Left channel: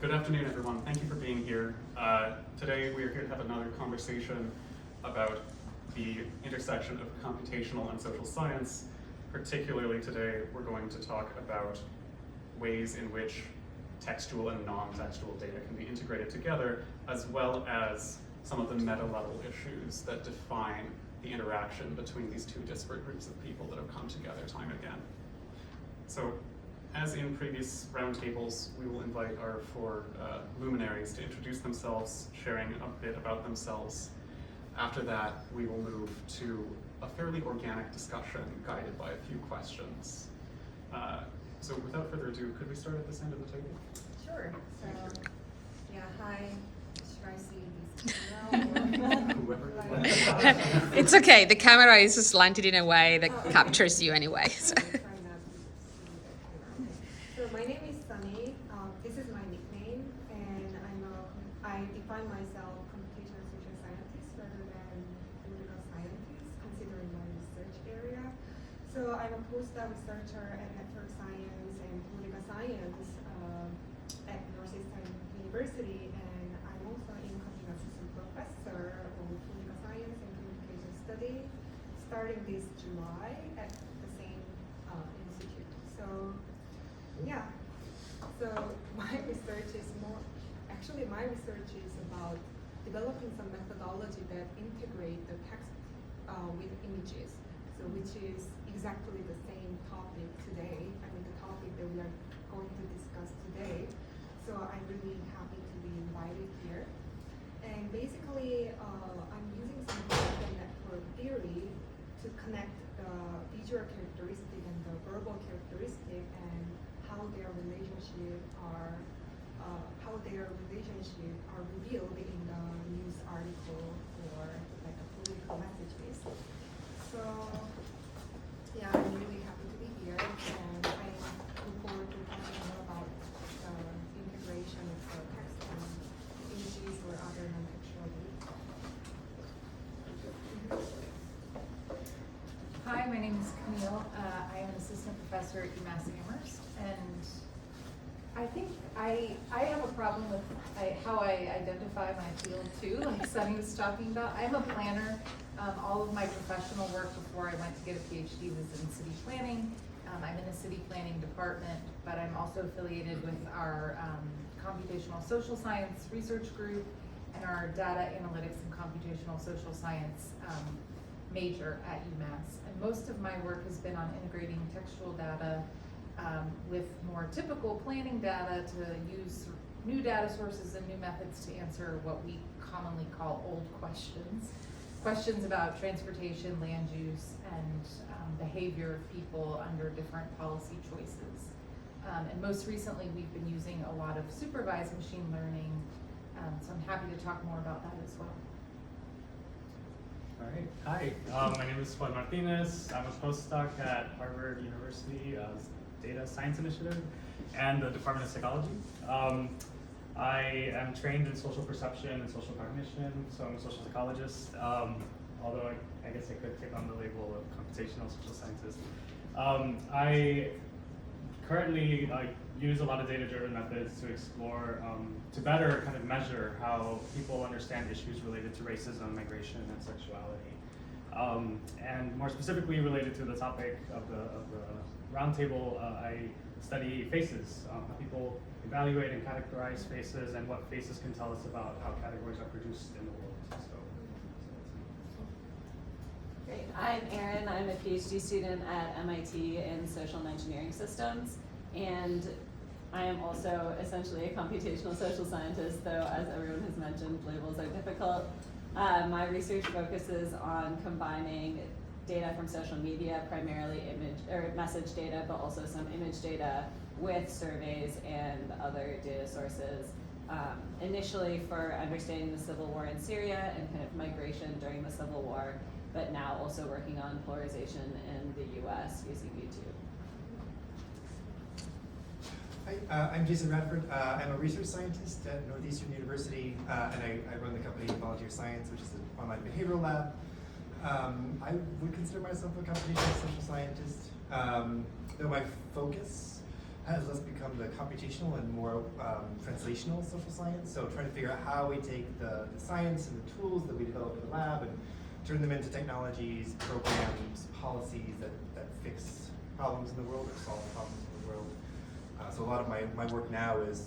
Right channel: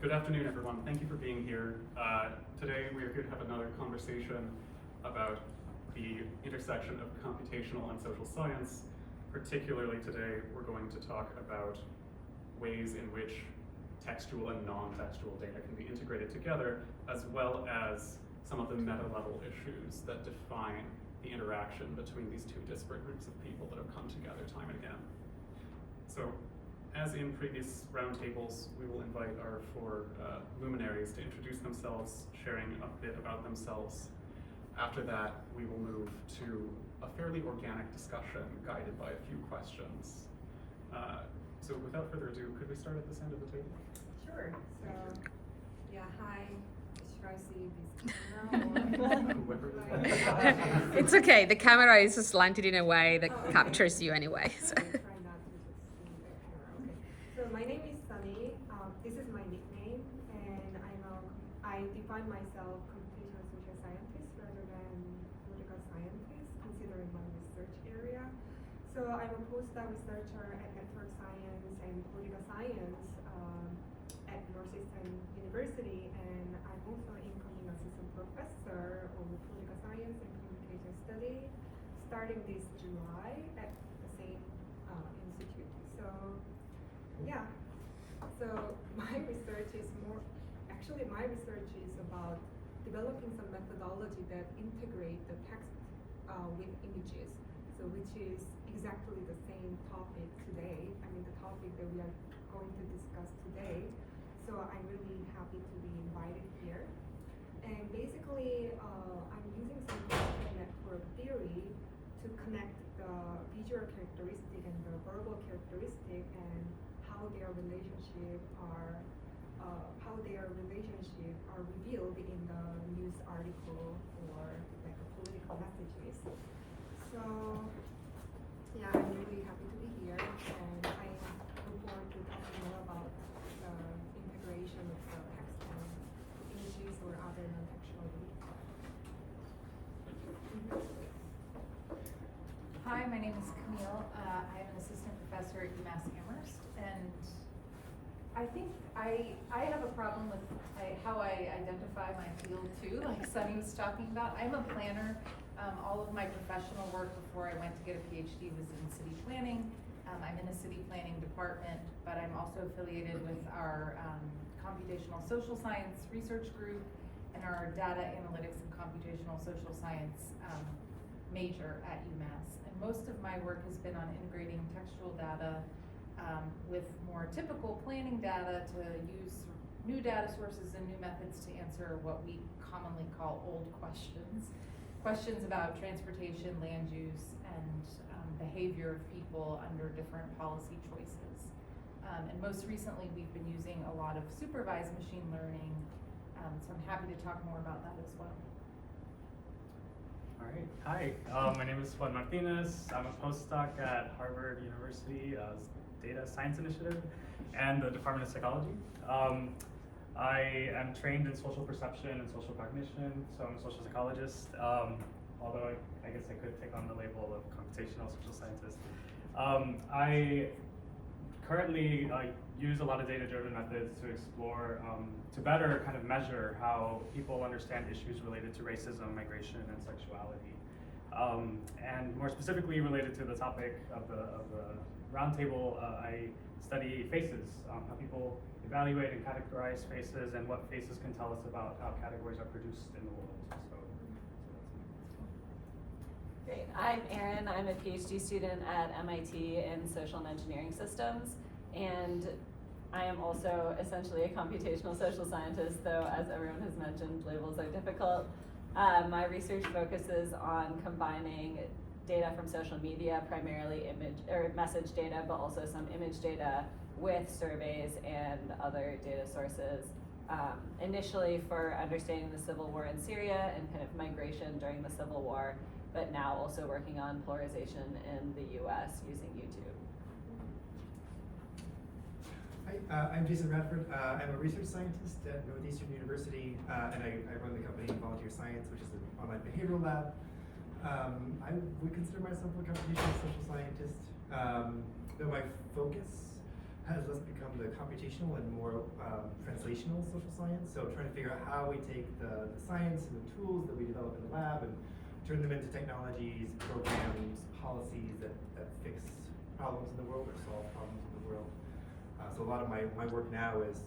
Good afternoon, everyone. Thank you for being here. Today we are here to have another conversation about the intersection of computational and social science. Particularly today, we're going to talk about ways in which textual and non-textual data can be integrated together, as well as some of the meta-level issues that define the interaction between these two disparate groups of people that have come together time and again. So, as in previous roundtables, we will invite our four luminaries to introduce themselves, sharing a bit about themselves. After that, we will move to a fairly organic discussion guided by a few questions. So without further ado, could we start at this end of the table? Sure. So, yeah, hi. Should I see this camera? Whoever. It's okay. The camera is slanted in a way that captures you anyway. So. So my name is Sunny. This is my nickname, and I define myself computational social scientist rather than political scientist, considering my research area. So I'm a postdoc researcher at network science and political science at Northeastern University, and I'm also incoming assistant professor of political science and communication study, starting this July at the same institute. So, yeah. So my research is about developing some methodology that integrate the text with images. So which is exactly the same topic today. I mean, the topic that we are going to discuss today. So I'm really happy to be invited here. And basically, I'm using some content network theory to connect the visual characteristic and the verbal characteristic and how their relationship are revealed in the news article or like a political messages. So yeah, I'm really happy to be here, and I look forward to talking more about the integration of the text and images or other non-textual data. Hi, my name is Camille. I am an assistant professor at UMass Amherst, and I think I have a problem with how I identify my field too, like Sunny was talking about. I'm a planner. All of my professional work before I went to get a PhD was in city planning. I'm in a city planning department, but I'm also affiliated with our computational social science research group and our data analytics and computational social science major at UMass. And most of my work has been on integrating textual data with more typical planning data to use new data sources and new methods to answer what we commonly call old questions. Questions about transportation, land use, and behavior of people under different policy choices. And most recently, we've been using a lot of supervised machine learning, so I'm happy to talk more about that as well. All right, hi, my name is Martinez. I'm a postdoc at Harvard University Data Science Initiative and the Department of Psychology. I am trained in social perception and social cognition, so I'm a social psychologist, although I guess I could take on the label of computational social scientist. I currently use a lot of data-driven methods to explore, to better kind of measure how people understand issues related to racism, migration, and sexuality. And more specifically related to the topic of the roundtable, I study faces, how people evaluate and categorize faces, and what faces can tell us about how categories are produced in the world. So Great. I'm Erin. I'm a PhD student at MIT in social and engineering systems, and I am also essentially a computational social scientist, though as everyone has mentioned, labels are difficult. My research focuses on combining data from social media, primarily message data, but also some image data with surveys and other data sources. Initially for understanding the civil war in Syria and kind of migration during the civil war, but now also working on polarization in the US using YouTube. Hi, I'm Jason Radford. I'm a research scientist at Northeastern University, and I run the company Volunteer Science, which is an online behavioral lab. I would consider myself a computational social scientist, though my focus has less become the computational and more translational social science. So trying to figure out how we take the science and the tools that we develop in the lab and turn them into technologies, programs, policies that fix problems in the world or solve problems in the world. So a lot of my work now is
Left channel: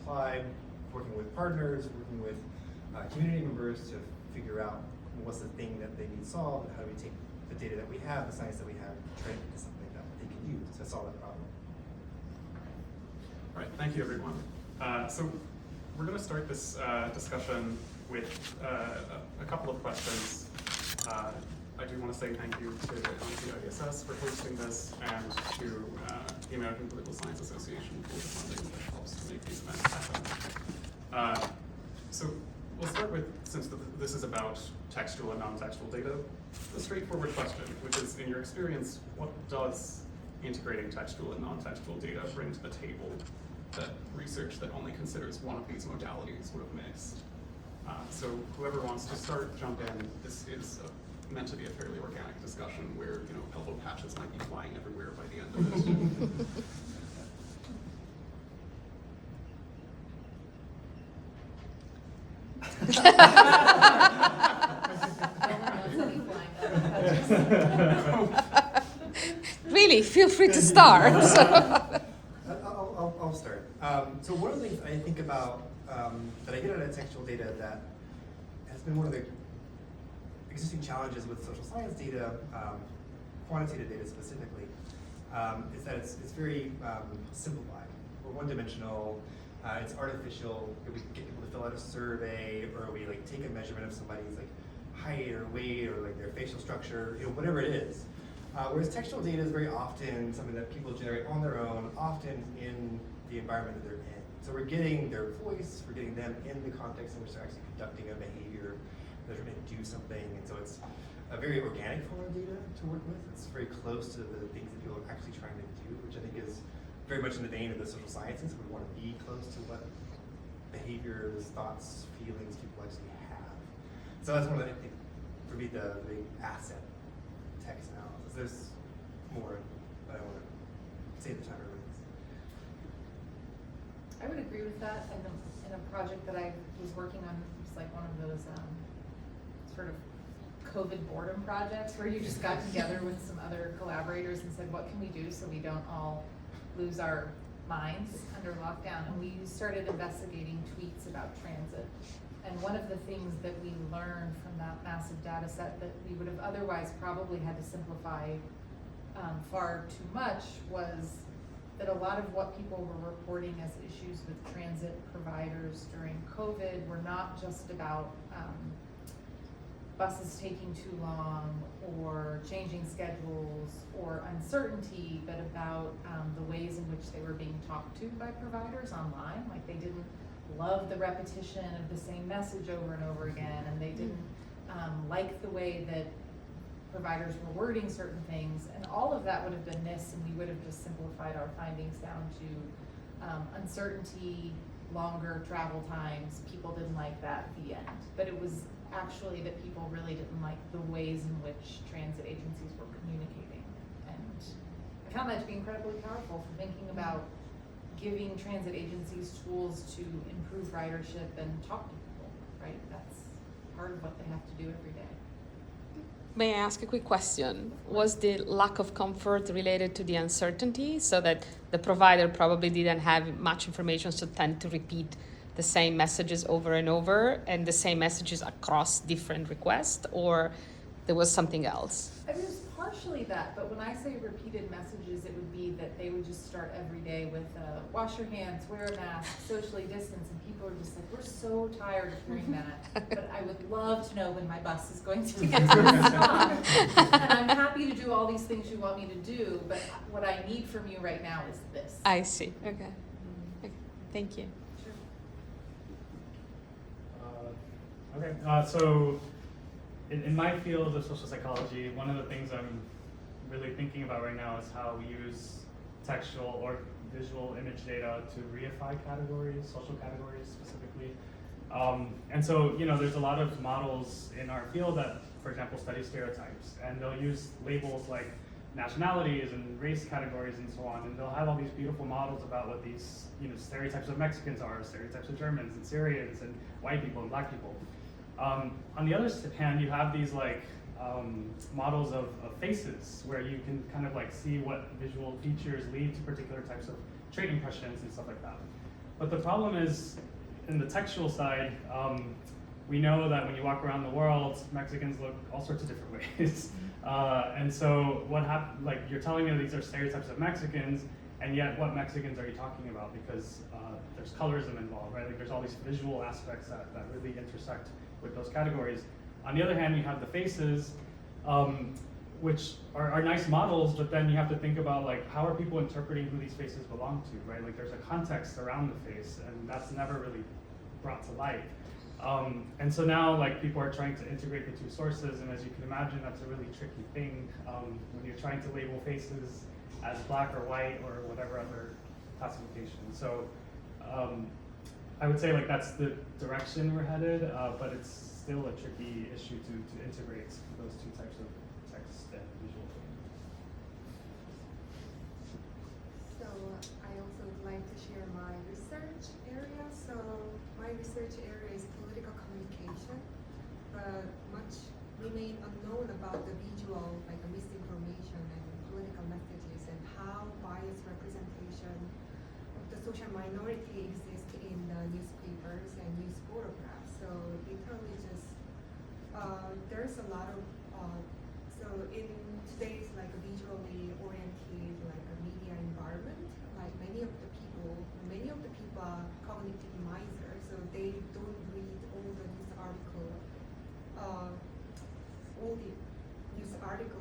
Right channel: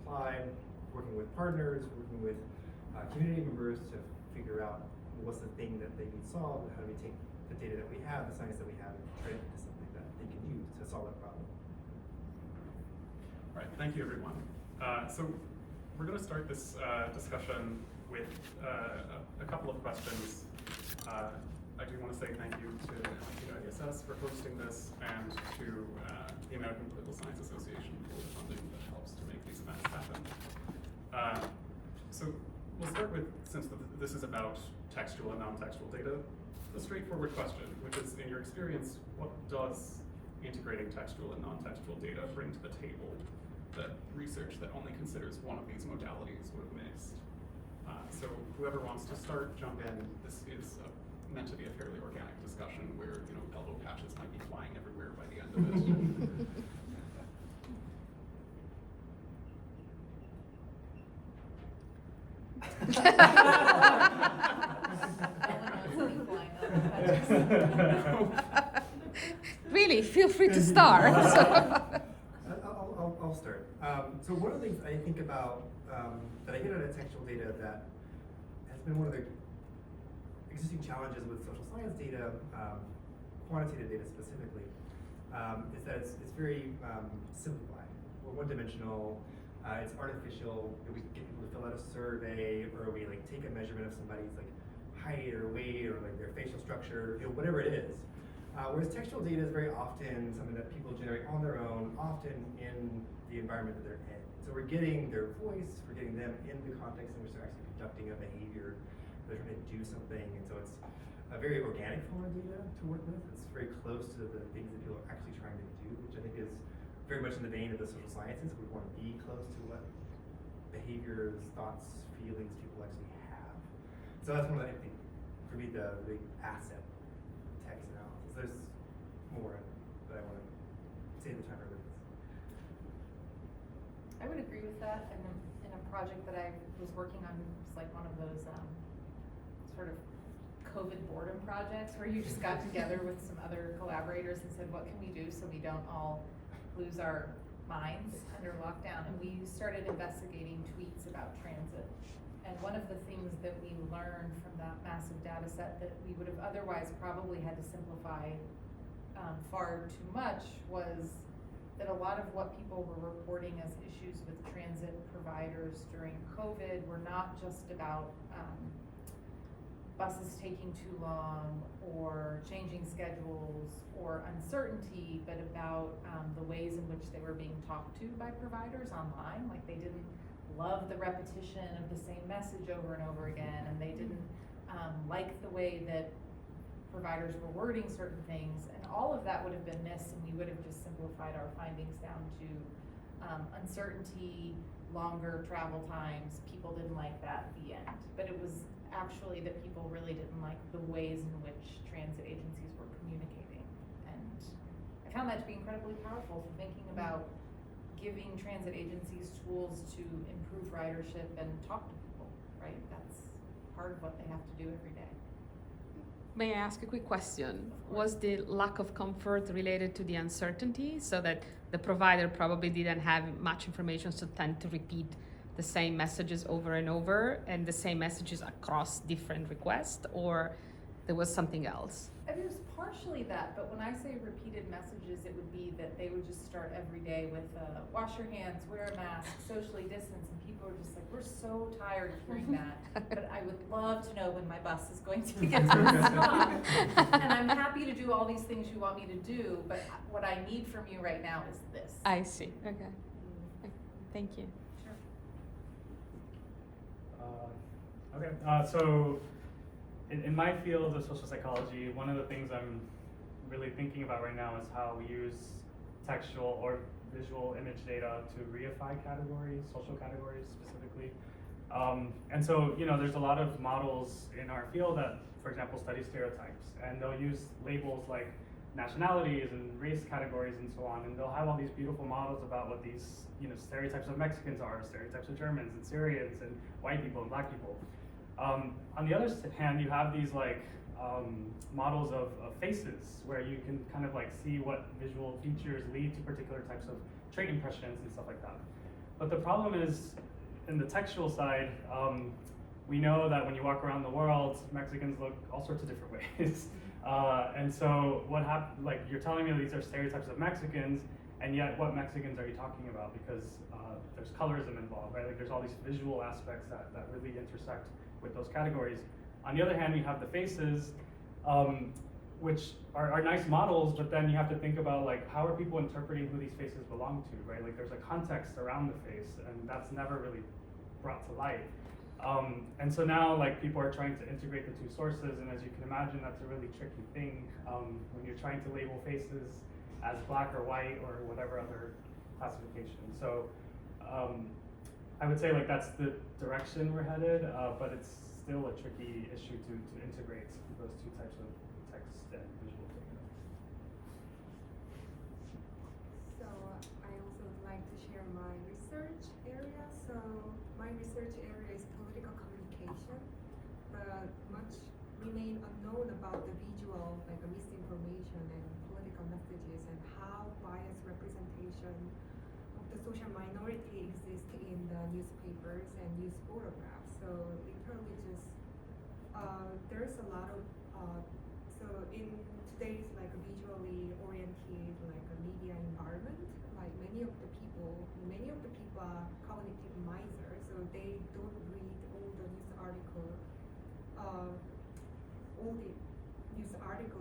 applied, working with partners, working with community members to figure out what's the thing that they need solved, and how do we take the data that we have, the science that we have, and turn it into something that they can use to solve that problem. All right, thank you, everyone. So we're going to start this discussion with a couple of questions. I do want to say thank you to IDSS for hosting this, and to the American Political Science Association for the funding that helps to make these events happen. So we'll start with, since this is about textual and non-textual data, the straightforward question, which is, in your experience, what does integrating textual and non-textual data bring to the table that research that only considers one of these modalities would have missed? So whoever wants to start, jump in. This is meant to be a fairly organic discussion where, you know, elbow patches might be flying everywhere by the end of it. Really, feel free to start. I'll start. So one of the things I think about that I get out of textual data that has been one of the existing challenges with social science data, quantitative data specifically, is that it's very simplified. We're one-dimensional. It's artificial. We get people to fill out a survey, or we like take a measurement of somebody's like height or weight or like their facial structure, you know, whatever it is. Whereas textual data is very often something that people generate on their own, often in the environment that they're in. So we're getting their voice, we're getting them in the context in which they're actually conducting a behavior, they're trying to do something, and so it's a very organic form of data to work with. It's very close to the things that people are actually trying to do, which I think is very much in the vein of the social sciences. We want to be close to what behaviors, thoughts, feelings people actually have. So that's one of the, I think, for me, the big asset text analysis. There's more, but I want to save the time for this. I would agree with that. In a project that I was working on, it's like one of those sort of COVID boredom projects where you just got together with some other collaborators and said, what can we do so we don't all lose our minds under lockdown? And we started investigating tweets about transit. And one of the things that we learned from that massive data set that we would have otherwise probably had to simplify far too much was that a lot of what people were reporting as issues with transit providers during COVID were not just about buses taking too long or changing schedules or uncertainty, but about the ways in which they were being talked to by providers online. Like they didn't love the repetition of the same message over and over again, and they didn't like the way that providers were wording certain things, and all of that would have been missed, and we would have just simplified our findings down to uncertainty, longer travel times, people didn't like that, the end. But it was actually that people really didn't like the ways in which transit agencies were communicating. And I found that to be incredibly powerful for thinking about giving transit agencies tools to improve ridership and talk to people, right? That's part of what they have to do every day. May I ask a quick question? Was the lack of comfort related to the uncertainty, so that the provider probably didn't have much information, so tend to repeat the same messages over and over and the same messages across different requests, or there was something else? I mean, it was partially that, but when I say repeated messages, it would be that they would just start every day with wash your hands, wear a mask, socially distance, and people are just like, we're so tired of hearing that, but I would love to know when my bus is going to get to the stop. And I'm happy to do all these things you want me to do, but what I need from you right now is this. I see. Okay. Okay. Thank you. Sure. So in my field of social psychology, one of the things I'm really thinking about right now is how we use textual or visual image data to reify categories, social categories specifically. And so, you know, there's a lot of models in our field that, for example, study stereotypes, and they'll use labels like nationalities and race categories and so on, and they'll have all these beautiful models about what these, you know, stereotypes of Mexicans are, stereotypes of Germans and Syrians and white people and black people. On the other hand, you have these like models of faces where you can kind of like see what visual features lead to particular types of trait impressions and stuff like that. But the problem is, in the textual side, we know that when you walk around the world, Mexicans look all sorts of different ways. And so what happened, like you're telling me these are stereotypes of Mexicans, and yet what Mexicans are you talking about? Because there's colorism involved, right? Like there's all these visual aspects that really intersect with those categories. On the other hand, you have the faces, which are nice models, but then you have to think about like, how are people interpreting who these faces belong to, right? Like there's a context around the face, and that's never really brought to light. And so now like people are trying to integrate the two sources, and as you can imagine, that's a really tricky thing when you're trying to label faces as black or white or whatever other classification. So I would say like that's the direction we're headed, but it's still a tricky issue to integrate those two types of text and visual data. So I also would like to share my research area. So my research area is political communication, but much remain unknown about the visual, like the misinformation and political messages, and how biased representation of the social minority exists in the newspapers and news photographs. So literally just there's a lot of so in today's like a visually oriented like a media environment, like many of the people are cognitive misers, so they don't read all the news article,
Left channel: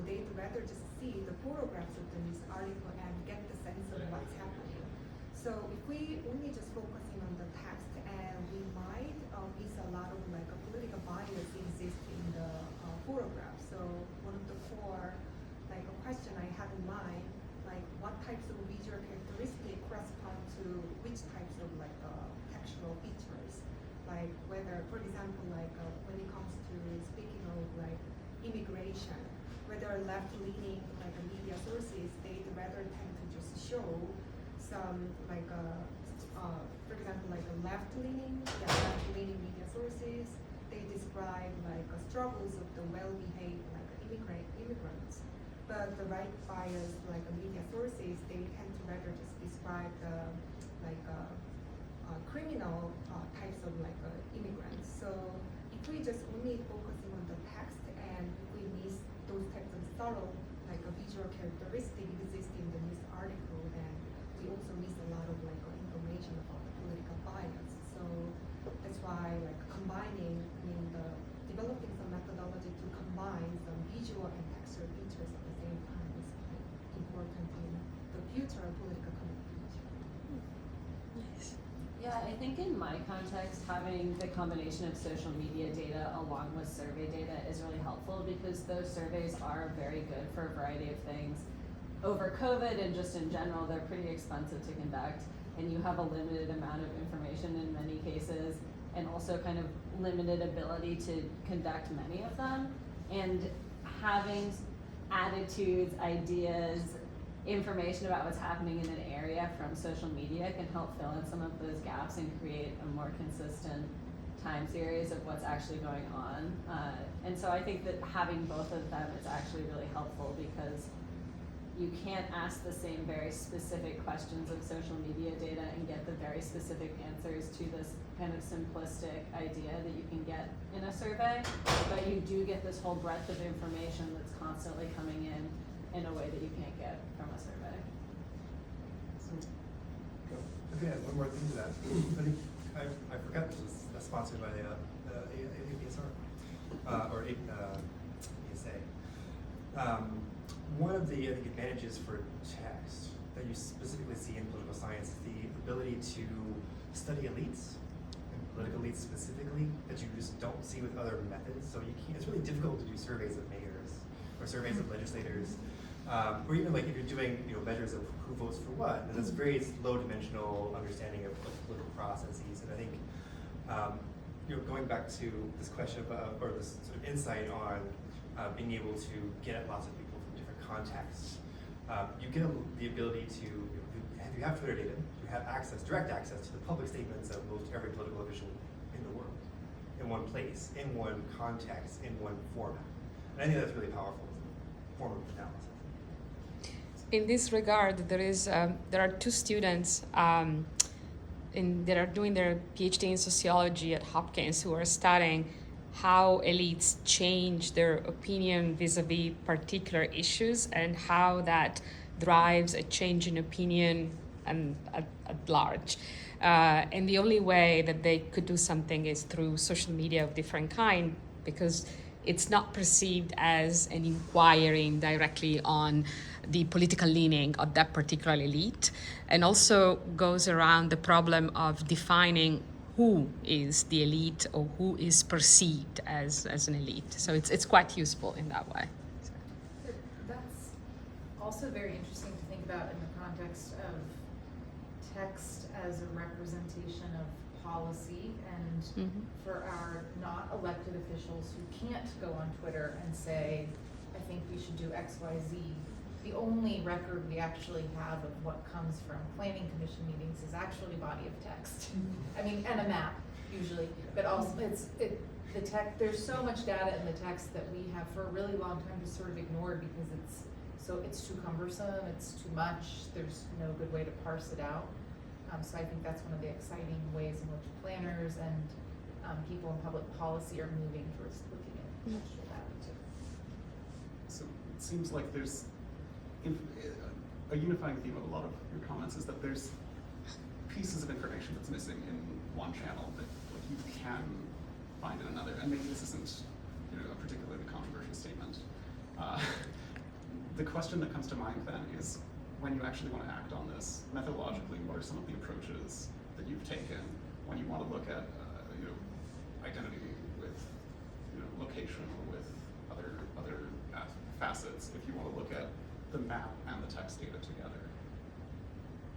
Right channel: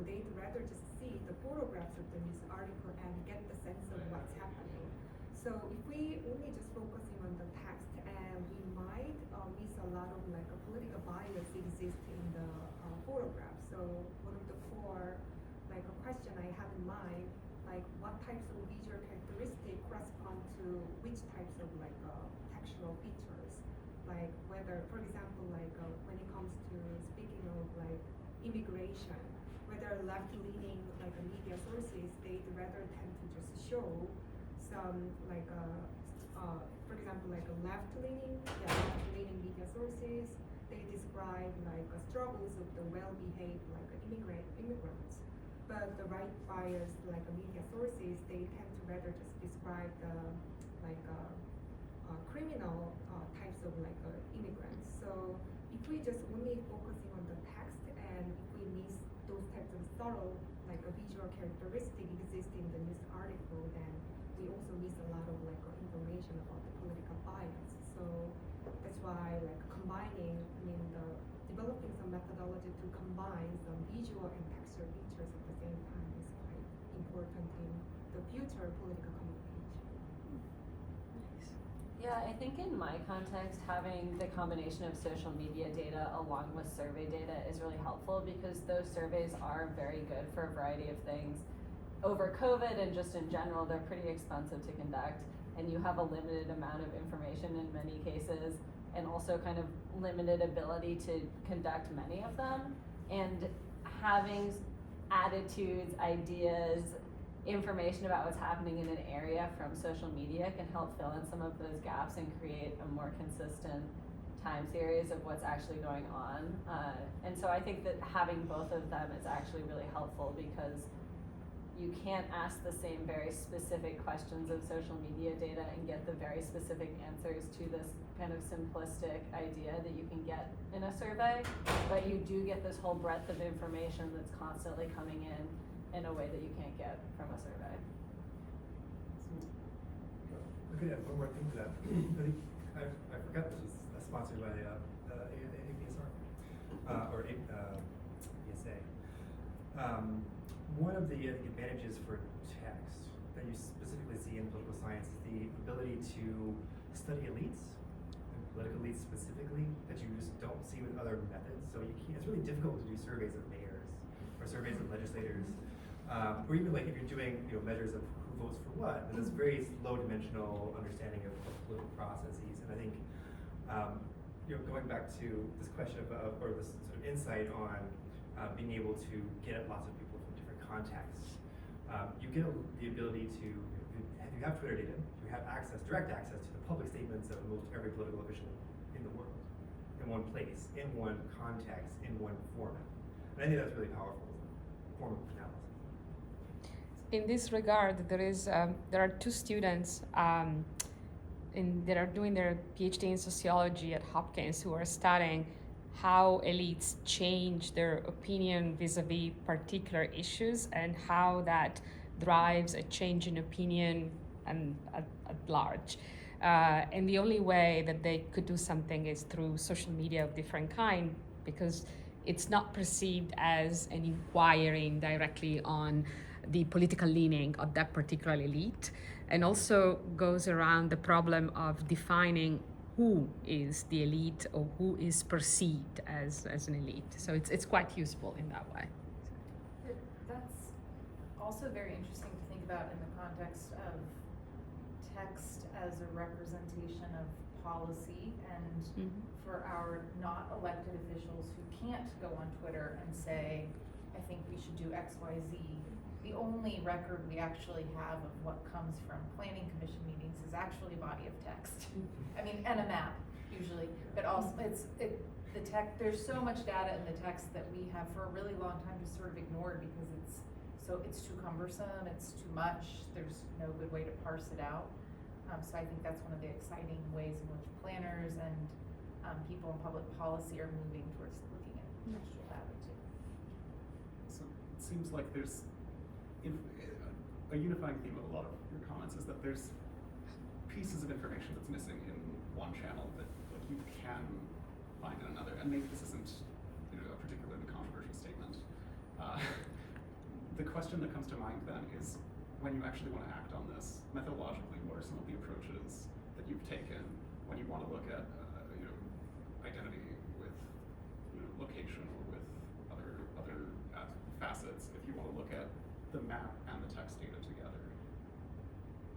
they'd rather just see the photographs of the news article and get the sense of what's happening. So if we only just focusing on the text, and we might miss a lot of like a political bias exist in the photograph. So one of the core like a question I have in mind, like what types of visual characteristics correspond to which types of like textual features, like whether, for example, like when it comes to speaking of like immigration, whether left-leaning like media sources, they'd rather tend to just show some like for example, like a left-leaning media sources, they describe like struggles of the well-behaved like immigrants. But the right bias like media sources, they tend to rather just describe the like criminal types of like immigrants. So if we just only focusing on the text, and if we miss those types of subtle like visual characteristics exist in the news article, then we also miss a lot of like information about the political bias. So that's why like developing some methodology to combine some visual and textual features at the same time is quite important in the future of political communication. Nice. Yeah, I think in my context, having the combination of social media data along with survey data is really helpful, because those surveys are very good for a variety of things. Over COVID and just in general, they're pretty expensive to conduct, and you have a limited amount of information in many cases, and also kind of limited ability to conduct many of them. And having attitudes, ideas, information about what's happening in an area from social media can help fill in some of those gaps and create a more consistent time series of what's actually going on. And so I think that having both of them is actually really helpful, because you can't ask the same very specific questions of social media data and get the very specific answers to this kind of simplistic idea that you can get in a survey, but you do get this whole breadth of information that's constantly coming in a way that you can't get from a survey. Okay, one more thing to that. I forgot this was sponsored by APSR or ASA. One of the advantages for text that you specifically see in political science is the ability to study elites, and political elites specifically, that you just don't see with other methods. So you can't, it's really difficult to do surveys of mayors or surveys of legislators, or even like if you're doing measures of who votes for what. And that's very low dimensional understanding of political processes. And I think going back to this question about, or this sort of insight on being able to get at lots of people from different contexts, you get the ability to, if you have Twitter data, you have access, direct access to the public statements of most every political official in the world, in one place, in one context, in one format. And I think that's really powerful as a form of analysis. In this regard, there are two students that are doing their PhD in sociology at Hopkins who are studying how elites change their opinion vis-a-vis particular issues and how that drives a change in opinion and at large. And the only way that they could do something is through social media of different kind, because it's not perceived as an inquiring directly on the political leaning of that particular elite, and also goes around the problem of defining who is the elite or who is perceived as an elite. So it's quite useful in that way. That's also very interesting to think about in the context of text as a representation of policy, and for our not elected officials who can't go on Twitter and say, I think we should do X, Y, Z. The only record we actually have of what comes from planning commission meetings is actually a body of text. I mean, and a map usually, but also there's so much data in the text that we have for a really long time just sort of ignored because it's too cumbersome, it's too much, there's no good way to parse it out. So I think that's one of the exciting ways in which planners and people in public policy are moving towards looking at textual data too. So it seems like there's a unifying theme of a lot of your comments is that there's pieces of information that's missing in one channel that you can find in another. And maybe this isn't a particularly controversial statement. The question that comes to mind then is, when you actually want to act on this methodologically, what are some of the approaches that you've taken when you want to look at identity with location or with other facets? If you want to look at the map and the text data together,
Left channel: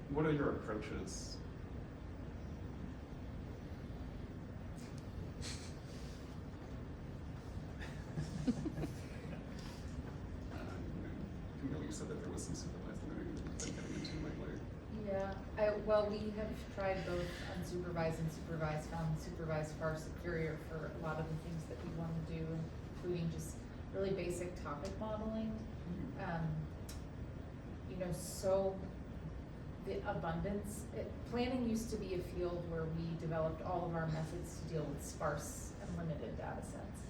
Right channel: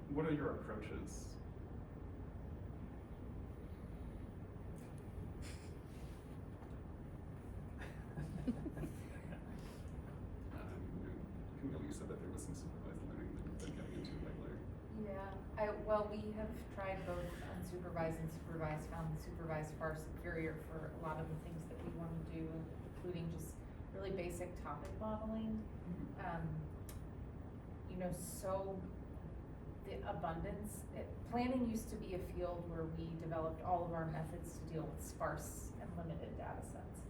what are your approaches? Camille, you said that there was some supervised learning that you've been getting into lately. Yeah, well, we have tried both unsupervised and supervised, found supervised far superior for a lot of the things that we want to do, including just really basic topic modeling. So the abundance, planning used to be a field where we developed all of our methods to deal with sparse and limited data sets.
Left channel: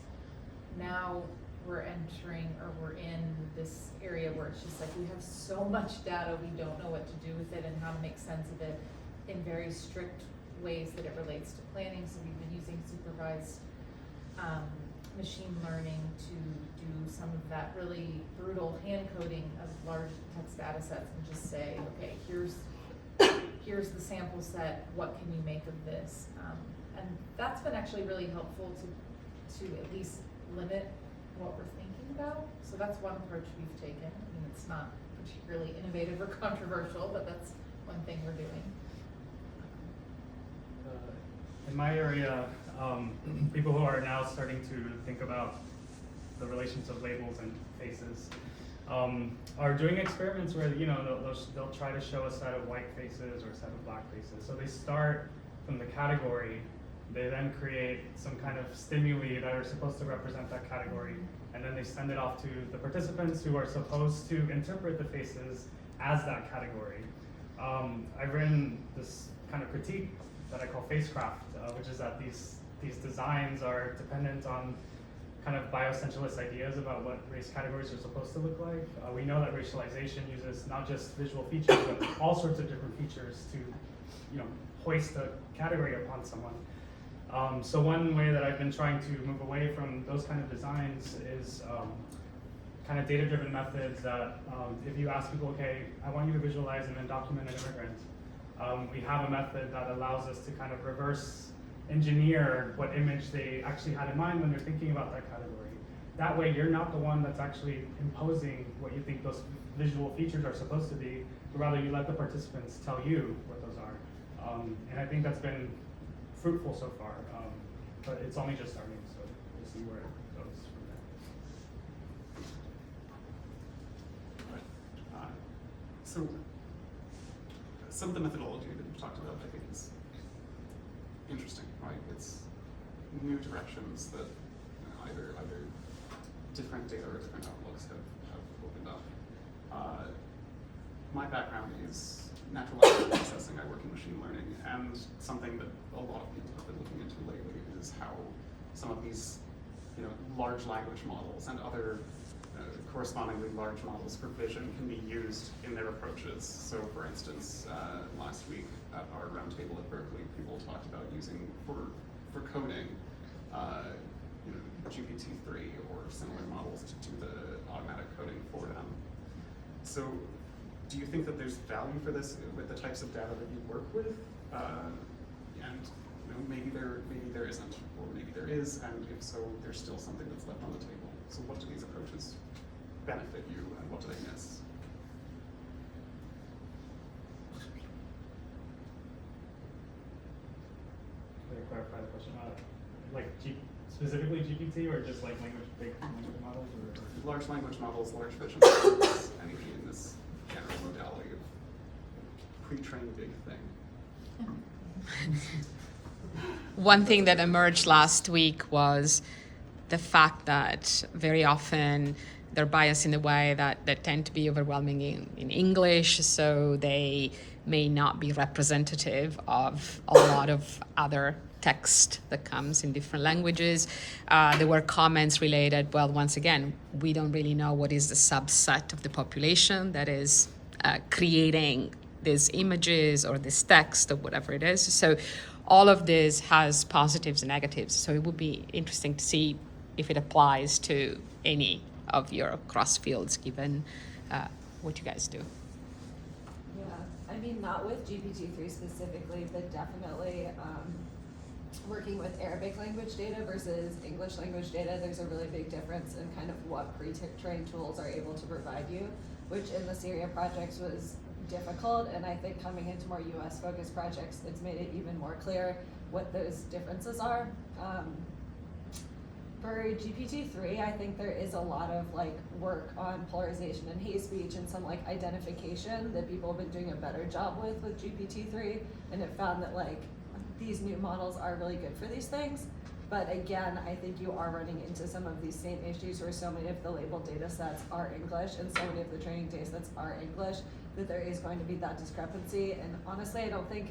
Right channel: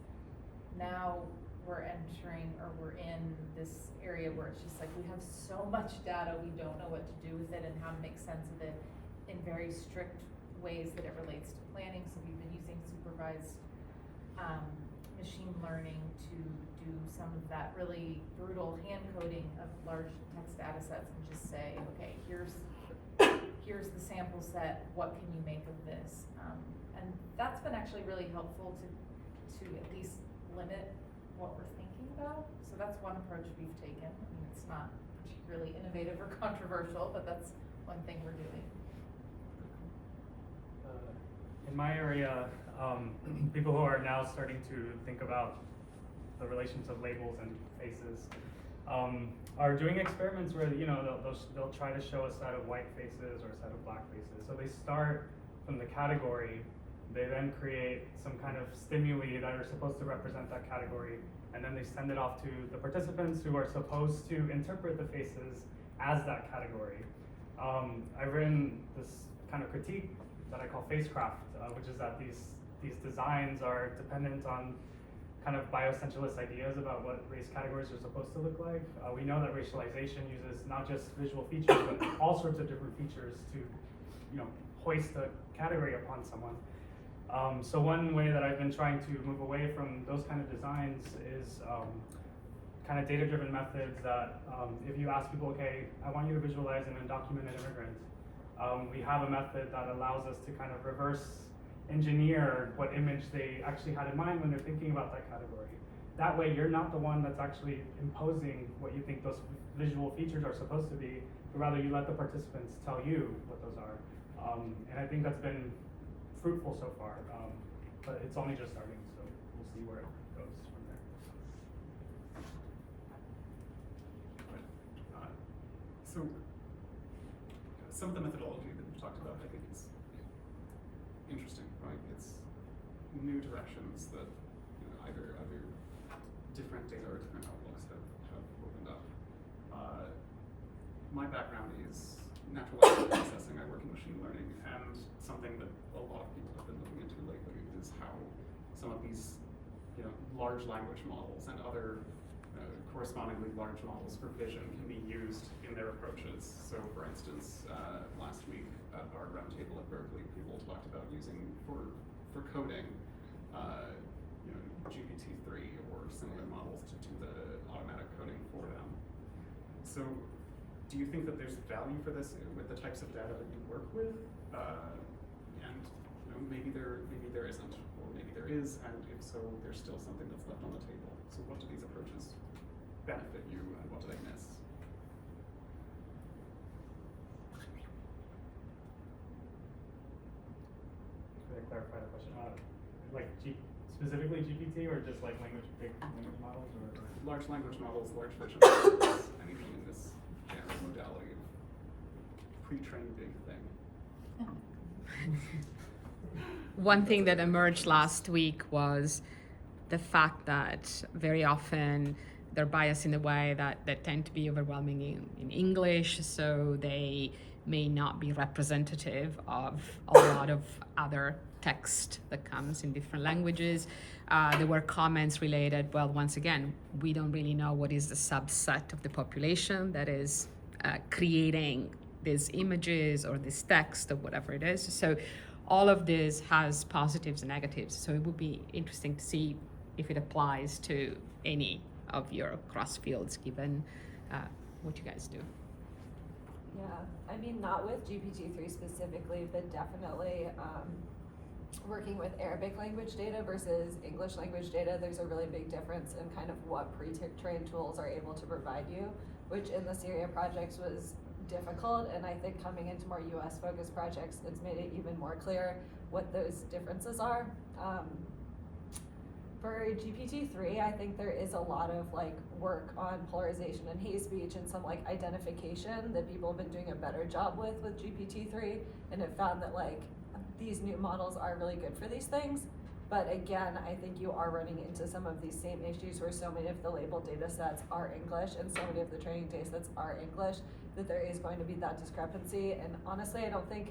Now we're in this area where it's just like we have so much data, we don't know what to do with it and how to make sense of it in very strict ways that it relates to planning. So we've been using supervised machine learning to do some of that really brutal hand coding of large text data sets and just say, okay, here's the sample set, what can you make of this? And that's been actually really helpful to at least limit what we're thinking about. So that's one approach we've taken. I mean, it's not particularly innovative or controversial, but that's one thing we're doing. In my area, people who are now starting to think about the relations of labels and faces are doing experiments where they'll try to show a set of white faces or a set of black faces. So they start from the category, they then create some kind of stimuli that are supposed to represent that category, and then they send it off to the participants who are supposed to interpret the faces as that category. I've written this kind of critique that I call facecraft, which is that these designs are dependent on kind of bioessentialist ideas about what race categories are supposed to look like. We know that racialization uses not just visual features, but all sorts of different features to, hoist a category upon someone. So one way that I've been trying to move away from those kind of designs is kind of data-driven methods that if you ask people, okay, I want you to visualize an undocumented immigrant, we have a method that allows us to kind of reverse engineer what image they actually had in mind when they're thinking about that category. That way, you're not the one that's actually imposing what you think those visual features are supposed to be, but rather you let the participants tell you what those are. And I think that's been fruitful so far, but it's only just starting, so we'll see where it goes from there. So some of the methodology that you've talked about, I think, is interesting, right? It's new directions that either different data or different outlooks have opened up. My background is natural language processing. I work in machine learning, and something that a lot of people have been looking into lately is how some of these, large language models and other correspondingly large models for vision can be used in their approaches. So, for instance, last week at our roundtable at Berkeley, people talked about using for coding, GPT-3 or similar models to do the automatic coding for them. So, do you think that there's value for this with the types of data that you work with? And maybe there isn't, or maybe there is, and if so, there's still something that's left on the table. So, what do these approaches benefit you, and what do they miss? Can I clarify the question? Specifically GPT, or just like big language models, or? Large language models, large vision models, anything in this general modality of pre-trained big thing. One thing that emerged last week was the fact that very often they're biased in a way that they tend to be overwhelming in English, so they may not be representative of a lot of other text that comes in different languages. There were comments related, well, once again, we don't really know what is the subset of the population that is creating these images or this text or whatever it is. So all of this has positives and negatives. So it would be interesting to see if it applies to any of your cross fields, given what you guys do. Yeah, I mean, not with GPT-3 specifically, but definitely working with Arabic language data versus English language data, there's a really big difference in kind of what pre-trained tools are able to provide you, which in the Syria projects was difficult, and I think coming into more US focused projects, it's made it even more clear what those differences are. For GPT-3, I think there is a lot of work on polarization and hate speech and some identification that people have been doing a better job with GPT-3, and have found that these new models are really good for these things. But again, I think you are running into some of these same issues where so many of the labeled data sets are English and so many of the training data sets are English, that there is going to be that discrepancy. And honestly, I don't think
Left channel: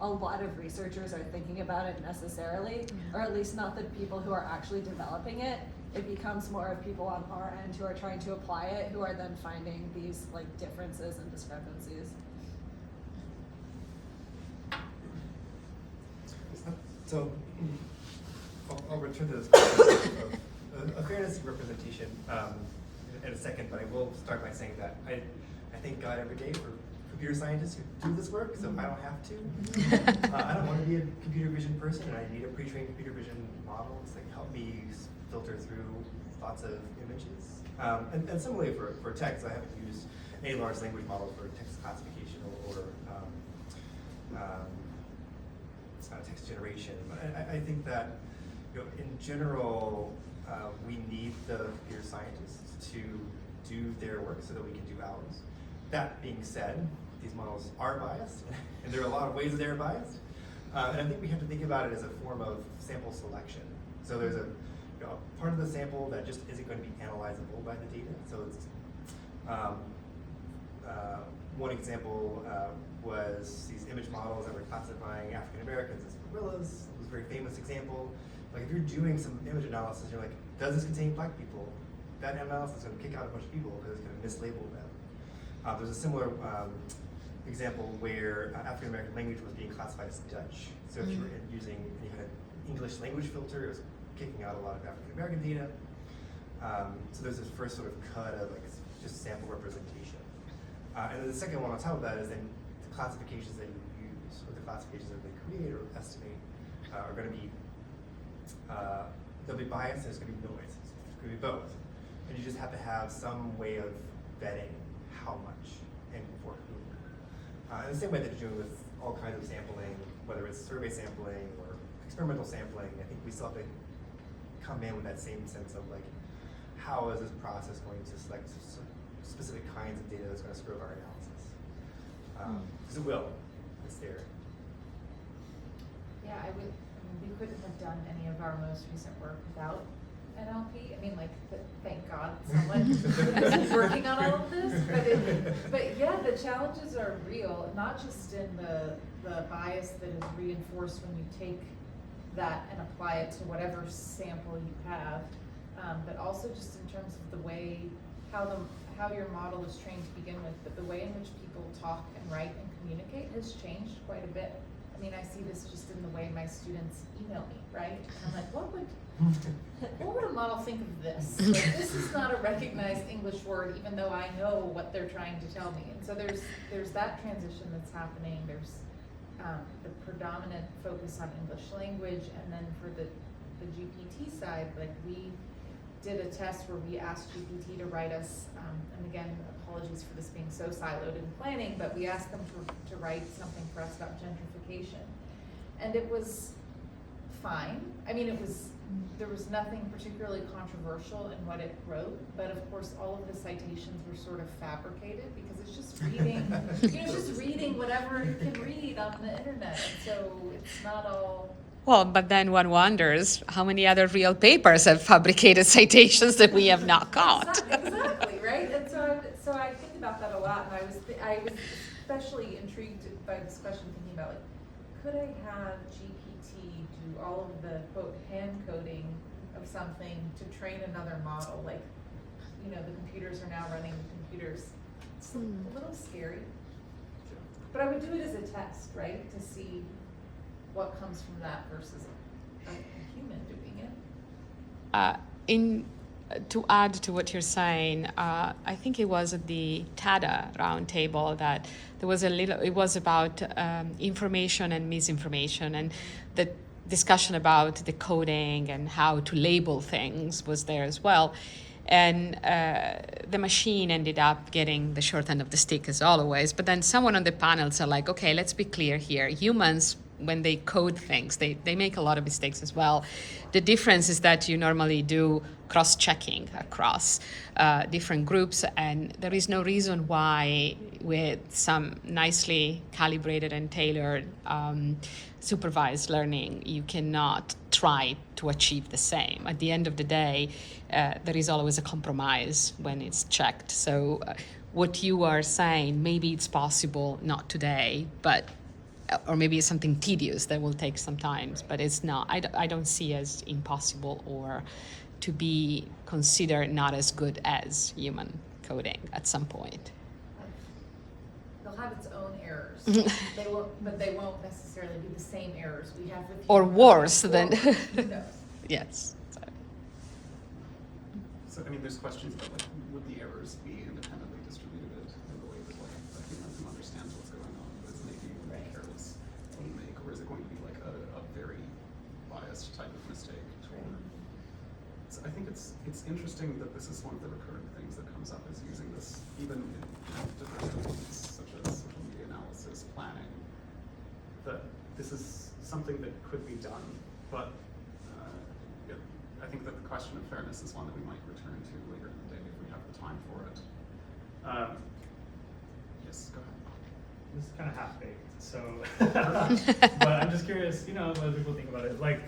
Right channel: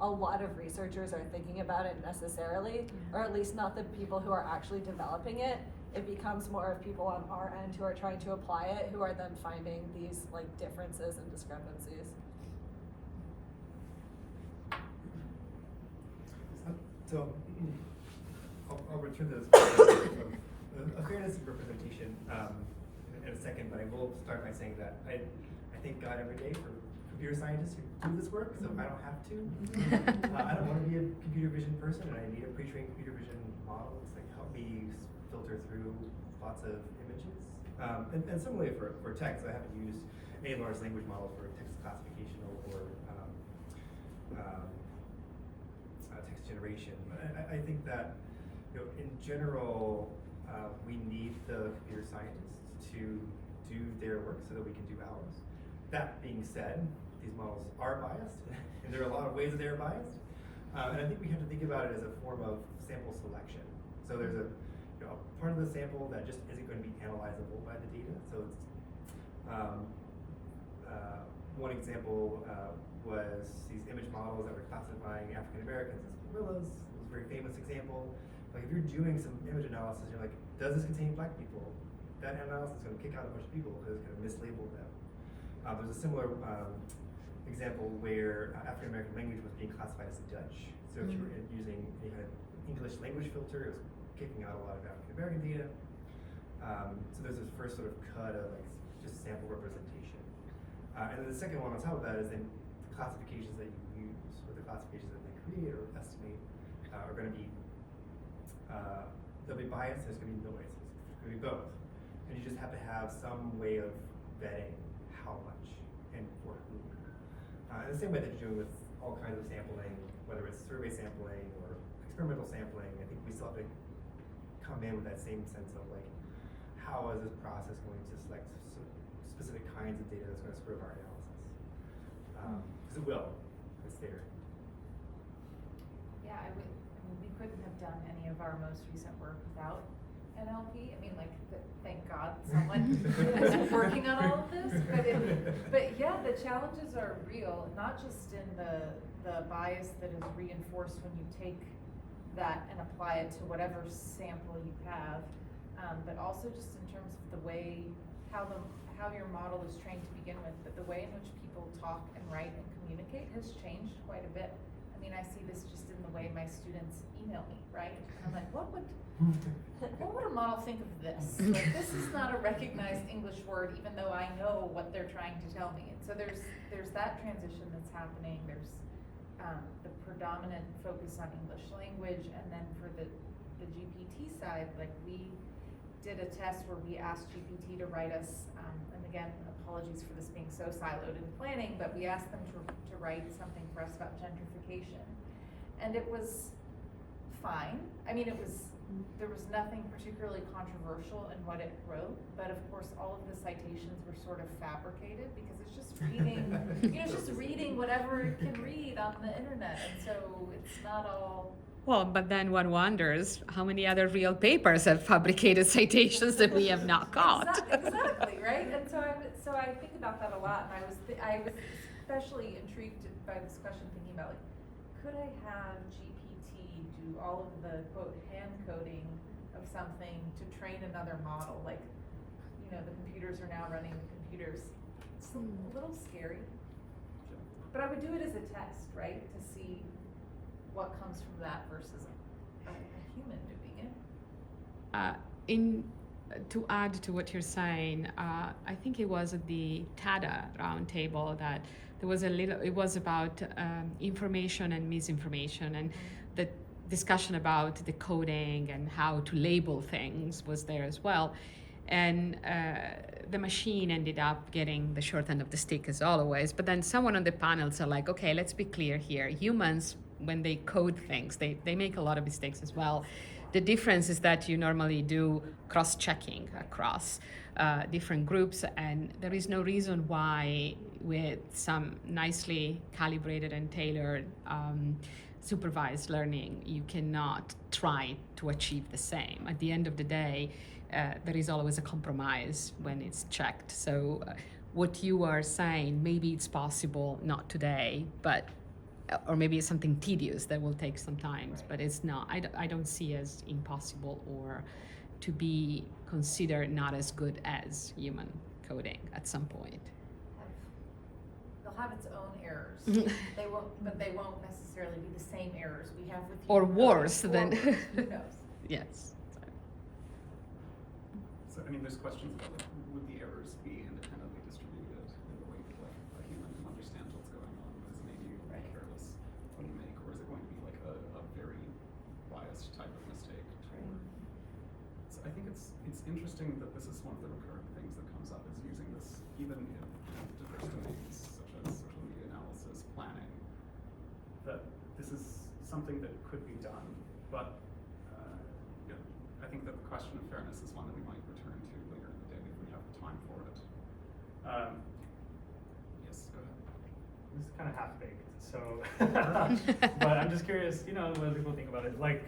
a lot of researchers are thinking about it necessarily, or at least not the people who are actually developing it. It becomes more of people on our end who are trying to apply it, who are then finding these differences and discrepancies. So I'll return to this question of a fairness and representation in a second, but I will start by saying that I thank God every day for computer scientists who do this work, so I don't have to. I don't want to be a computer vision person, and I need a pre-trained computer vision model to help me filter through lots of images. And similarly for text, I haven't used any large language model for text classification or text generation. But I think that in general, we need the computer scientists to do their work so that we can do ours. That being said, these models are biased, and there are a lot of ways that they're biased. And I think we have to think about it as a form of sample selection. So there's a part of the sample that just isn't going to be analyzable by the data. So it's one example was these image models that were classifying African Americans as gorillas. It was a very famous example. If you're doing some image analysis, you're like, does this contain black people? That analysis is going to kick out a bunch of people because it's going to mislabel them. There's a similar example where African American language was being classified as Dutch. So if you were using any kind of English language filter, it was kicking out a lot of African American data. So there's this first sort of cut of just sample representation. And then the second one on top of that is then the classifications that you use, or the classifications that they create or estimate are going to be, they'll be biased and there's going to be noise. It's going to be both. And you just have to have some way of vetting how much and for whom. In the same way that you're doing with all kinds of sampling, whether it's survey sampling or experimental sampling, I think we still have to come in with that same sense of how is this process going to select specific kinds of data that's going to screw up our analysis. Because it will. It's there. Yeah, I mean, we couldn't have done any of our most recent work without NLP. I mean, like, thank God someone is working on all of this. But yeah, the challenges are real, not just in the bias that is reinforced when you take that and apply it to whatever sample you have, but also just in terms of the way, how your model is trained to begin with, but the way in which people talk and write and communicate has changed quite a bit. I mean, I see this just in the way my students email me, right? And I'm like, what would a model think of this? Like, this is not a recognized English word, even though I know what they're trying to tell me. And so there's that transition that's happening. There's the predominant focus on English language, and then for the GPT side, like, we did a test where we asked GPT to write us, and again, apologies for this being so siloed in planning, but we asked them to write something for us about gentrification. And it was fine. I mean, there was nothing particularly controversial in what it wrote, but of course all of the citations were sort of fabricated because it's just reading, it's just reading whatever it can read on the internet. And so it's not all. Well, but then one wonders how many other real papers have fabricated citations that we have not caught. Exactly, right? And so I think about that a lot, and I was especially intrigued by this question, thinking about, like, could I have GPT do all of the, quote, hand coding of something to train another model? Like, the computers are now running the computers. It's a little scary. But I would do it as a test, right? To see what comes from that versus a human doing it. To add to what you're saying, I think it was at the TADA roundtable that there was it was about information and misinformation, and the discussion about the coding and how to label things was there as well. And the machine ended up getting the short end of the stick, as always. But then someone on the panel said, like, okay, let's be clear here. Humans, when they code things, they make a lot of mistakes as well. The difference is that you normally do cross-checking across different groups, and there is no reason why with some nicely calibrated and tailored supervised learning, you cannot try to achieve the same. At the end of the day, there is always a compromise when it's checked. So what you are saying, maybe it's possible, not today, but or maybe it's something tedious that will take some time, but it's not. I don't see as impossible or to be considered not as good as human coding at some point. They'll have its own errors. They won't necessarily be the same errors we have with Or human worse coding. than. Who knows? Yes. So, I mean, there's questions about, like, would the errors be independently distributed in a way that, like, a human can understand what's going on, but it's maybe a careless make, or is it going to be like a very biased type of mistake? So I think it's interesting that this is one of the recurrent things that comes up, is using this even in diverse domains such as social media analysis, planning, that this is something that could be done, but I think that the question of fairness is one that we might return to later in the day if we have the time for it. Yes, go ahead. This is kind of half-baked, so, but I'm just curious, what people think about it. Like,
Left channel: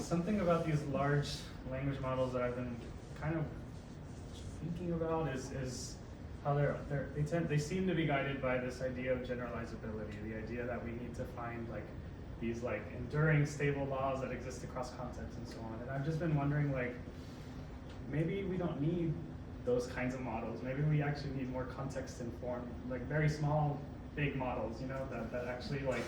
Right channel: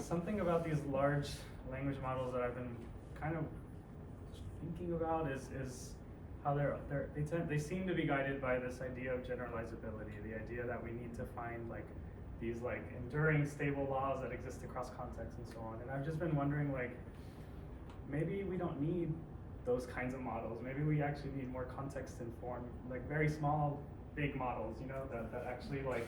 something about these large language models that I've been kind of thinking about is how they seem to be guided by this idea of generalizability, the idea that we need to find, like, these, like, enduring stable laws that exist across contexts and so on. And I've just been wondering, like, maybe we don't need those kinds of models. Maybe we actually need more context-informed, like, very small, big models, that actually, like,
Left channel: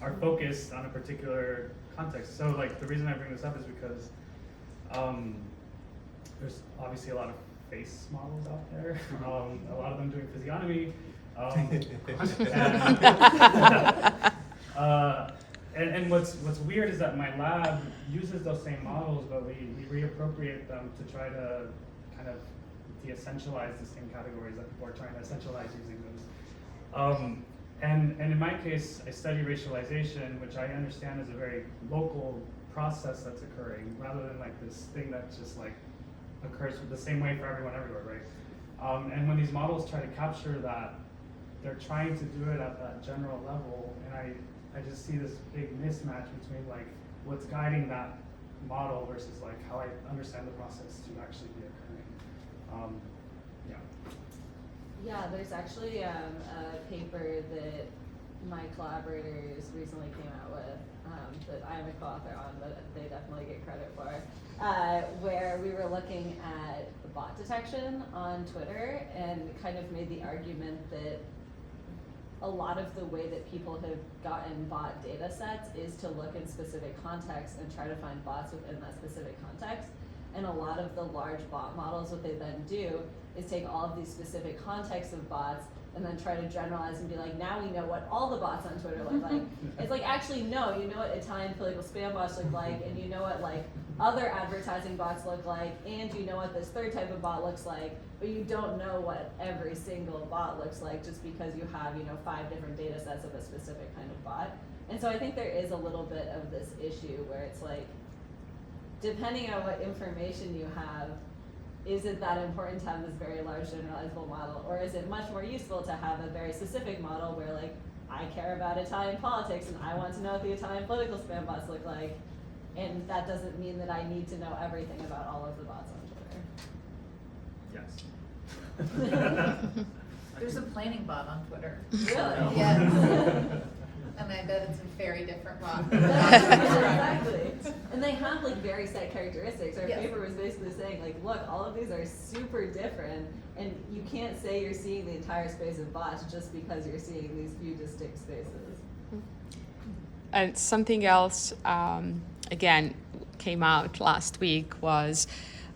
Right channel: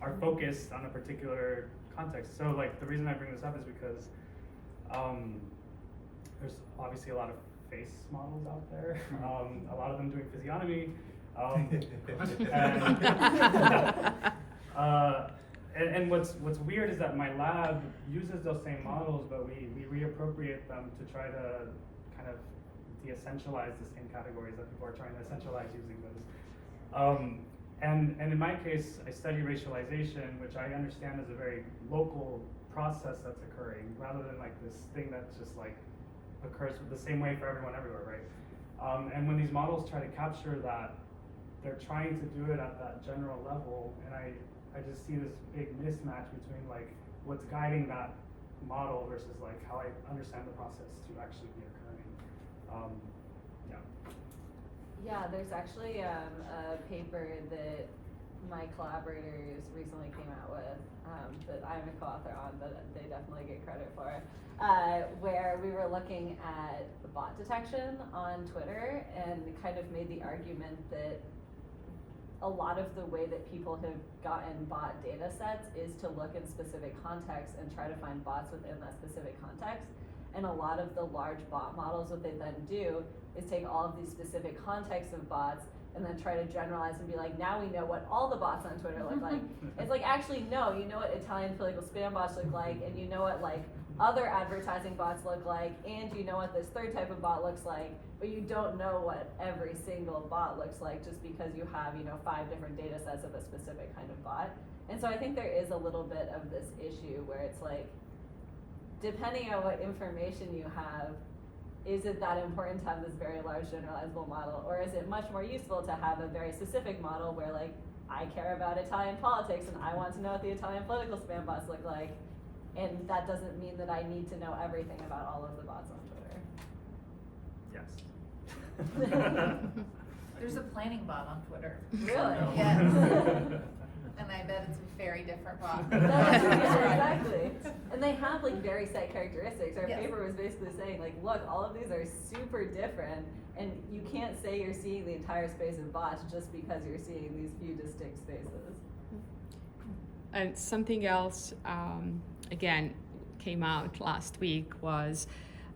are focused on a particular context. So, like, the reason I bring this up is because there's obviously a lot of face models out there, a lot of them doing physiognomy, and what's weird is that my lab uses those same models, but we reappropriate them to try to kind of de-essentialize the same categories that people are trying to essentialize using those. And in my case, I study racialization, which I understand is a very local process that's occurring, rather than, like, this thing that just, like, occurs the same way for everyone everywhere, right? And when these models try to capture that they're trying to do it at that general level, and I just see this big mismatch between like what's guiding that model versus like how I understand the process to actually be occurring. Yeah. Yeah, there's actually a paper that my collaborators recently came out with that I am a co-author on, but they definitely get credit for, where we were looking at bot detection on Twitter and kind of made the argument that a lot of the way that people have gotten bot data sets is to look in specific contexts and try to find bots within that specific context. And a lot of the large bot models, what they then do is take all of these specific contexts of bots and then try to generalize and be like, now we know what all the bots on Twitter look like. It's like, actually, no, you know what Italian political spam bots look like, and you know what like other advertising bots look like, and you know what this third type of bot looks like, but you don't know what every single bot looks like just because you have, 5 different data sets of a specific kind of bot. And so I think there is a little bit of this issue where it's like, depending on what information you have, is it that important to have this very large generalizable model, or is it much more useful to have a very specific model where like, I care about Italian politics and I want to know what the Italian political spam bots look like, and that doesn't mean that I need to know everything about all of the bots on Twitter. Yes. There's a planning bot on Twitter. Really? Yes. And I bet it's a very different bot. Yeah, exactly. And they have like very set characteristics. Our Yes. paper was basically saying like, look, all of these are super different, and you can't say you're seeing the entire space of bots just because you're seeing these few distinct spaces. And something else, again, came out last week was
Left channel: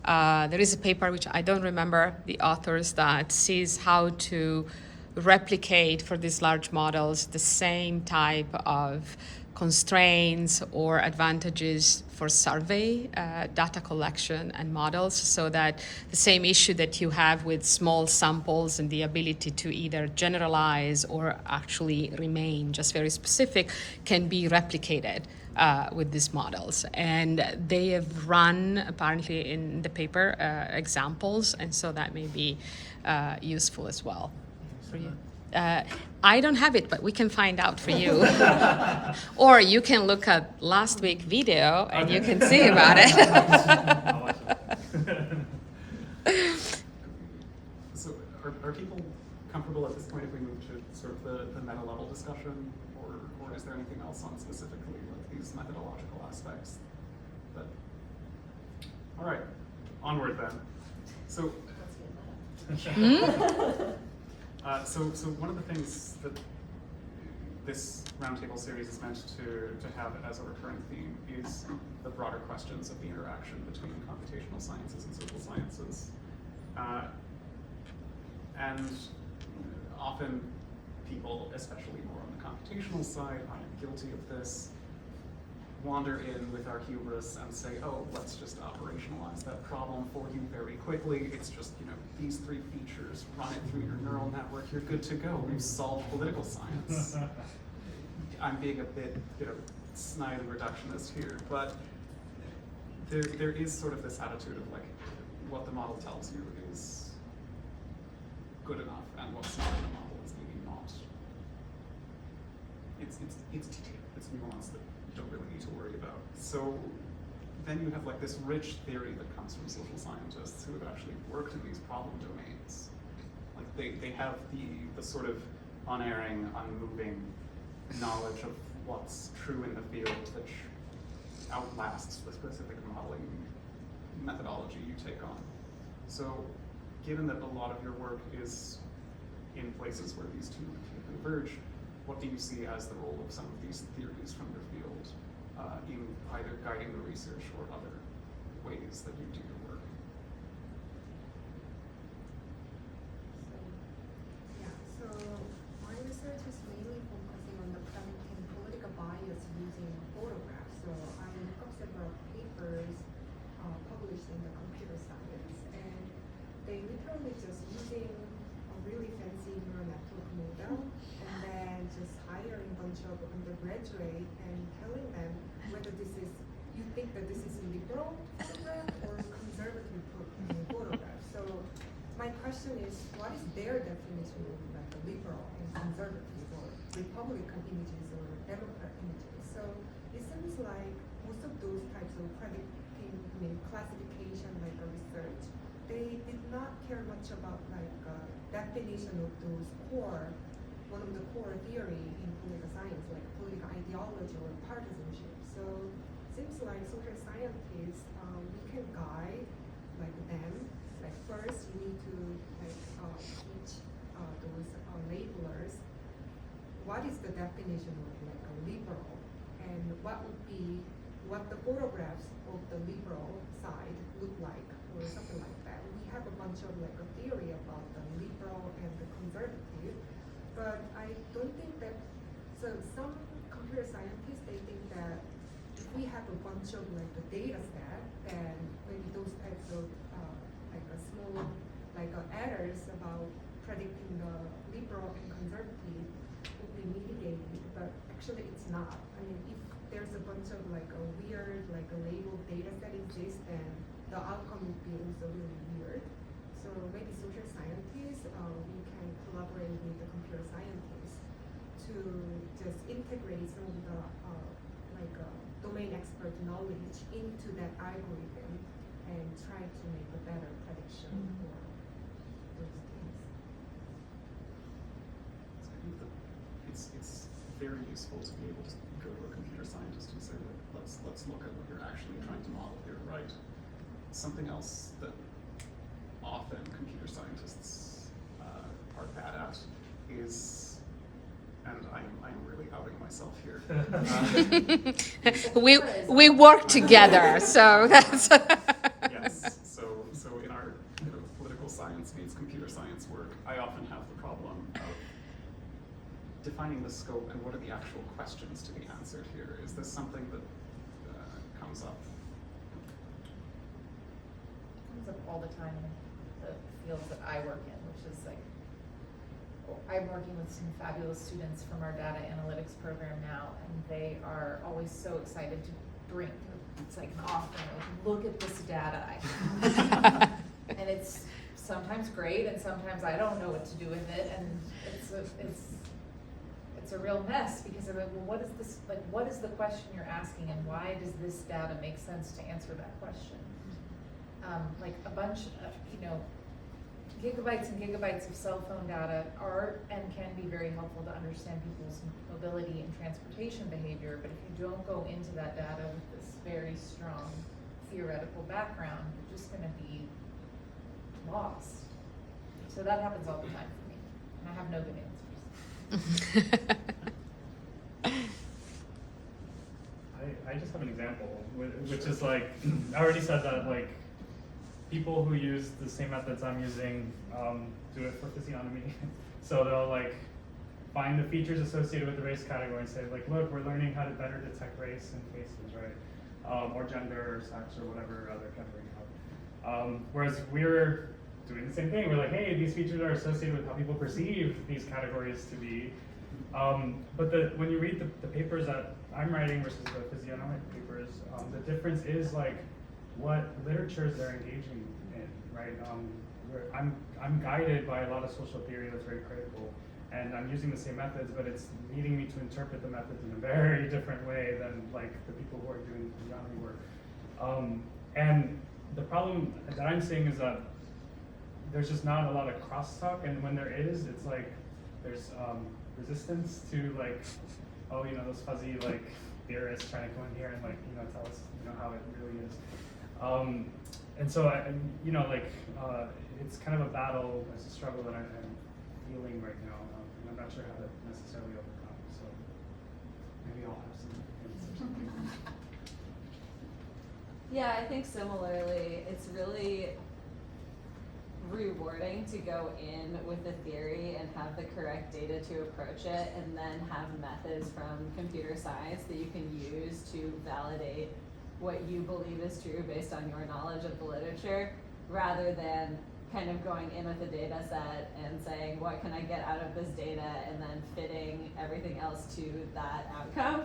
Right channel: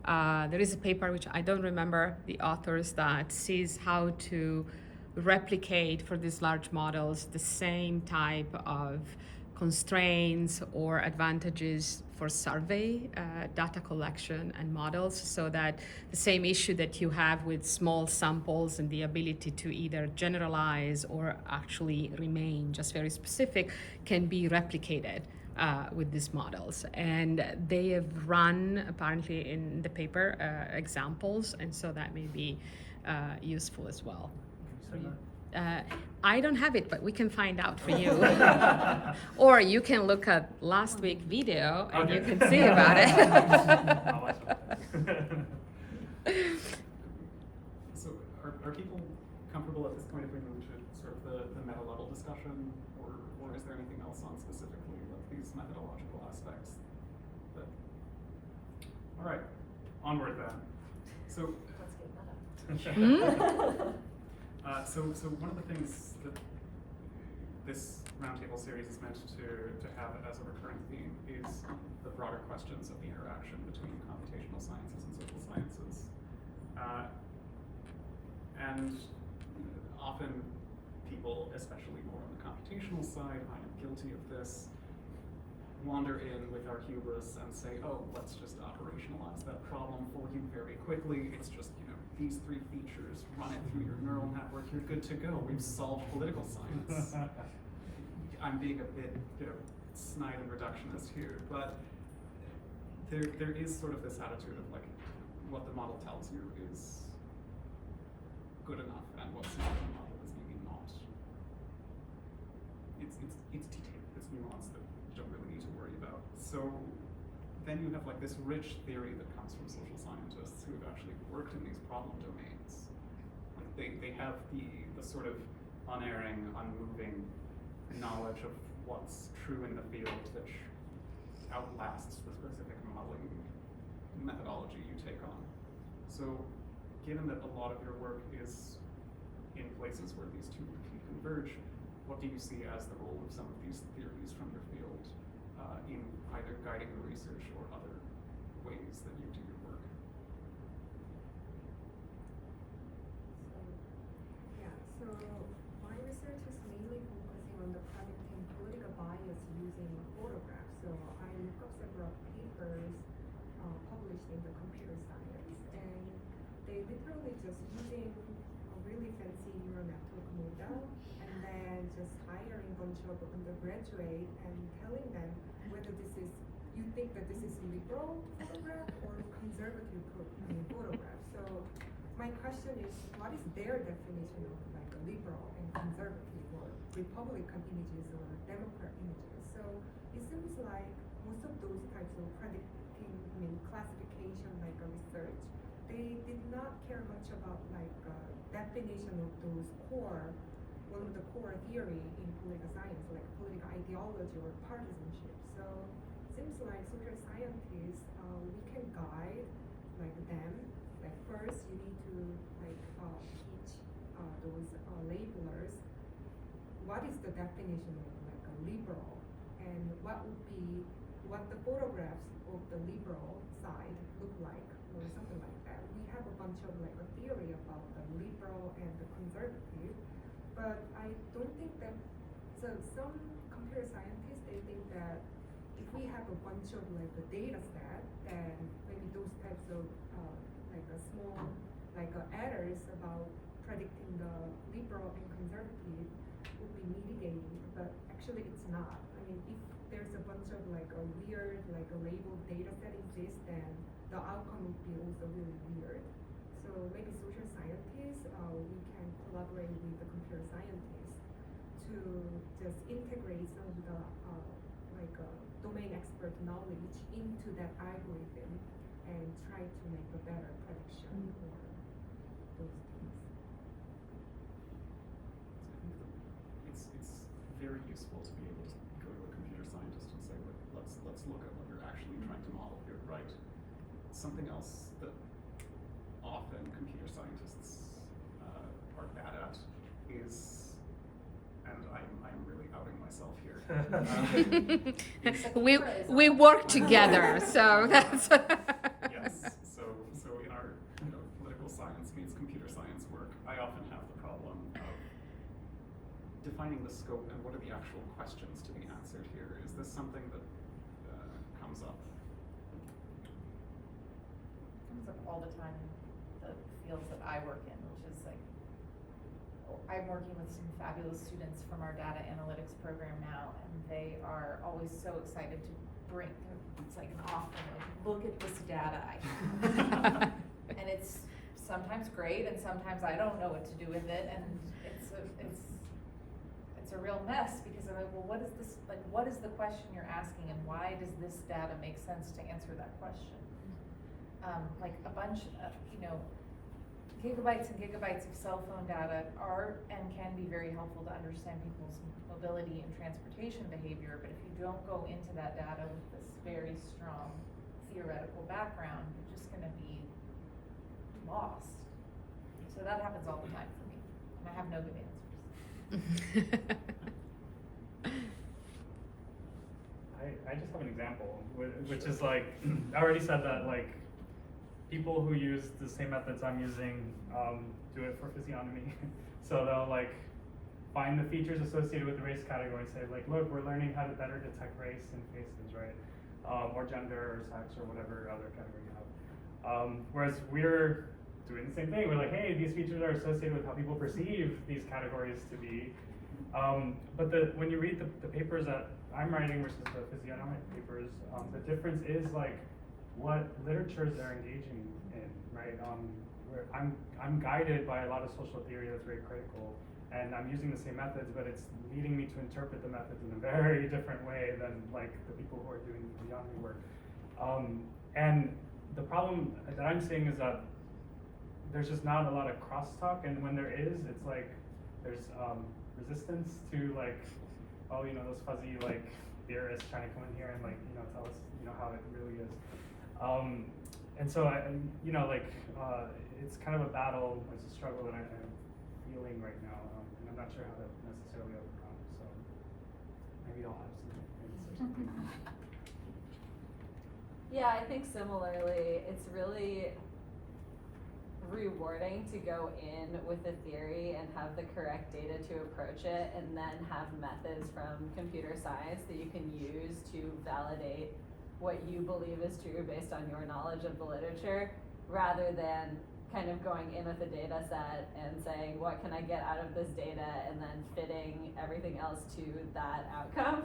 there is a paper which I don't remember the authors that sees how to replicate for these large models the same type of constraints or advantages for survey data collection and models, so that the same issue that you have with small samples and the ability to either generalize or actually remain just very specific can be replicated with these models. And they have run, apparently in the paper, examples, and so that may be useful as well for you. I don't have it, but we can find out for you. Or you can look at last week's video and you can see about it. So are people comfortable at this point if we move to sort of the meta level discussion, or is there anything else on specifically like these methodological aspects? All right, onward then. So. Let's get meta. So one of the things that this roundtable series is meant to have as a recurring theme is the broader questions of the interaction between computational sciences and social sciences. And often people, especially more on the computational side, I am guilty of this, wander in with our hubris and say, oh, let's just operationalize that problem for you very quickly. It's just, these 3 features, run it through your neural network, you're good to go. We've solved political science. I'm being a bit, snide and reductionist here, but there is sort of this attitude of like, what the model tells you is good enough, and what's not in the model is maybe not. It's detailed, it's nuanced that you don't really need to worry about. So then you have like this rich theory that comes from social scientists who have actually worked in these problem domains. Like they have the sort of unerring, unmoving knowledge of what's true in the field that outlasts the specific modeling methodology you take on. So given that a lot of your work is in places where these two can converge, what do you see as the role of some of these theories from the field in either guiding the research or other ways that you do your work? So my research is mainly focusing on the predicting political bias using photographs. So I look up several papers published in the computer science, and they literally just using a really fancy neural network model, and then just hiring a bunch of undergraduates and telling them whether you think that this is a liberal photograph or conservative photograph. So my question is, what is their definition of like a liberal and conservative or Republican images or Democrat images? So it seems like most of those types of classification, like a research, they did not care much about like definition of those core, one of the core theory in political science, like political ideology or partisanship. So seems like social scientists, we can guide like them. Like first, you need to like teach those labelers what is the definition of like a liberal, and what would be what the photographs of the liberal side look like, or something like that. We have a bunch of like a theory about the liberal and the conservative, but I don't think that. So some computer scientists, they think that if we have a bunch of like a data set, then maybe those types of like a small like errors about predicting the liberal and conservative would be mitigated, but actually it's not. I mean, if there's a bunch of like a weird like a labeled data set exists, then the outcome would be also really weird. So maybe social scientists, we can collaborate with the computer scientists to just integrate some of the domain expert knowledge into that algorithm and try to make a better prediction for those things. It's very useful to be able to go to a computer scientist and say, let's look at what you're actually trying to model here, right? Something else that often computer scientists are bad at is, and I am really outing myself here. we work together, so that's. Yes, so in our political science means computer science work, I often have the problem of defining the scope and what are the actual questions to be answered here. Is this something that comes up? Comes up all the time in the fields that I work in, which is like, I'm working with some fabulous students from our data analytics program now, and they are always so excited to bring, it's like an offering, like, look at this data I have. And it's sometimes great, and sometimes I don't know what to do with it, and it's a real mess, because I'm like, well, what is this, like, what is the question you're asking, and why does this data make sense to answer that question? Like a bunch of, gigabytes and gigabytes of cell phone data are and can be very helpful to understand people's mobility and transportation behavior, but if you don't go into that data with this very strong theoretical background, you're just going to be lost. So that happens all the time for me, and I have no good answers. I just have an example, which is like, I already said that like, people who use the same methods I'm using do it for physiognomy. So they'll like find the features associated with the race category and say like, look, we're learning how to better detect race in faces, right? Or gender or sex or whatever other category you have. Whereas we're doing the same thing. We're like, hey, these features are associated with how people perceive these categories to be. But when you read the papers that I'm writing versus the physiognomic papers, the difference is like what literatures they're engaging in, right? I'm guided by a lot of social theory that's very critical, and I'm using the same methods, but it's leading me to interpret the methods in a very different way than like the people who are doing physiognomy work. And the problem that I'm seeing is that there's just not a lot of crosstalk, and when there is, it's like there's resistance to like, oh, those fuzzy like theorists trying to come in here and like tell us how it really is. And so it's kind of a battle, it's a struggle that I'm feeling right now, and I'm not sure how to necessarily overcome. So maybe I'll have some hints or something. Yeah, I think similarly, it's really rewarding to go in with a theory and have the correct data to approach it, and then have methods from computer science that you can use to validate what you believe is true based on your knowledge of the literature, rather than kind of going in with a data set and saying, what can I get out of this data, and then fitting everything else to that outcome.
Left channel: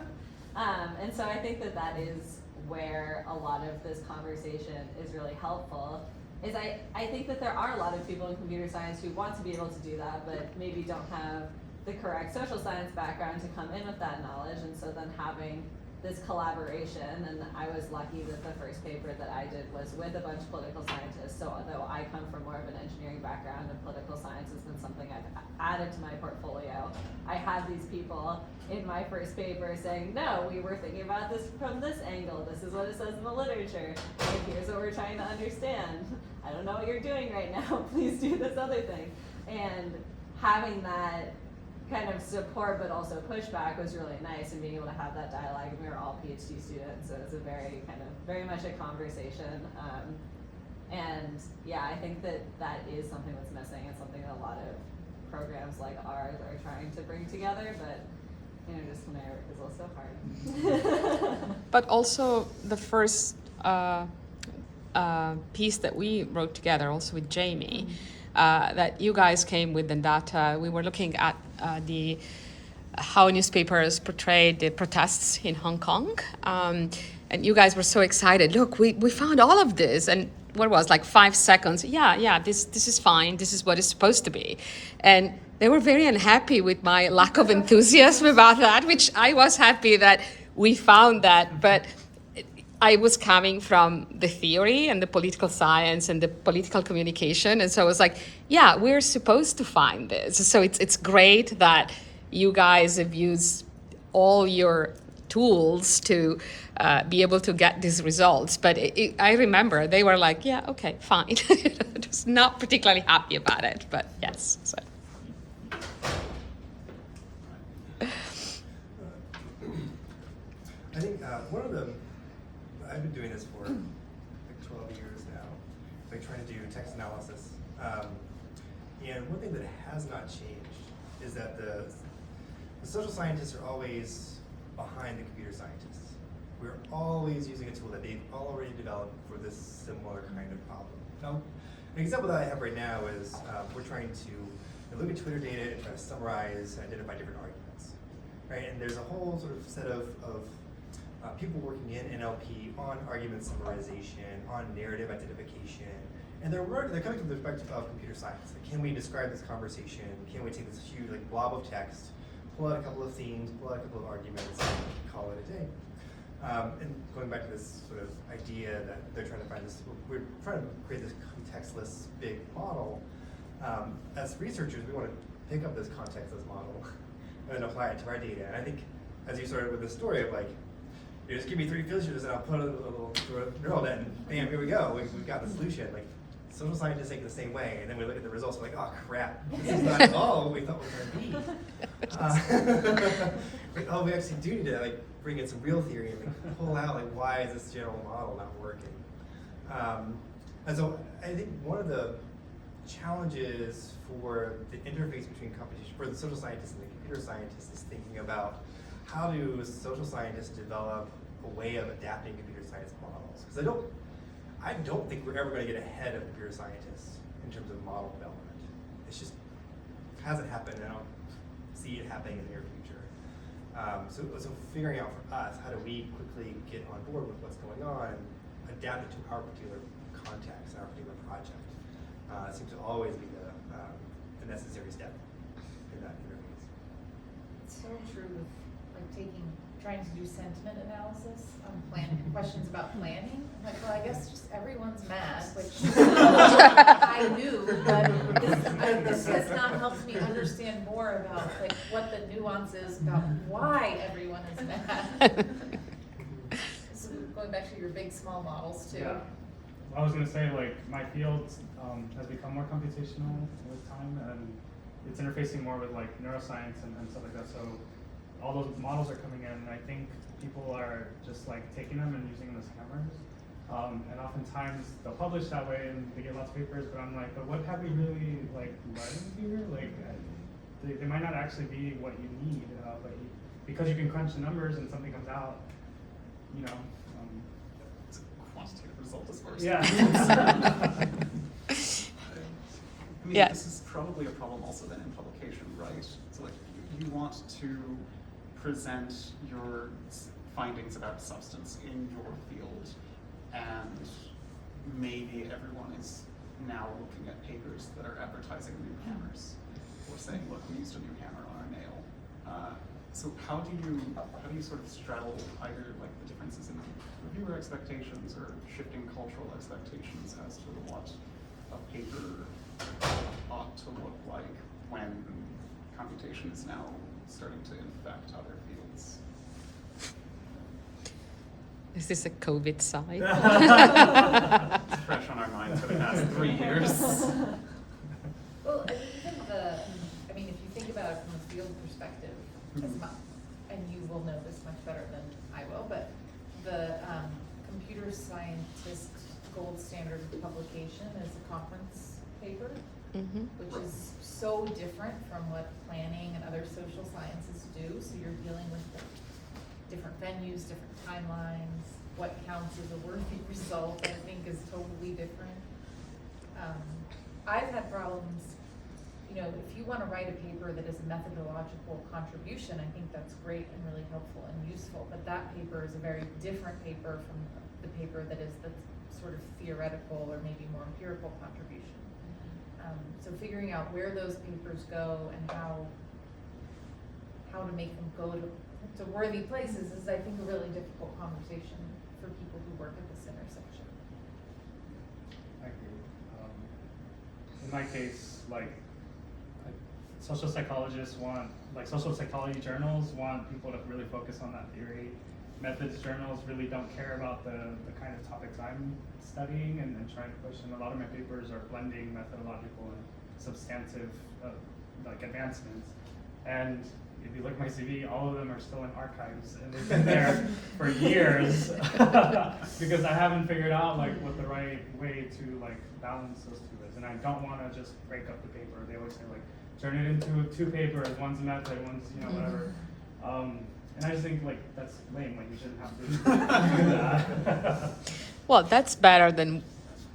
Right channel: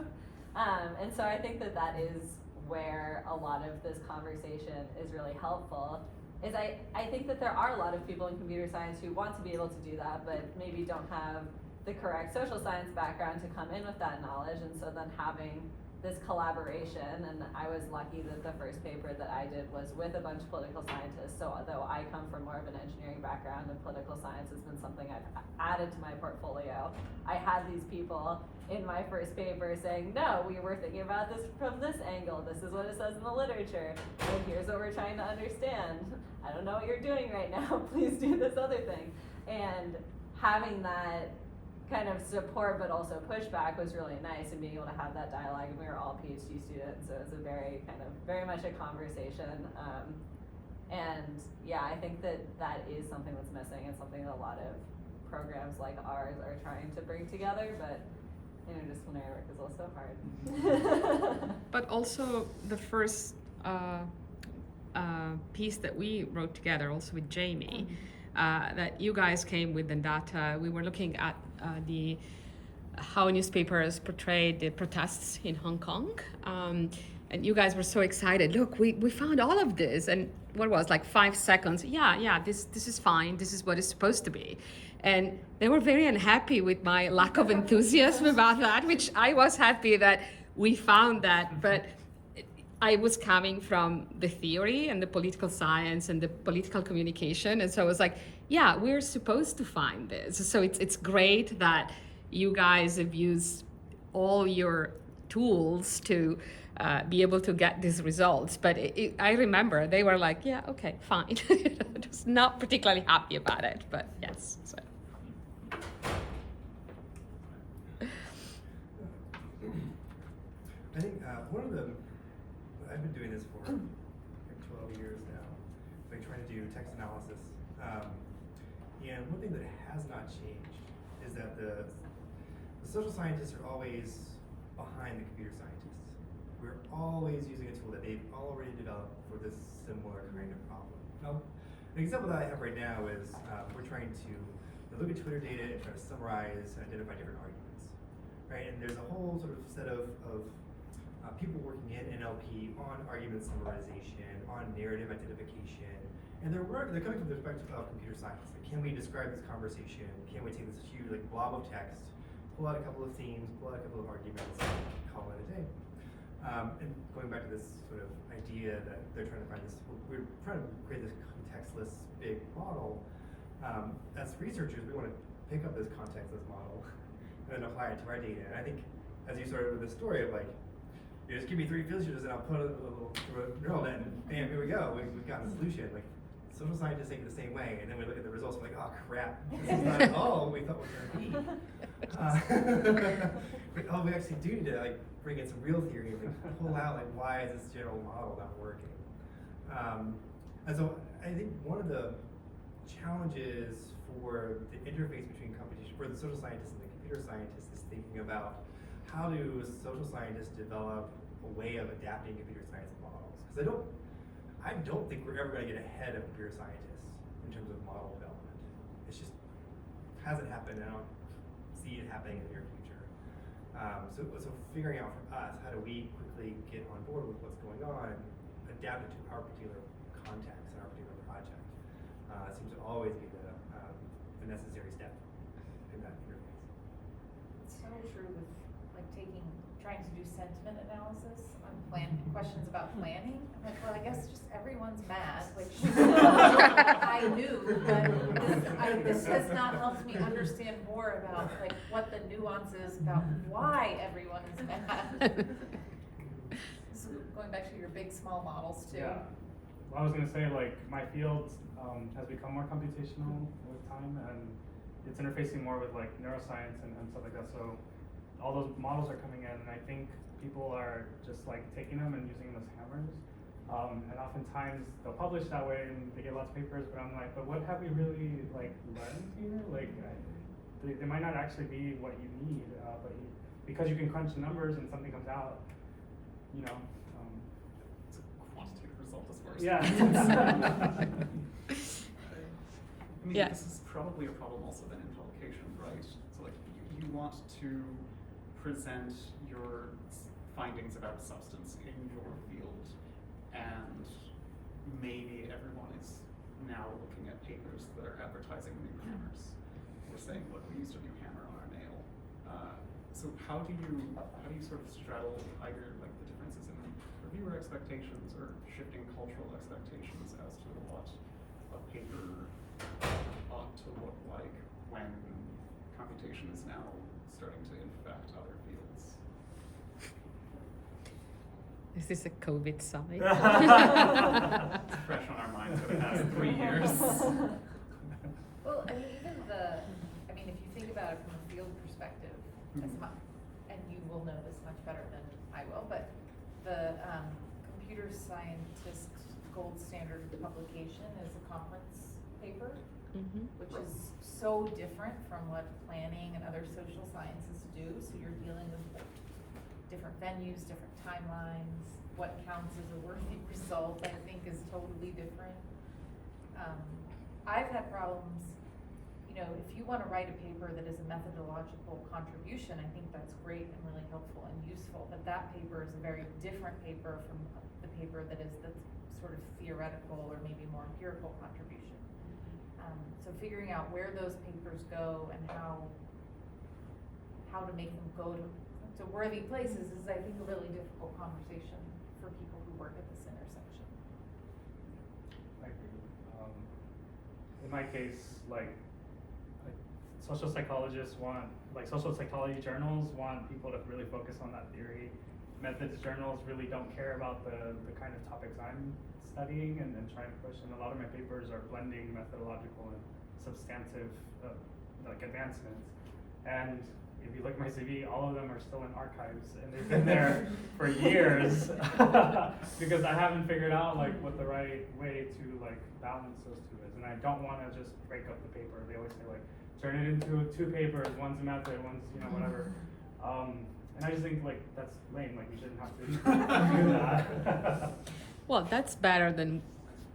And so I think that is where a lot of this conversation is really helpful, is I think that there are a lot of people in computer science who want to be able to do that, but maybe don't have the correct social science background to come in with that knowledge, and so then having this collaboration, and I was lucky that the first paper that I did was with a bunch of political scientists, so although I come from more of an engineering background and political science has been something I've added to my portfolio, I had these people in my first paper saying, no, we were thinking about this from this angle, this is what it says in the literature, and here's what we're trying to understand. I don't know what you're doing right now, please do this other thing. And having that kind of support but also pushback was really nice, and being able to have that dialogue, and we were all PhD students, so it was a very much a conversation. And yeah, I think that is something that's missing, and something that a lot of programs like ours are trying to bring together, but interdisciplinary work is also hard. But also the first piece that we wrote together, also with Jamie, that you guys came with the data. We were looking at how newspapers portrayed the protests in Hong Kong, and you guys were so excited. Look, we found all of this, and what was like 5 seconds? Yeah, this is fine. This is what it's supposed to be, and they were very unhappy with my lack of enthusiasm about that, which I was happy that we found that, but I was coming from the theory and the political science and the political communication, and so I was like, yeah, we're supposed to find this. So it's great that you guys have used all your tools to be able to get these results. But I remember they were like, yeah, okay, fine. Just not particularly happy about it, but yes. So. I think one of the, I've been doing this for like 12 years now, like trying to do text analysis. And one thing that has not changed is that the social scientists are always behind the computer scientists. We're always using a tool that they've already developed for this similar kind of problem. Now, an example that I have right now is we're trying to look at Twitter data and try to summarize and identify different arguments, right? And there's a whole sort of set of people working in NLP on argument summarization, on narrative identification, and they're coming from the perspective of computer science. Like, can we describe this conversation? Can we take this huge blob of text, pull out a couple of themes, pull out a couple of arguments, and call it a day? And going back to this sort of idea that they're trying to find this, we're trying to create this contextless big model. As researchers, we want to pick up this contextless model and then apply it to our data. And I think, as you started with the story of like, you just give me 3 filters and I'll put a little neural net and bam, here we go. We've got the solution. Like, social scientists think the same way, and then we look at the results, we're like, oh crap, this is not at all what we thought it was going to be. We actually do need to like bring in some real theory and like, pull out like why is this general model not working. And so I think one of the challenges for the interface between competition for the social scientists and the computer scientists is thinking about how do social scientists develop a way of adapting computer science models? Because I don't think we're ever going to get ahead of computer scientists in terms of model development. It's just hasn't happened, and I don't see it happening in the near future. So figuring out for us, how do we quickly get on board with what's going on and adapt it to our particular context and our particular project seems to always be the necessary step in that interface. It's so true with like trying to do sentiment analysis on questions about planning. I'm like, well, I guess just everyone's mad, which I knew, but this has not helped me understand more about like what the nuance is about why everyone is mad. So going back to your big small models too. Yeah. Well, I was going to say, like, my field has become more computational with time, and it's interfacing more with like neuroscience and stuff like that. So all those models are coming in, and I think people are just like taking them and using them as hammers. And oftentimes they'll publish that way and they get lots of papers, but I'm like, but what have we really like learned here? Like, they might not actually be what you need, but because you can crunch the numbers and something comes out, you know. It's a quantitative result is first. Yeah. I mean, Yeah. this is probably a problem also then in publication, right? So like, you want to present your findings about substance in your field, and maybe everyone is now looking at papers that are advertising new hammers, or saying, look, we used a new hammer on our nail. So how do you sort of straddle either like the differences in reviewer expectations or shifting cultural expectations as to what a paper ought to look like when computation is now starting to infect other fields? Is this a COVID side? It's fresh on our minds, but it has 3 years. Well, I mean, if you think about it from a field perspective, and you will know this much better than I will, but the computer scientist gold standard of publication is a conference paper, which is so different from what planning and other social sciences do. So you're dealing with different venues, different timelines. What counts as a worthy result, I think, is totally different. I've had problems, if you want to write a paper that is a methodological contribution, I think that's great and really helpful and useful, but that paper is a very different paper from the paper that is the sort of theoretical or maybe more empirical contribution. So figuring out where those papers go and how to make them go to worthy places is, I think, a really difficult conversation for people who work at this intersection. I agree. In my case, social psychologists social psychology journals want people to really focus on that theory. Methods journals really don't care about the kind of topics I'm studying and trying to push. And a lot of my papers are blending methodological and substantive advancements. And if you look at my CV, all of them are still in archives, and they've been there for years because I haven't figured out what the right way to balance those two is. And I don't want to just break up the paper. They always say turn it into 2 papers. One's method, one's whatever. And I just think that's lame. You shouldn't have to do that. Well, that's better than,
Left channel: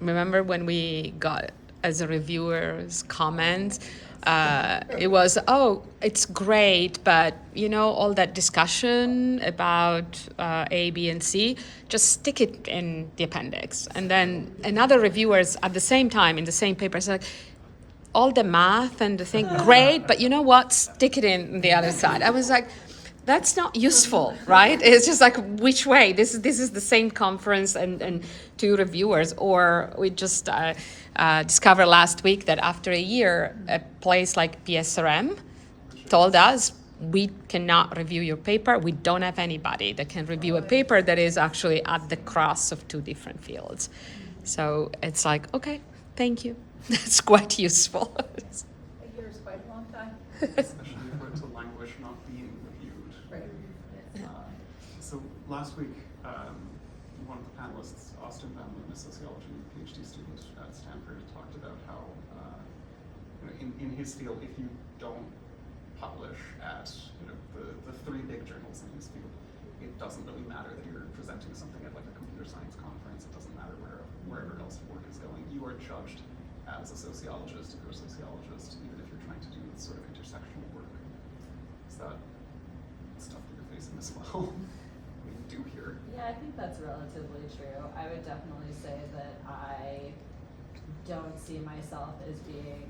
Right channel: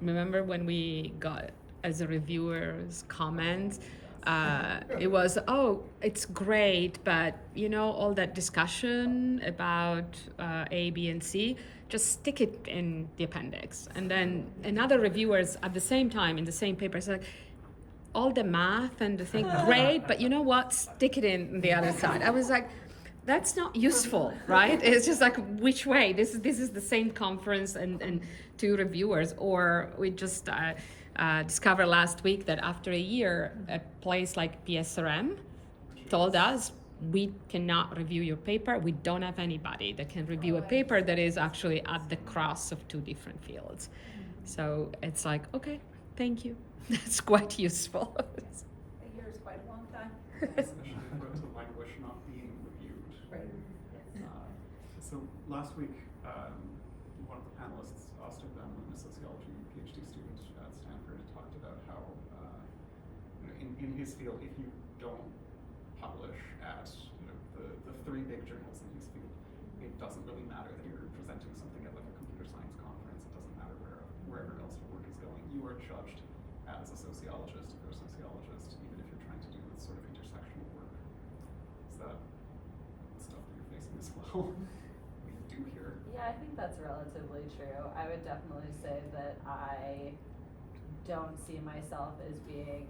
remember when we got as a reviewer's comments, it was, oh, it's great, but all that discussion about A, B, and C, just stick it in the appendix. And then another reviewers at the same time in the same paper said, all the math and the thing, great, but you know what? Stick it in the other side. I was like, that's not useful, right? It's just which way? This is the same conference and 2 reviewers, or we just discovered last week that after a year, a place like PSRM told us, we cannot review your paper. We don't have anybody that can review a paper that is actually at the cross of 2 different fields. So it's okay, thank you. That's quite useful. A year is quite a long time. Especially for it to languish not being reviewed. Right. So last week, one of the panelists, Austin Bamlin, a sociology PhD student at Stanford, talked about how in his field, if you don't publish at the 3 big journals in his field, it doesn't really matter that you're presenting something at a computer science conference. It doesn't matter wherever else work is going. You are judged as a sociologist, if you're a sociologist, even if you're trying to do sort of intersectional work. Is that stuff that you're facing as well? We do here. Yeah, I think that's relatively true. I would definitely say that I don't see myself as being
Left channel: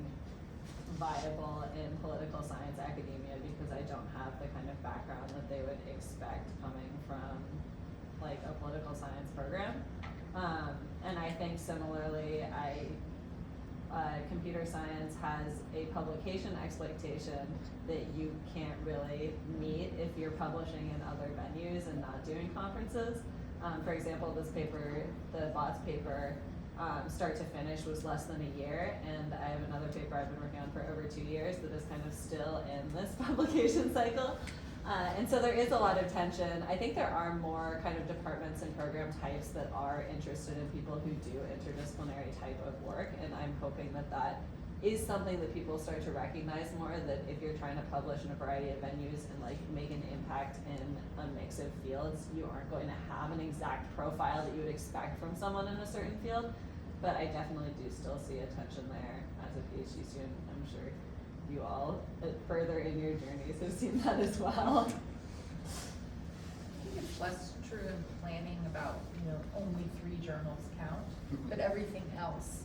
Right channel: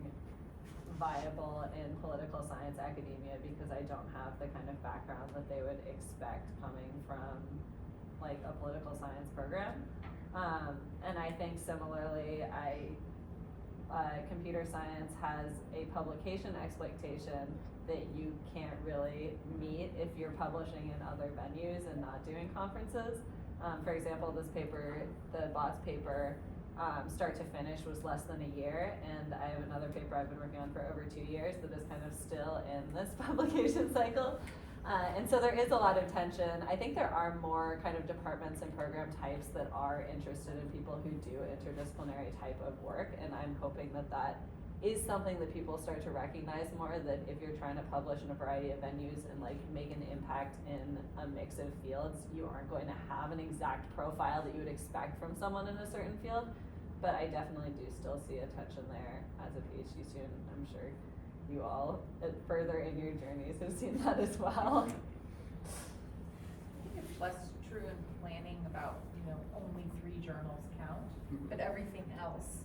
viable in political science academia because I don't have the kind of background that they would expect coming from a political science program. And I think similarly, computer science has a publication expectation that you can't really meet if you're publishing in other venues and not doing conferences. For example, this paper, the bots paper, start to finish was less than a year, and I have another paper I've been working on for over 2 years that is kind of still in this publication cycle. And so there is a lot of tension. I think there are more kind of departments and program types that are interested in people who do interdisciplinary type of work, and I'm hoping that that is something that people start to recognize more, that if you're trying to publish in a variety of venues and make an impact in a mix of fields, you aren't going to have an exact profile that you would expect from someone in a certain field. But I definitely do still see a tension there as a PhD student. I'm sure you all further in your journeys have seen that as well. I think it's less true in planning about, only 3 journals count, but everything else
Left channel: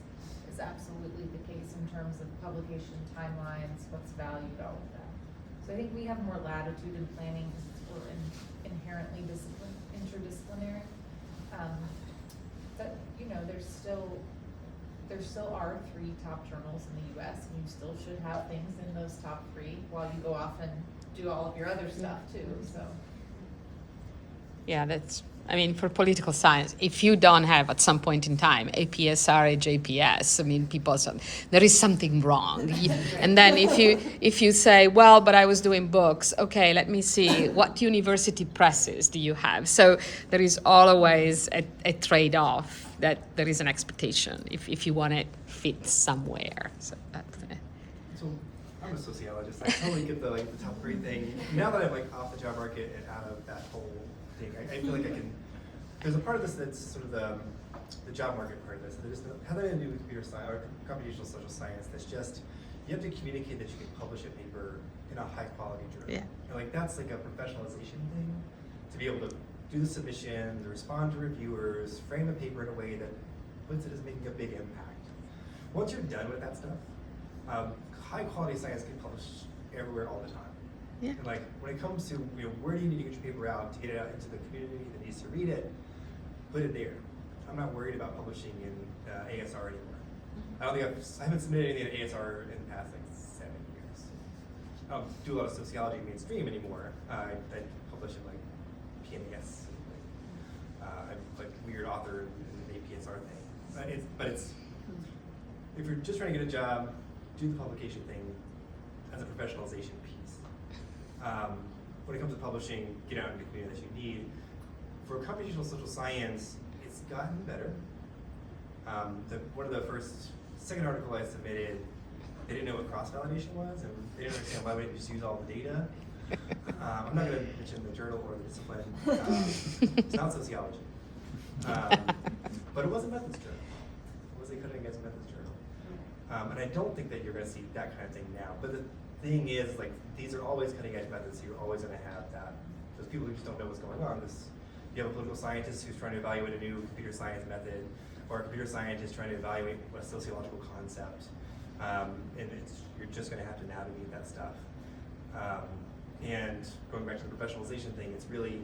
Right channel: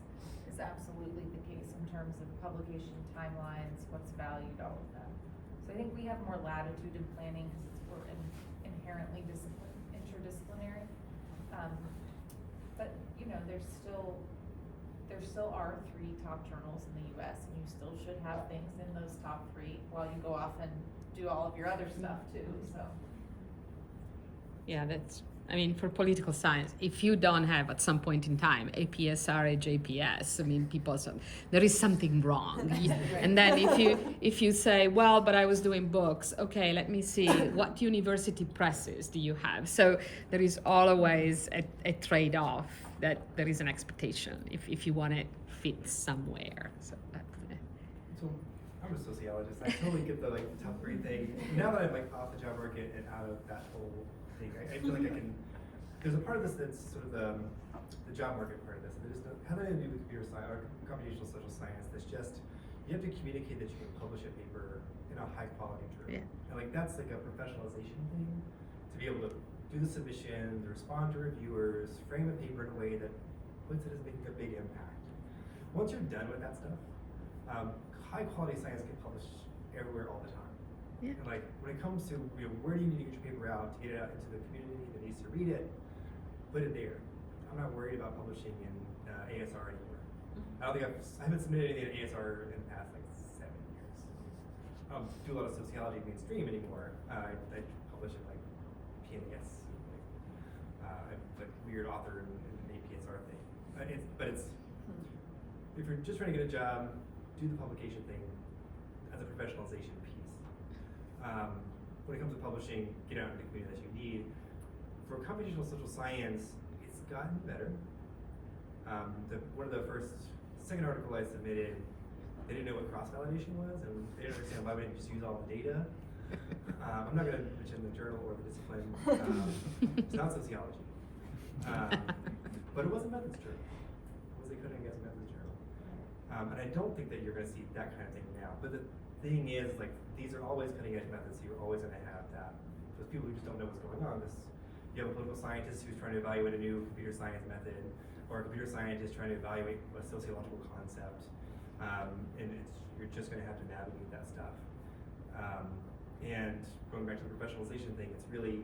is absolutely the case in terms of publication timelines, what's valued, all of that. So I think we have more latitude in planning because we're inherently interdisciplinary. But you know, there still are 3 top journals in the U.S. and you still should have things in those top 3 while you go off and do all of your other stuff too. So. Yeah, I mean, for political science, if you don't have at some point in time APSR, JPS, I mean, there is something wrong. And then if you say, well, but I was doing books, okay, let me see, what university presses do you have? So there is always a trade-off that there is an expectation if you want to fit somewhere. So that's So I'm a sociologist. I totally get the top 3 thing. Now that I'm off the job market and out of that whole thing, I feel like I can. There's a part of this that's sort of the job market part of this. There's how that to do with computer science or computational social science. That's just you have to communicate that you can publish a paper in a high quality journal. Yeah. And that's like a professionalization thing. To be able to do the submission, to respond to reviewers, frame a paper in a way that puts it as making a big impact. Once you're done with that stuff, high quality science can publish everywhere all the time. Yeah. And when it comes to where do you need to get your paper out to get it out into the community that needs to read it, put it there. I'm not worried about publishing in ASR anymore. I don't think I haven't submitted anything in ASR in the past 7 years. I don't do a lot of sociology mainstream anymore. I publish in PNAS. I'm weird author and APSR thing. But if you're just trying to get a job, do the publication thing as a professionalization piece. When it comes to publishing, get out in the community that you need. For computational social science, it's gotten better. One of the second article I submitted, they didn't know what cross-validation was, and they didn't understand why we didn't just use all the data. I'm not going to mention the journal or the discipline. It's not sociology. But it was a methods journal. It was a cutting-edge methods journal. And I don't think that you're going to see that kind of thing now. But the thing is, these are always cutting-edge methods, so you're always going to have that. Those people who just don't know what's going on. You have a political scientist who's trying to evaluate a new computer science method, or a computer scientist trying to evaluate a sociological concept. And you're just going to have to navigate that stuff. And going back to the professionalization thing, it's really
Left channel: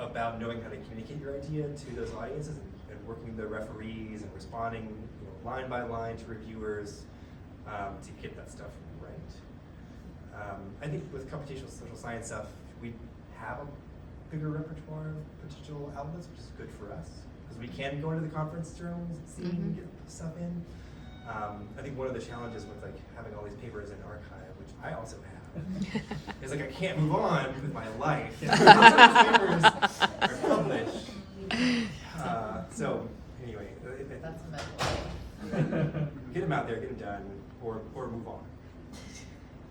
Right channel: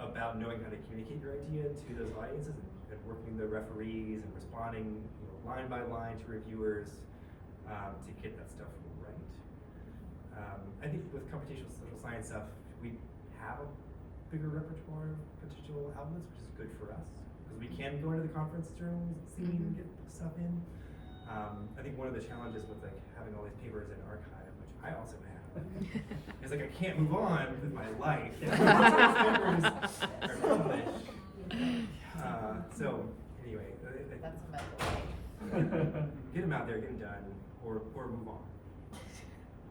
about knowing how to communicate your idea to those audiences and working with the referees and responding line by line to reviewers to get that stuff right. I think with computational social science stuff, we have a bigger repertoire of potential outlets, which is good for us because we can go into the conference journals and see and get stuff in. I think one of the challenges with having all these papers in archive, which I also have, is I can't move on with my life. Papers are published. So anyway, That's a mental. get them out there, get them done, or move on.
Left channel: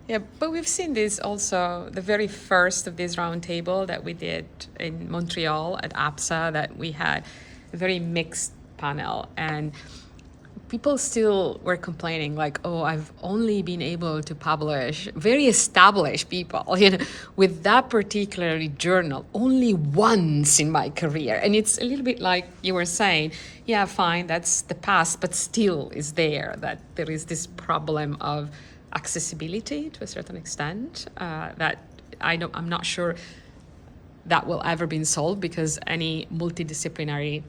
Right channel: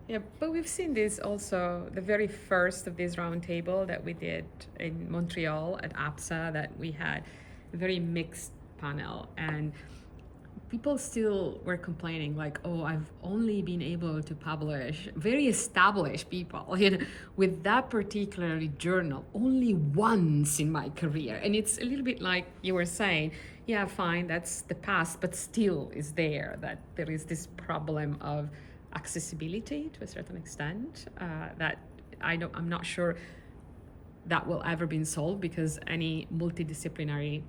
Yeah, but we've seen this also, the very first of this roundtable that we did in Montreal at APSA, that we had a very mixed panel, and people still were complaining oh, I've only been able to publish very established people, with that particular journal only once in my career. And it's a little bit like you were saying, yeah, fine, that's the past, but still is there, that there is this problem of accessibility to a certain extent that I'm not sure that will ever be solved, because any multidisciplinary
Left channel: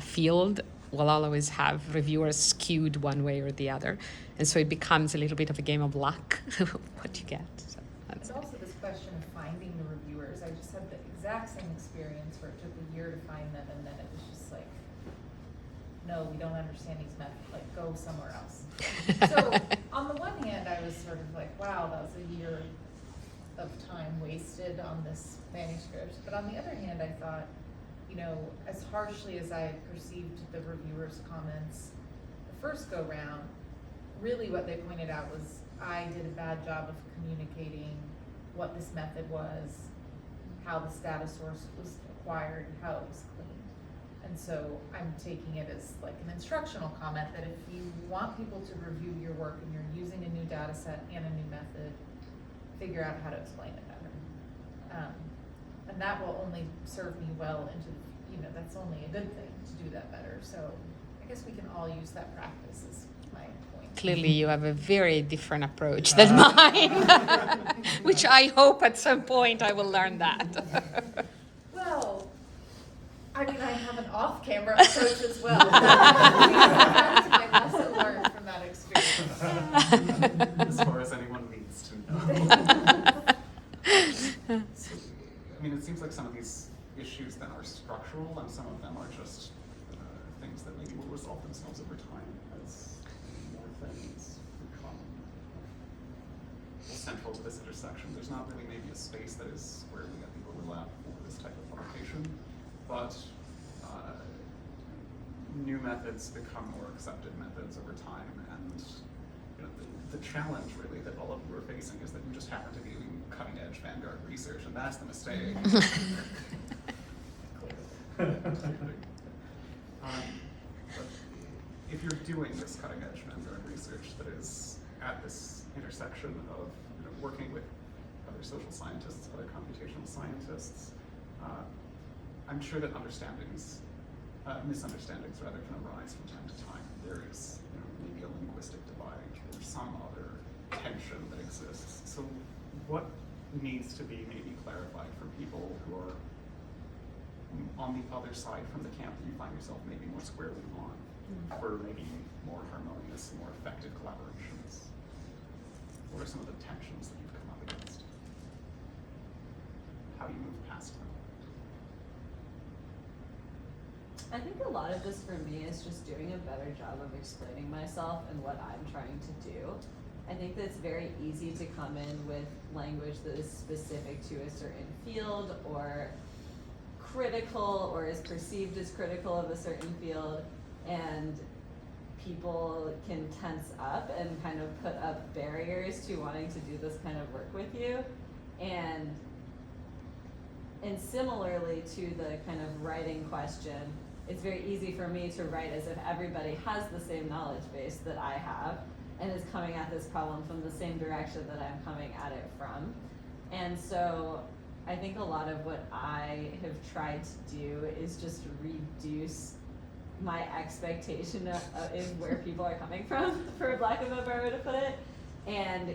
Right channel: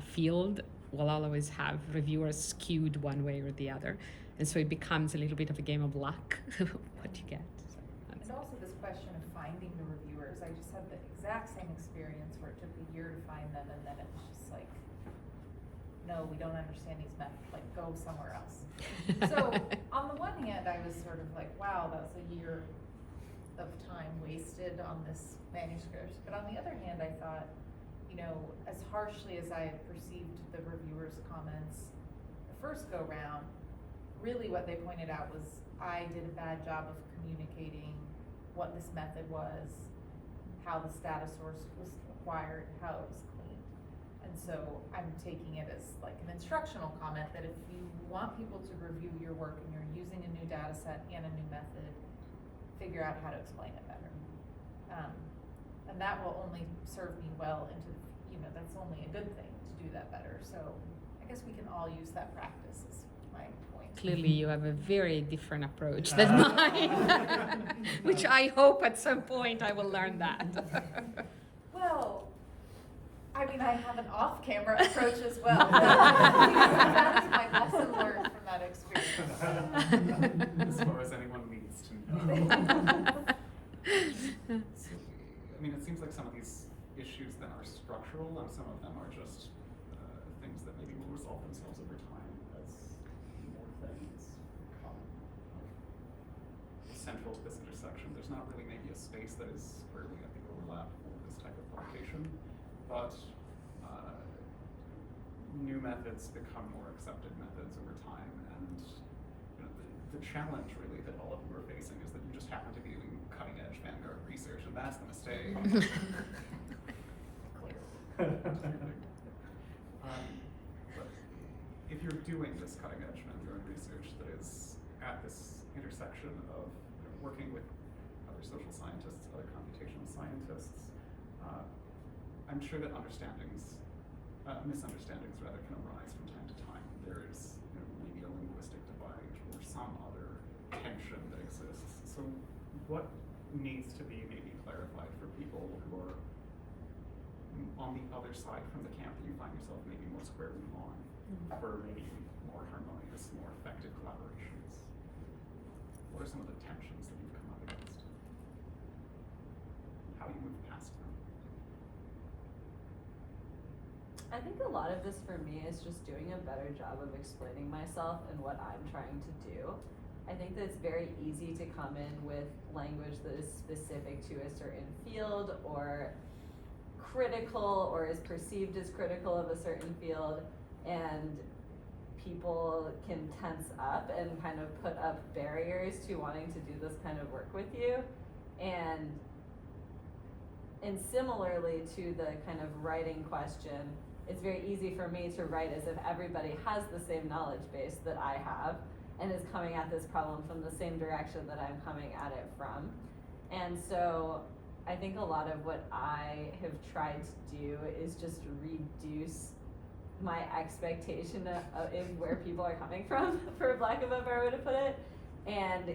field will always have reviewers skewed one way or the other, and so it becomes a little bit of a game of luck what you get. So and also this question of finding the reviewers. I just had the exact same experience where it took a year to find them, and then it was just no, we don't understand these methods, go somewhere else. So on the one hand, I was sort of wow, that was a year of time wasted on this manuscript. But on the other hand, I thought, as harshly as I perceived the reviewers' comments the first go round, really what they pointed out was I did a bad job of communicating what this method was, how the status source was acquired, how it was cleaned. And so I'm taking it as an instructional comment that if you want people to review your work and you're using a new data set and a new method, figure out how to explain it better. And that will only serve me well into that's only a good thing to do that better. So I guess we can all use that practice is my point. Clearly, you have a very different approach than mine, which I hope at some point I will learn that. Well, I mean, I have an off-camera approach as well. That's my lesson learned from that experience. As far as anyone needs to know. So, I mean, it seems like some of these issues then are structural, and some of them are just things that maybe will resolve themselves over time as more things become central to this intersection. There's not really maybe a space that is squarely at the overlap for this type of publication, but new methods become more accepted methods over time, and the challenge really that all of you are facing is that you just happen to be doing cutting-edge vanguard research, and that's the mistake. But if you're doing this cutting-edge vanguard research that is at this intersection of working with other social scientists, other computational scientists, I'm sure that misunderstandings rather can arise from time to time. There is maybe a linguistic divide or some other tension that exists. So what needs to be maybe clarified for people who are on the other side from the camp that you find yourself maybe more squarely on for maybe more harmonious, more effective collaborations? What are some of the tensions that you've come up against? How you move past them? I think a lot of this for me is just doing a better job of explaining myself and what I'm trying to do. I think that it's very easy to come in with language that is specific to a certain field or critical or is perceived as critical of a certain field, and people can tense up and kind of put up barriers to wanting to do this kind of work with you. And similarly to the kind of writing question, it's very easy for me to write as if everybody has the same knowledge base that I have and is coming at this problem from the same direction that I'm coming at it from. And so I think a lot of what I have tried to do is just reduce my expectation in where people are coming from, for lack of a better way to put it. And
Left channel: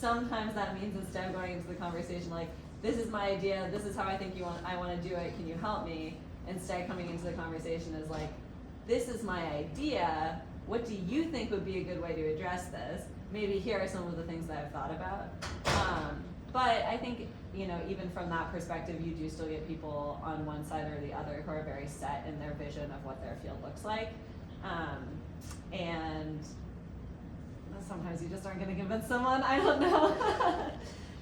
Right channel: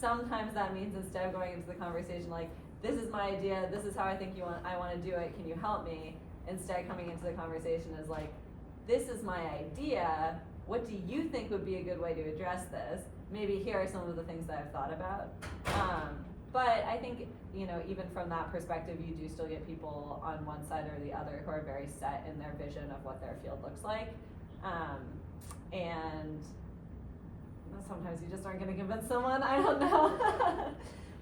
sometimes that means instead of going into the conversation like, this is my idea, this is how I think I want to do it, can you help me? Instead coming into the conversation is like, this is my idea, what do you think would be a good way to address this? Maybe here are some of the things that I've thought about. But I think, even from that perspective, you do still get people on one side or the other who are very set in their vision of what their field looks like. And sometimes you just aren't going to convince someone, I don't know.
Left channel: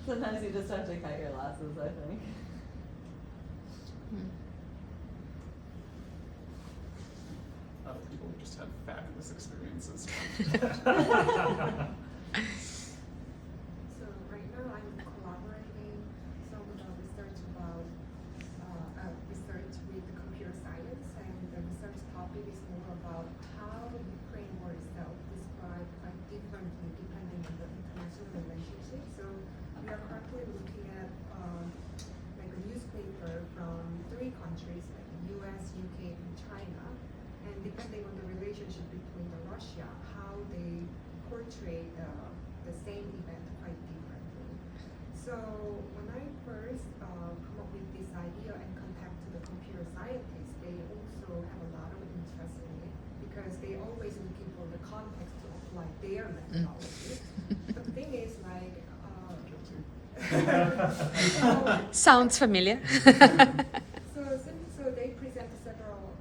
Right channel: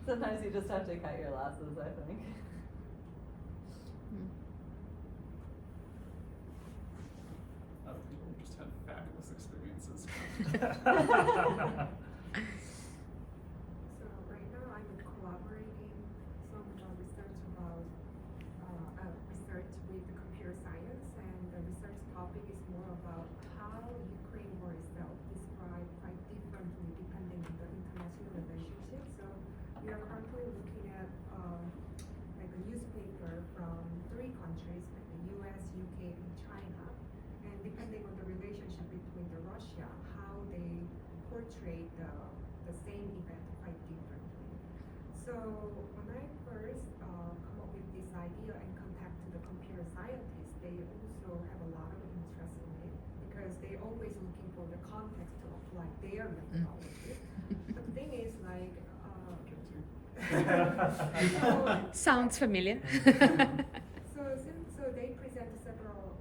Sometimes you just have to cut your losses, I think. Other people have just had fabulous experiences. So right now I'm collaborating some research about research with computer science, and the research topic is more about how Ukraine war itself described quite differently depending on the international relationship. So we are currently looking at like a newspaper from 3 countries, like the US, UK, and China, and depending on the relationship between the Russia, how they portray the same event quite differently. So when I first come up with this idea and contact to the computer scientists, they also have a lot of interest in it because they always looking for the context to apply their methodology. But the thing is like, Sounds familiar. So they present several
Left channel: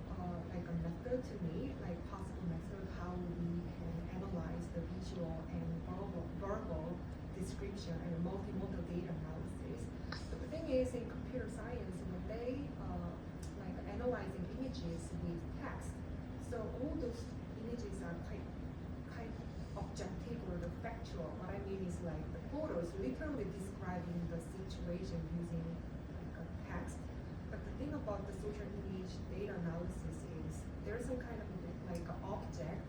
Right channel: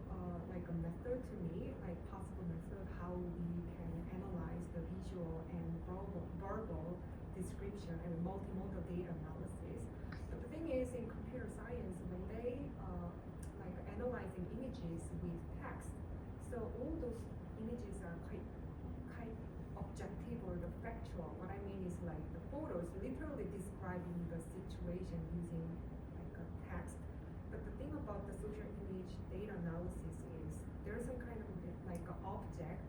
like a method to me, like possible method how we can analyze the visual and verbal description and multimodal data analysis. But the thing is, in computer science, when they like analyzing images with text, so all those images are quite objective or the factual. What I mean is like the photos literally describing the situation using like a text. But the thing about the social image data analysis is there's some kind of like an object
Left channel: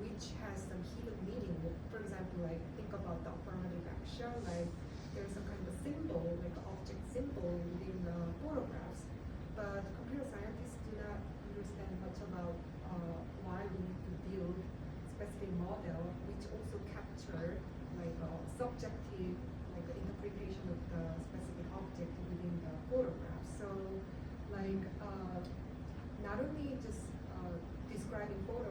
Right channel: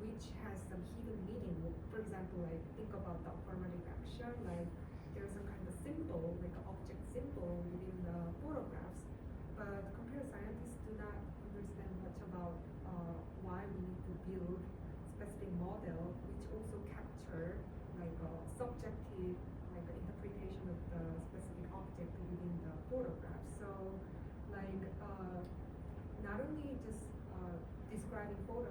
which has some hidden meaning. For example, like think about the affirmative action, like there's some kind of symbol, like an object symbol within the photographs. But computer scientists do not understand much about why we need to build also capture like a subjective like interpretation of the specific object within the photograph. So like not only just describing photo,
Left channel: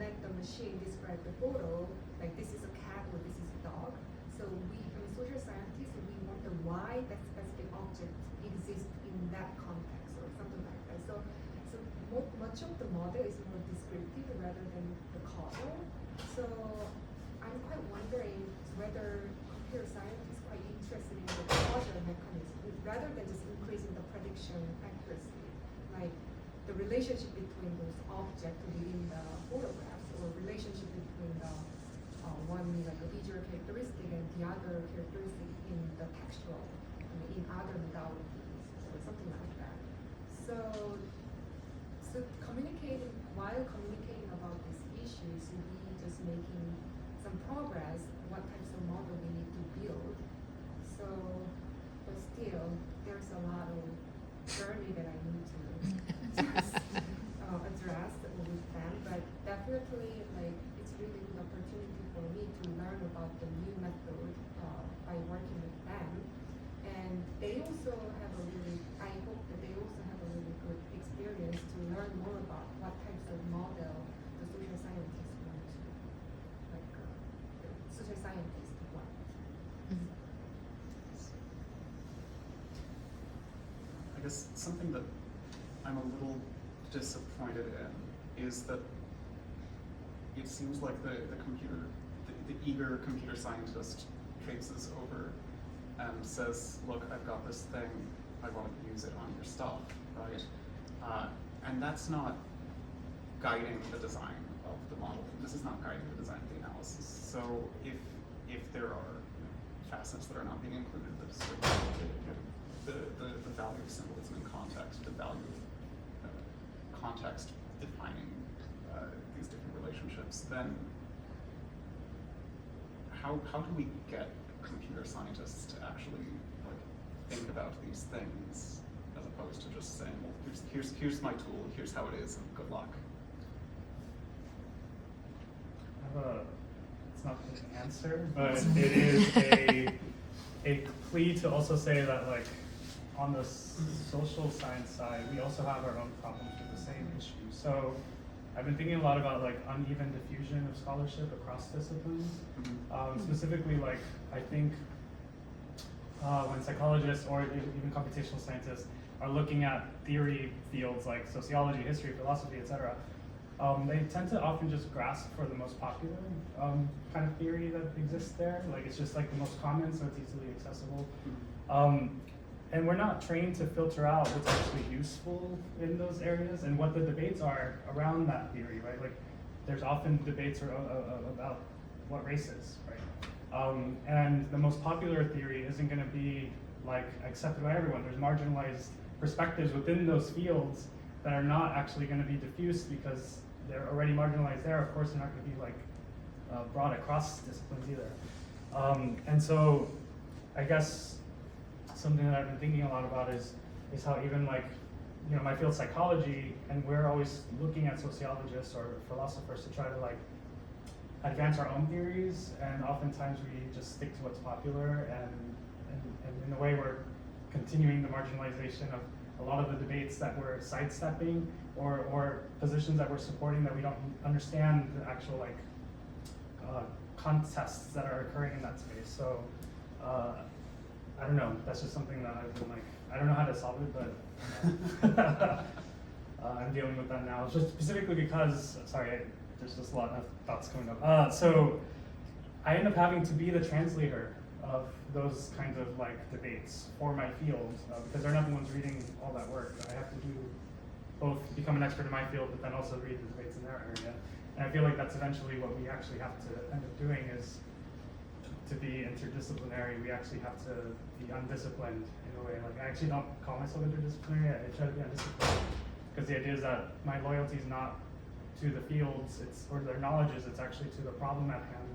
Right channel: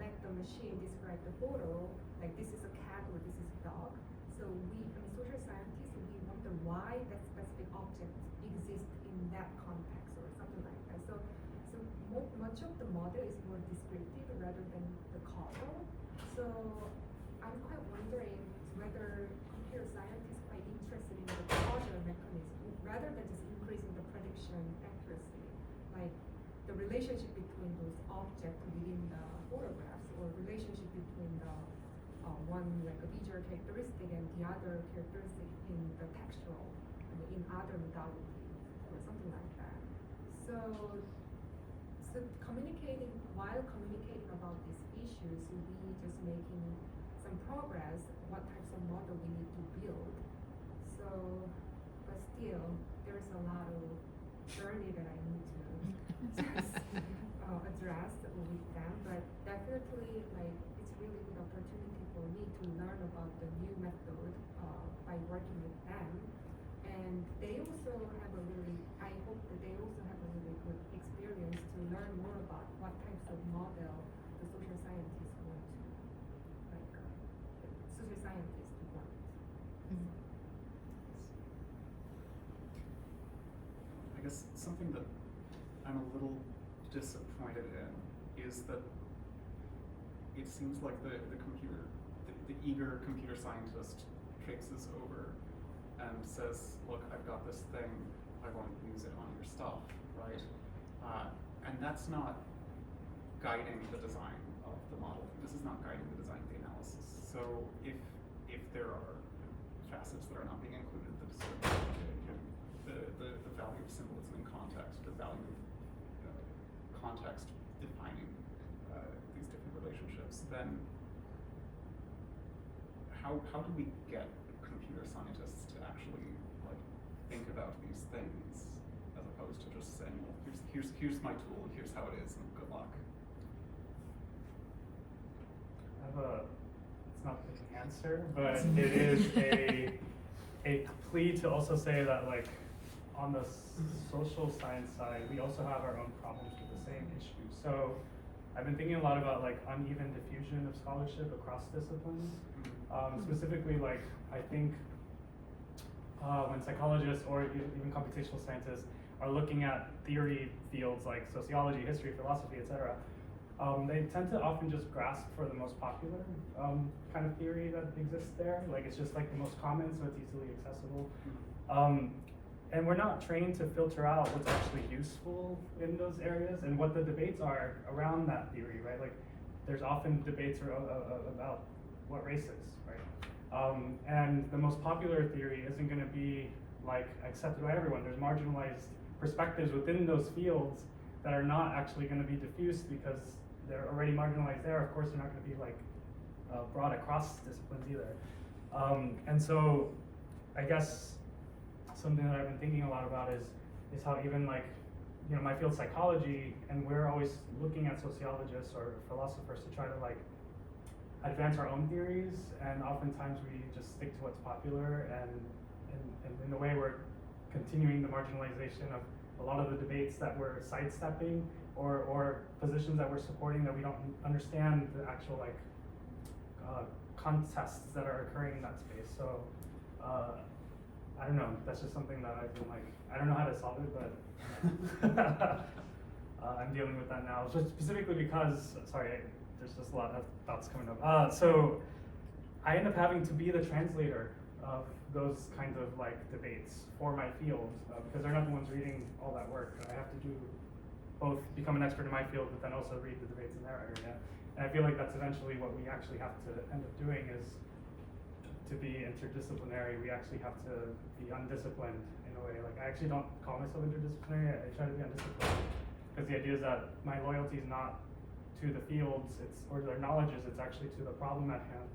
let the machine describe the photo, like this is a cat or this is a dog. So we, social scientists, we wonder why that specific object exists in that context or something like that. So much of the model is more descriptive rather than the causal. So I'm quite wondering whether computer science is quite interested in the causal mechanism rather than just increasing the prediction accuracy, like the relationship between those objects within the photographs or relationship between the one like a visual characteristic and the other characteristic in the textual, in other modalities or something like that. So while communicating about these issues, we just making some progress, what types of model we need to build. So, but still, there's a lot of journey that I need to just, address with them. But definitely, like, it's really good opportunity for me to learn about the new method by working with them. And they also have I hope that they also have a really good experience to learn more about what types of model the social scientists want to, like, the social scientists want. I guess something that I'm a little disappointed in is that it seems like the eager computer scientist traipses over and says, look, I've got this thing, I want to use it on your stuff, right? And that's not guiding the design of the model. This is not guiding the design of the analysis. So if there are facets that are not being included, the value of symbolism in context, the value of context defining these different relationships, then how do we get computer scientists to actually like think about these things as opposed to just saying, well, here's my tool, here's how it is, and good luck? It's not an answer, but it is a plea to also say that, like, on the social science side, we also have our own problems with the same issue. So I've been thinking a lot about like uneven diffusion of scholarship across disciplines. Specifically, like, I think when psychologists or even computational scientists are looking at theory fields like sociology, history, philosophy, etc., they tend to often just grasp for the most popular kind of theory that exists there. Like, it's just like the most common, so it's easily accessible. And we're not trained to filter out what's actually useful in those areas and what the debates are around that theory, right? Like, there's often debates about what race is, right? And the most popular theory isn't going to be like accepted by everyone. There's marginalized perspectives within those fields that are not actually going to be diffused because they're already marginalized there. Of course, they're not going to be like brought across disciplines either. And so I guess something that I've been thinking a lot about is how even, like, you know, my field psychology, and we're always looking at sociologists or philosophers to try to like advance our own theories, and oftentimes we just stick to what's popular, and in a way we're continuing the marginalization of a lot of the debates that we're sidestepping, or positions that we're supporting that we don't understand the actual like contests that are occurring in that space. So I don't know, that's just something that I've been like, I don't know how to solve it, but I'm dealing with that now. Just specifically because, sorry, there's just a lot of thoughts coming up. So I end up having to be the translator of those kinds of like debates for my field, because they're not the ones reading all that work. I have to do both, become an expert in my field, but then also read the debates in their area. And I feel like that's eventually what we actually have to end up doing, is to be interdisciplinary. We actually have to be undisciplined in a way. Like, I actually don't call myself interdisciplinary, I try to be undisciplined. Because the idea is that my loyalty is not to the fields, or their knowledges, it's actually to the problem at hand.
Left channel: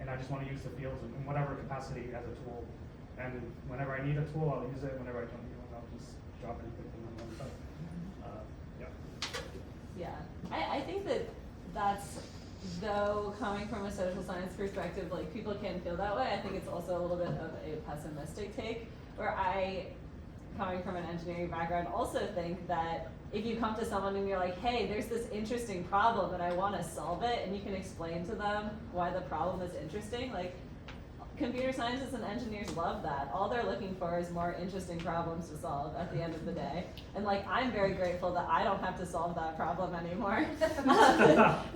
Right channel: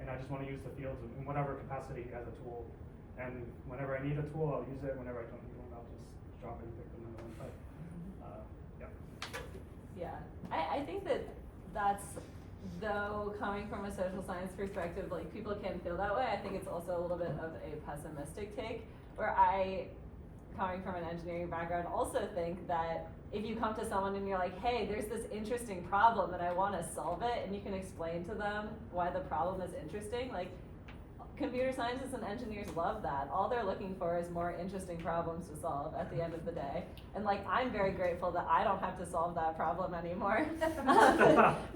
And I just want to use the fields in whatever capacity as a tool. And whenever I need a tool, I'll use it. Whenever I don't need one, I'll just drop it and pick another one. But, yeah. Yeah, I think that's, though coming from a social science perspective, like people can feel that way. I think it's also a little bit of a pessimistic take, where I, coming from an engineering background, also think that if you come to someone and you're like, hey, there's this interesting problem and I want to solve it, and you can explain to them why the problem is interesting, like computer scientists and engineers love that. All they're looking for is more interesting problems to solve at the end of the day. And like, I'm very grateful that I don't have to solve that problem anymore.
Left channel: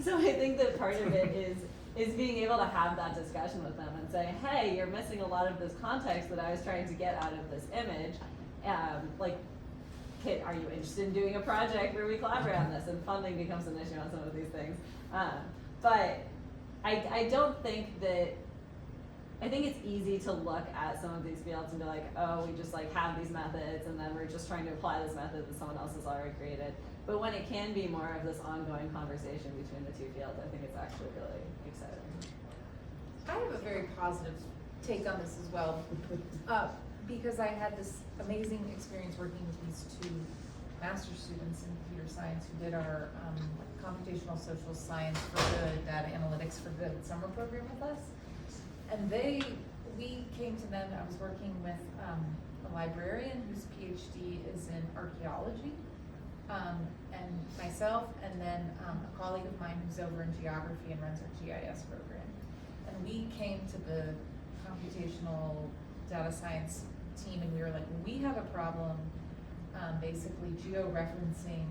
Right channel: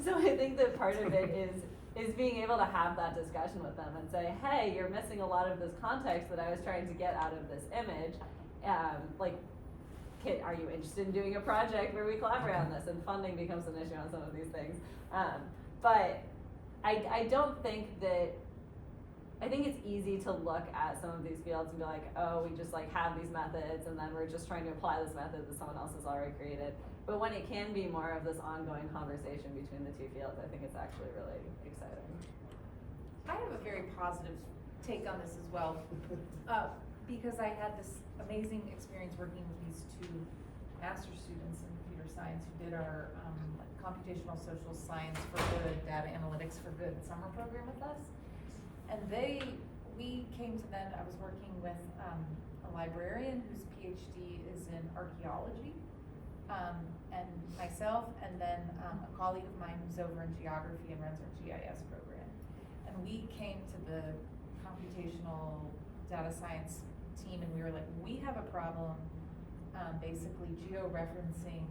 So I think that part of it is being able to have that discussion with them and say, hey, you're missing a lot of this context that I was trying to get out of this image. Are you interested in doing a project where we collaborate on this? And funding becomes an issue on some of these things. But I don't think that, I think it's easy to look at some of these fields and be like, oh, we just like have these methods and then we're just trying to apply this method that someone else has already created. But when it can be more of this ongoing conversation between the two fields, I think it's actually really exciting. I have a very positive take on this as well, because I had this amazing experience working with these two master's students in computer science who did our computational social science for good, data analytics for good summer program with us. And we came to them, I was working with a librarian whose PhD is in archaeology, and myself, and then a colleague of mine who's over in geography and runs our GIS program. And we came to the computational data science team and we were like, we have a problem basically georeferencing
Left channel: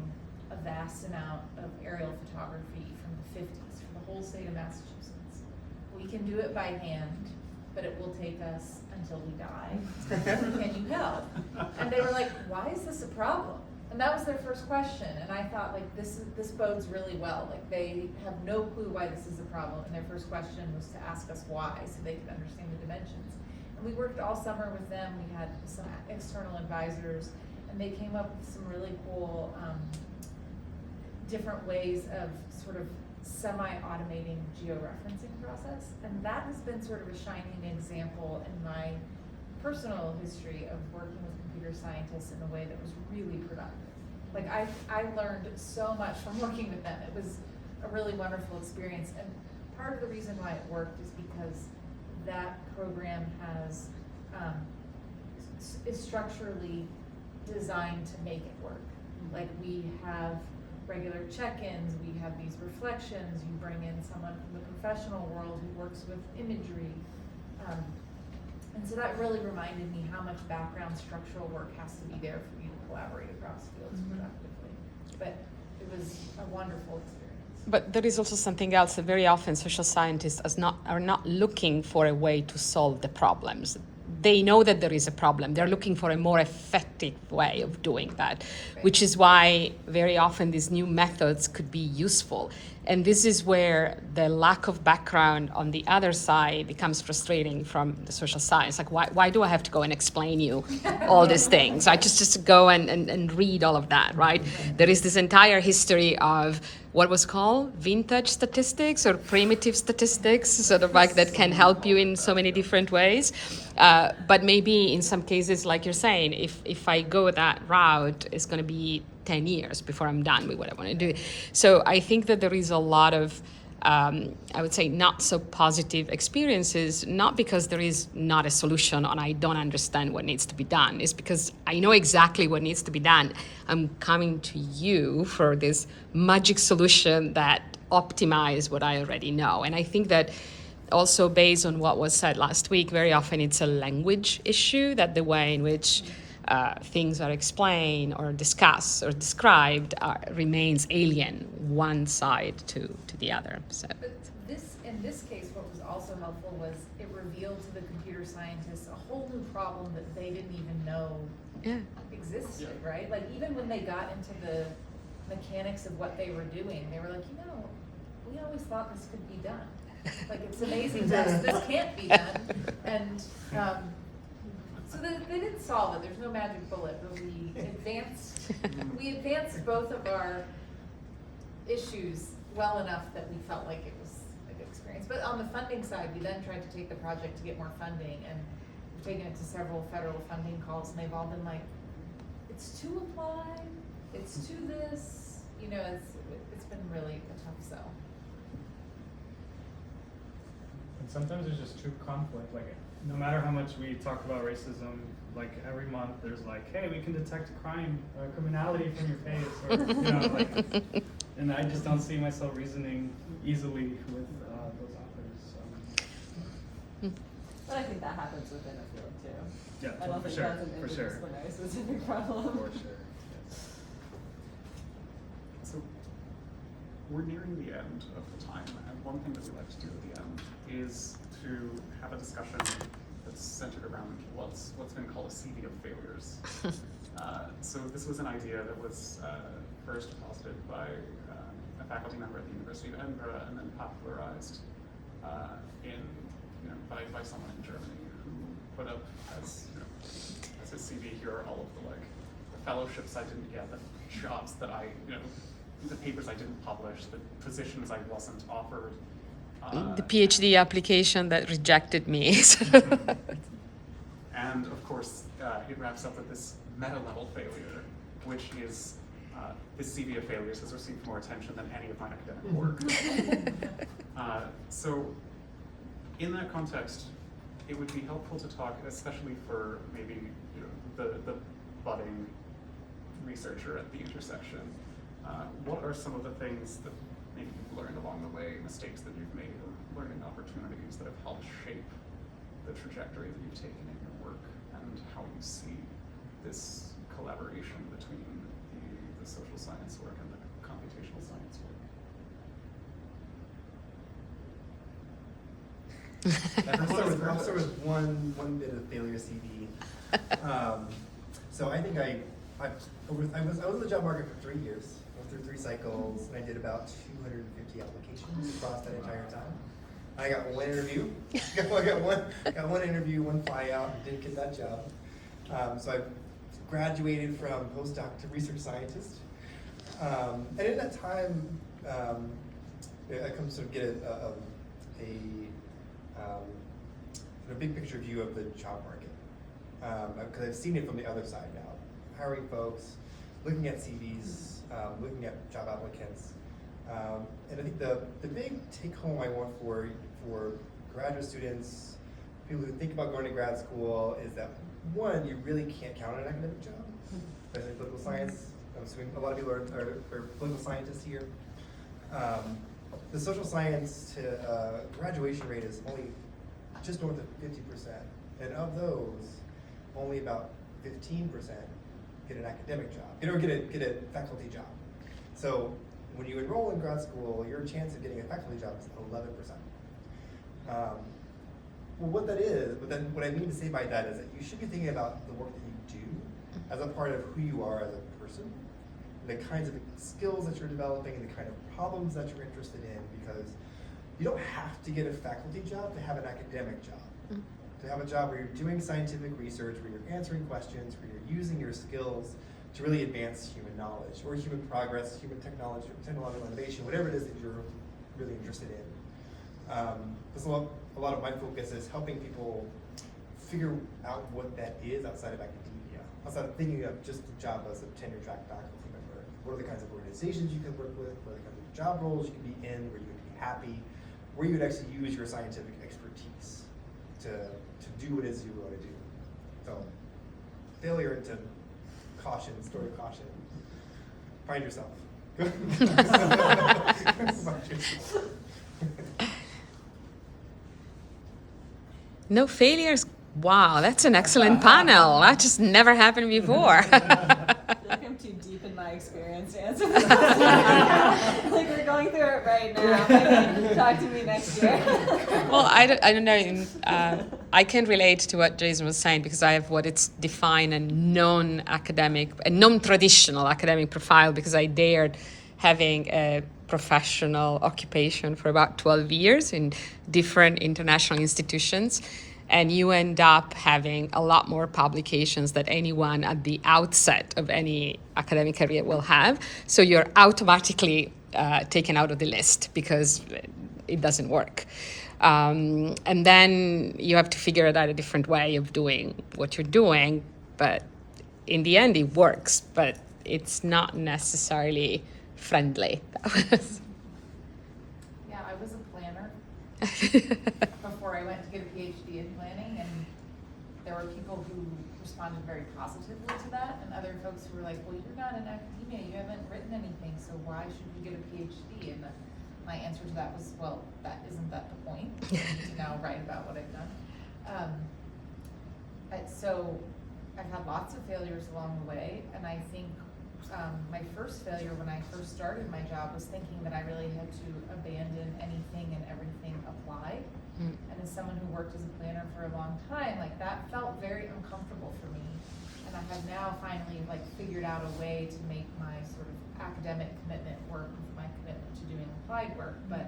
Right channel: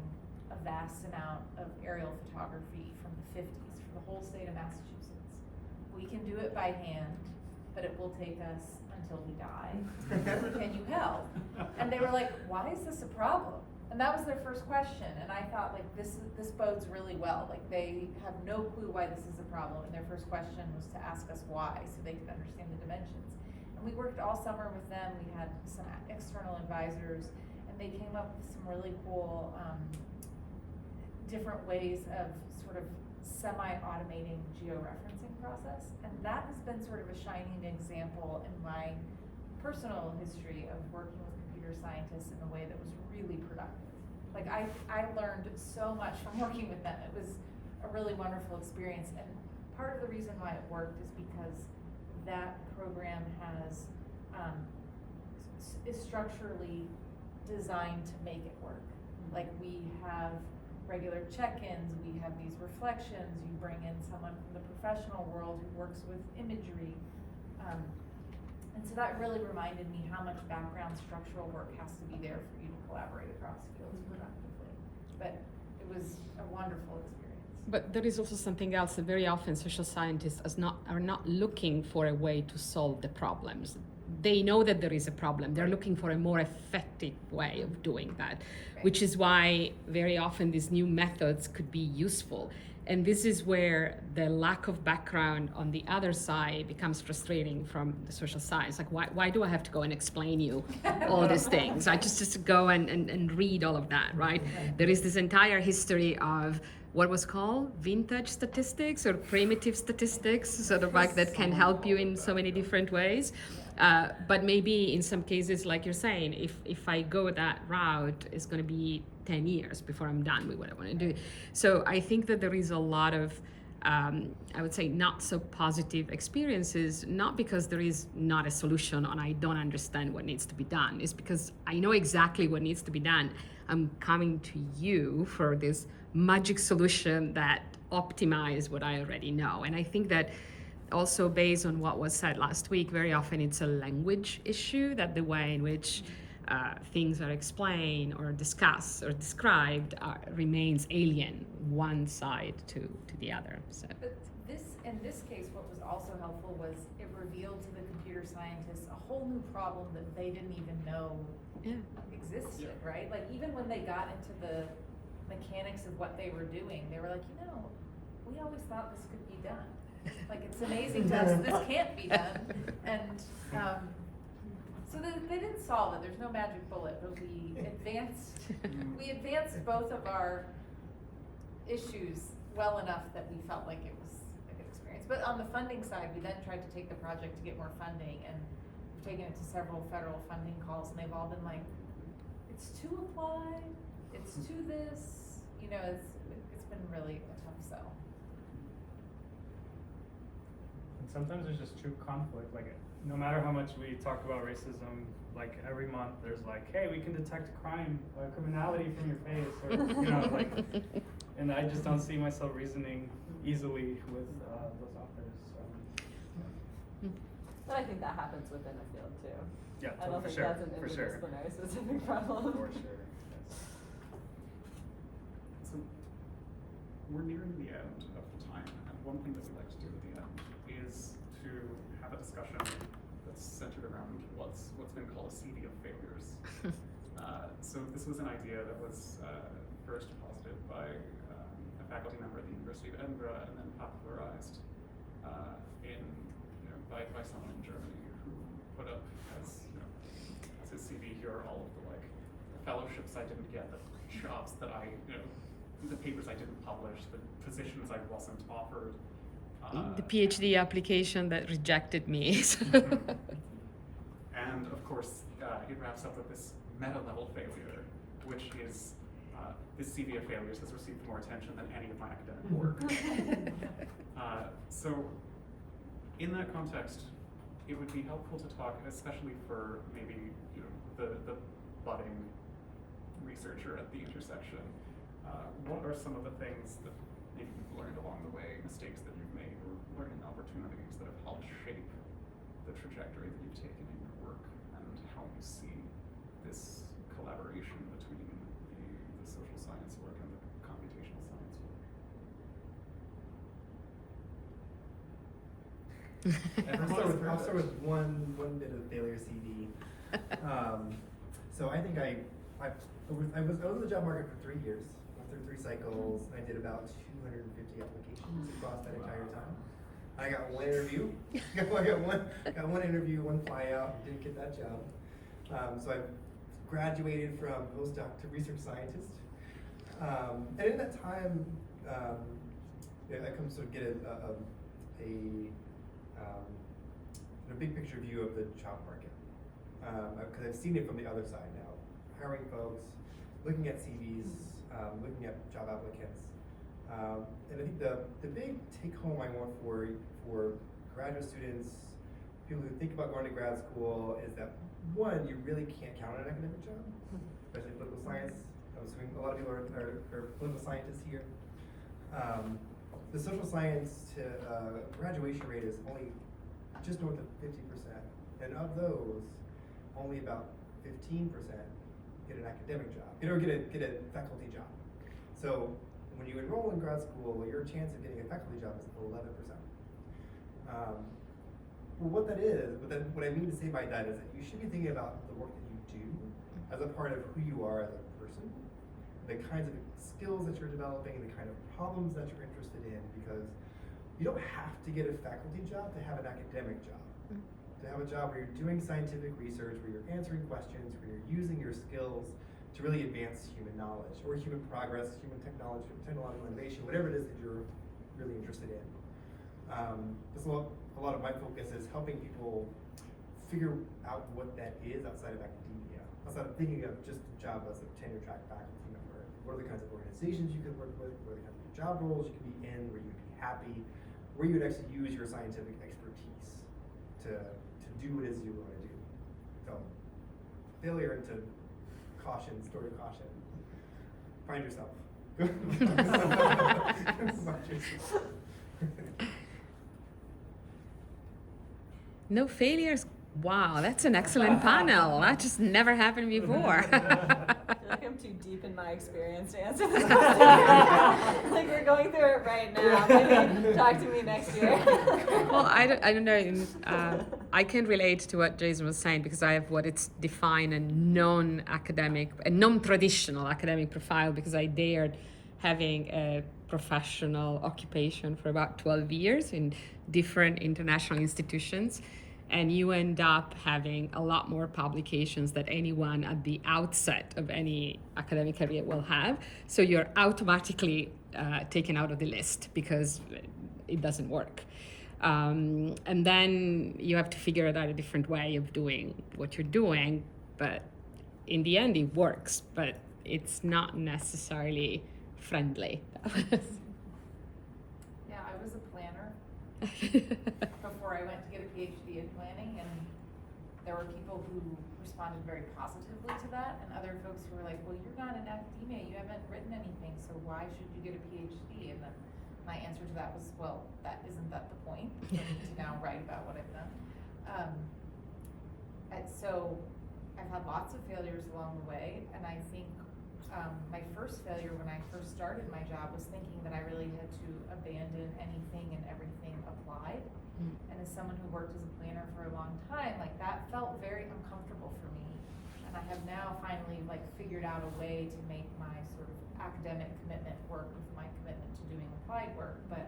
a vast amount of aerial photography from the 50s for the whole state of Massachusetts. We can do it by hand, but it will take us until we die. Can you help? And they were like, why is this a problem? And that was their first question. And I thought, like, this bodes really well. Like, they have no clue why this is a problem. And their first question was to ask us why, so they could understand the dimensions. And we worked all summer with them. We had some external advisors, and they came up with some really cool different ways of sort of semi-automating georeferencing process. And that has been sort of a shining example in my personal history of working with computer scientists in a way that was really productive. Like I learned so much from working with them. It was a really wonderful experience. And part of the reason why it worked is because that program has is structurally designed to make it work. Like, we have regular check-ins, we have these reflections, you bring in someone from the professional world who works with imagery. And so that really reminded me how much background structural work has to be there for you to collaborate across fields productively. But it was a wonderful experience. But there is also something else that very often social scientists are not looking for a way to solve the problems. They know that there is a problem. They're looking for a more effective way of doing that, right. Which is why very often these new methods could be useful. And this is where the lack of background on the other side becomes frustrating from the social science. Like, why do I have to go and explain you all these things? I just go and read all of that, right? There is this entire history of what was called vintage statistics or primitive statistics, sort of like that can help you in so many different ways. But maybe in some cases, like you're saying, if I go that route, it's going to be 10 years before I'm done with what I want to do. So I think that there is a lot of, I would say, not so positive experiences, not because there is not a solution and I don't understand what needs to be done. It's because I know exactly what needs to be done. I'm coming to you for this magic solution that optimize what I already know. And I think that also based on what was said last week, very often it's a language issue, that the way in which things are explained or discussed or described remains alien one side to the other. So. But in this case, what was also helpful was it revealed to the computer scientists a whole new problem that they didn't even know existed, right? Like, even when they got into the mechanics of what they were doing, they were like, we always thought this could be done. Like, it's amazing to us, this can't be done. And so they didn't solve it. There's no magic bullet, but we advanced both of our issues well enough that we felt like it was a good experience. But on the funding side, we then tried to take the project to get more funding, and we've taken it to several federal funding calls, and they've all been like, it's too applied, it's to this, it's been really a tough sell. sometimes there's just true conflict. Like, no matter how much we talk about racism, like every month there's like, hey, we can detect crime, criminality from your face, or you know, like, and I just don't see myself reasoning easily with those authors. But I think that happens within the field too. Yeah, I don't for think sure, that's an for sure. interdisciplinary specific problem. For sure. Yes. So we're nearing the end of the time, and one thing that we like to do at the end is to have a discussion that's centered around what's been called a CV of failures. So this was an idea that was first posited by a faculty member at the University of Edinburgh, and then popularized by someone in Germany who put up as his CV, here are all of the the fellowships I didn't get, the jobs that the papers I didn't publish, the positions I wasn't offered. The PhD application that rejected me. And of course, it wraps up with this meta-level failure, which is this CV of failures has received more attention than any of my academic work. So in that context, it would be helpful to talk, especially for maybe the budding researcher at the intersection. What are some of the things that maybe you've learned along the way, mistakes that you've made, or learning opportunities that have helped shape the trajectory that you've taken in your work, and how you see this collaboration between the social science work and the computational science work? I'll start with one bit of failure CV. So I think I was in the job market for 3 years. I went through 3 cycles, and I did about 250 applications across that entire time. I got one interview. I got one interview, one flyout, and didn't get that job. So I graduated from postdoc to research scientist. And in that time, I come to sort of get a big picture view of the job market, because I've seen it from the other side now, hiring folks, looking at CVs, looking at job applicants, and I think the big take home I want for graduate students, people who think about going to grad school, is that one, you really can't count on an academic job, especially in political science. I'm assuming a lot of people are political scientists here. The social science to graduation rate is only just north of 50%, and of those, only about 15% get an academic job, or get a faculty job. So when you enroll in grad school, your chance of getting a faculty job is 11%. Well, what that is, what I mean to say by that is that you should be thinking about the work that you do as a part of who you are as a person, the kinds of skills that you're developing, and the kind of problems that you're interested in, because you don't have to get a faculty job to have an academic job. To have a job where you're doing scientific research, where you're answering questions, where you're using your skills to really advance human knowledge, or human progress, human technology, technological innovation, whatever it is that you're really interested in. That's a lot of my focus is helping people figure out what that is outside of academia, outside of thinking of just the job as a tenure track faculty member. What are the kinds of organizations you can work with? What are the kinds of job roles you can be in, where you would be happy, where you would actually use your scientific expertise to do what it is you want to do. So, failure into caution, story of caution. Find yourself. No failures. Wow, that's an excellent panel. That just never happened before. I feel like I'm too deep in my experience to answer this question. Like we're going through it right now. Talk to me next year. Well, I don't know. I can relate to what Jason was saying, because I have what it's defined a non-academic, a non-traditional academic profile, because I dared having a professional occupation for about 12 years in different international institutions. And you end up having a lot more publications than anyone at the outset of any academic career will have. So you're automatically taken out of the list because it doesn't work. And then you have to figure out a different way of doing what you're doing. But in the end, it works, but it's not necessarily friendly. Yeah, I was a planner before I went to get a PhD in planning, and there were people who responded very positively to that, and other folks who were like, well, you're not in academia, you haven't written anything, so why should you get a PhD? And my answer to that was, well, isn't that the point? I need to now write about what I've done. So I've had lots of failures along the way, and I think my first failure when I first started my job was thinking that I really had to abandon anything and everything applied. And as someone who worked as a planner for a long time, like that felt very uncomfortable for me. And I have now finally like figured out a way to make my sort of academic commitment work with my commitment to doing applied work. But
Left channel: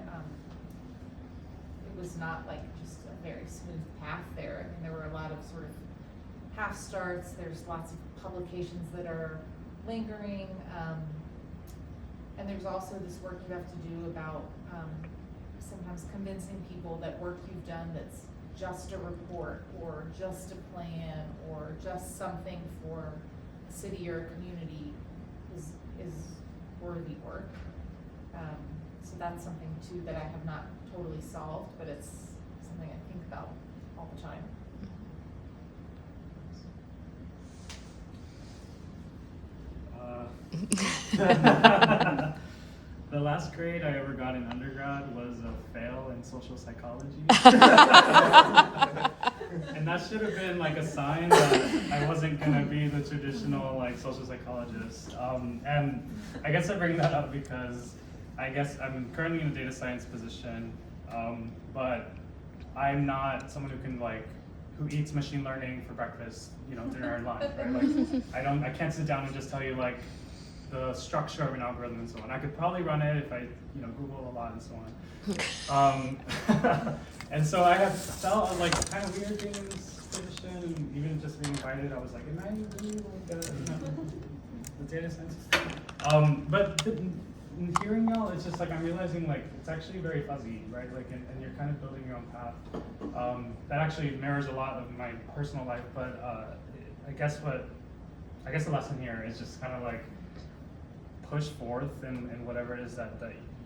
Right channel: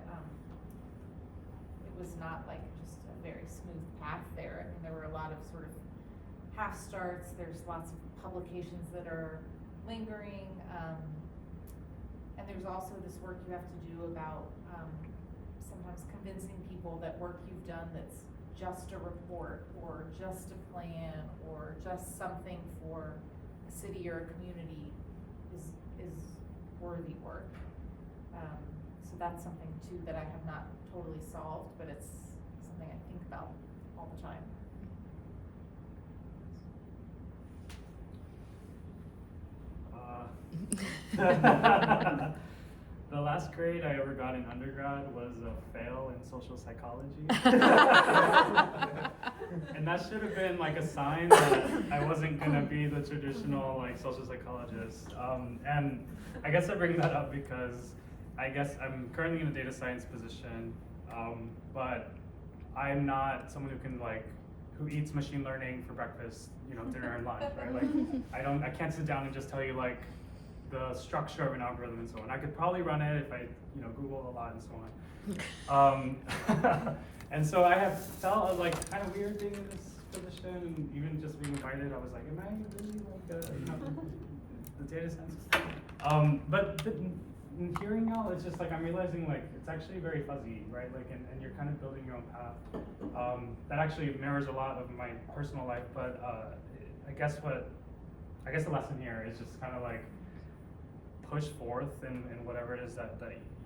it was not like just a very smooth path there. I mean, there were a lot of sort of half starts. There's lots of publications that are lingering, and there's also this work you have to do about sometimes convincing people that work you've done that's just a report or just a plan or just something for a city or a community is worthy work. So that's something too that I have not totally solved, but it's something I think about all the time. The last grade I ever got in undergrad was a fail in social psychology. And that should have been like a sign that I wasn't gonna be the traditional like social psychologist. And I guess I bring that up because I guess I'm currently in a data science position, but I'm not someone who can who eats machine learning for breakfast, dinner and lunch, right? Like I can't sit down and just tell you like the structure of an algorithm and so on. I could probably run it if I, Google a lot and so on. And so I have felt kind of weird being in this position, and even just being invited, I was like, am I really like the data science? But in hearing y'all, it's just like I'm realizing it's actually very fuzzy, right? And you're kind of building your own path. That actually mirrors a lot of my personal life, but I guess the lesson here is just kind of push forth and whatever it is that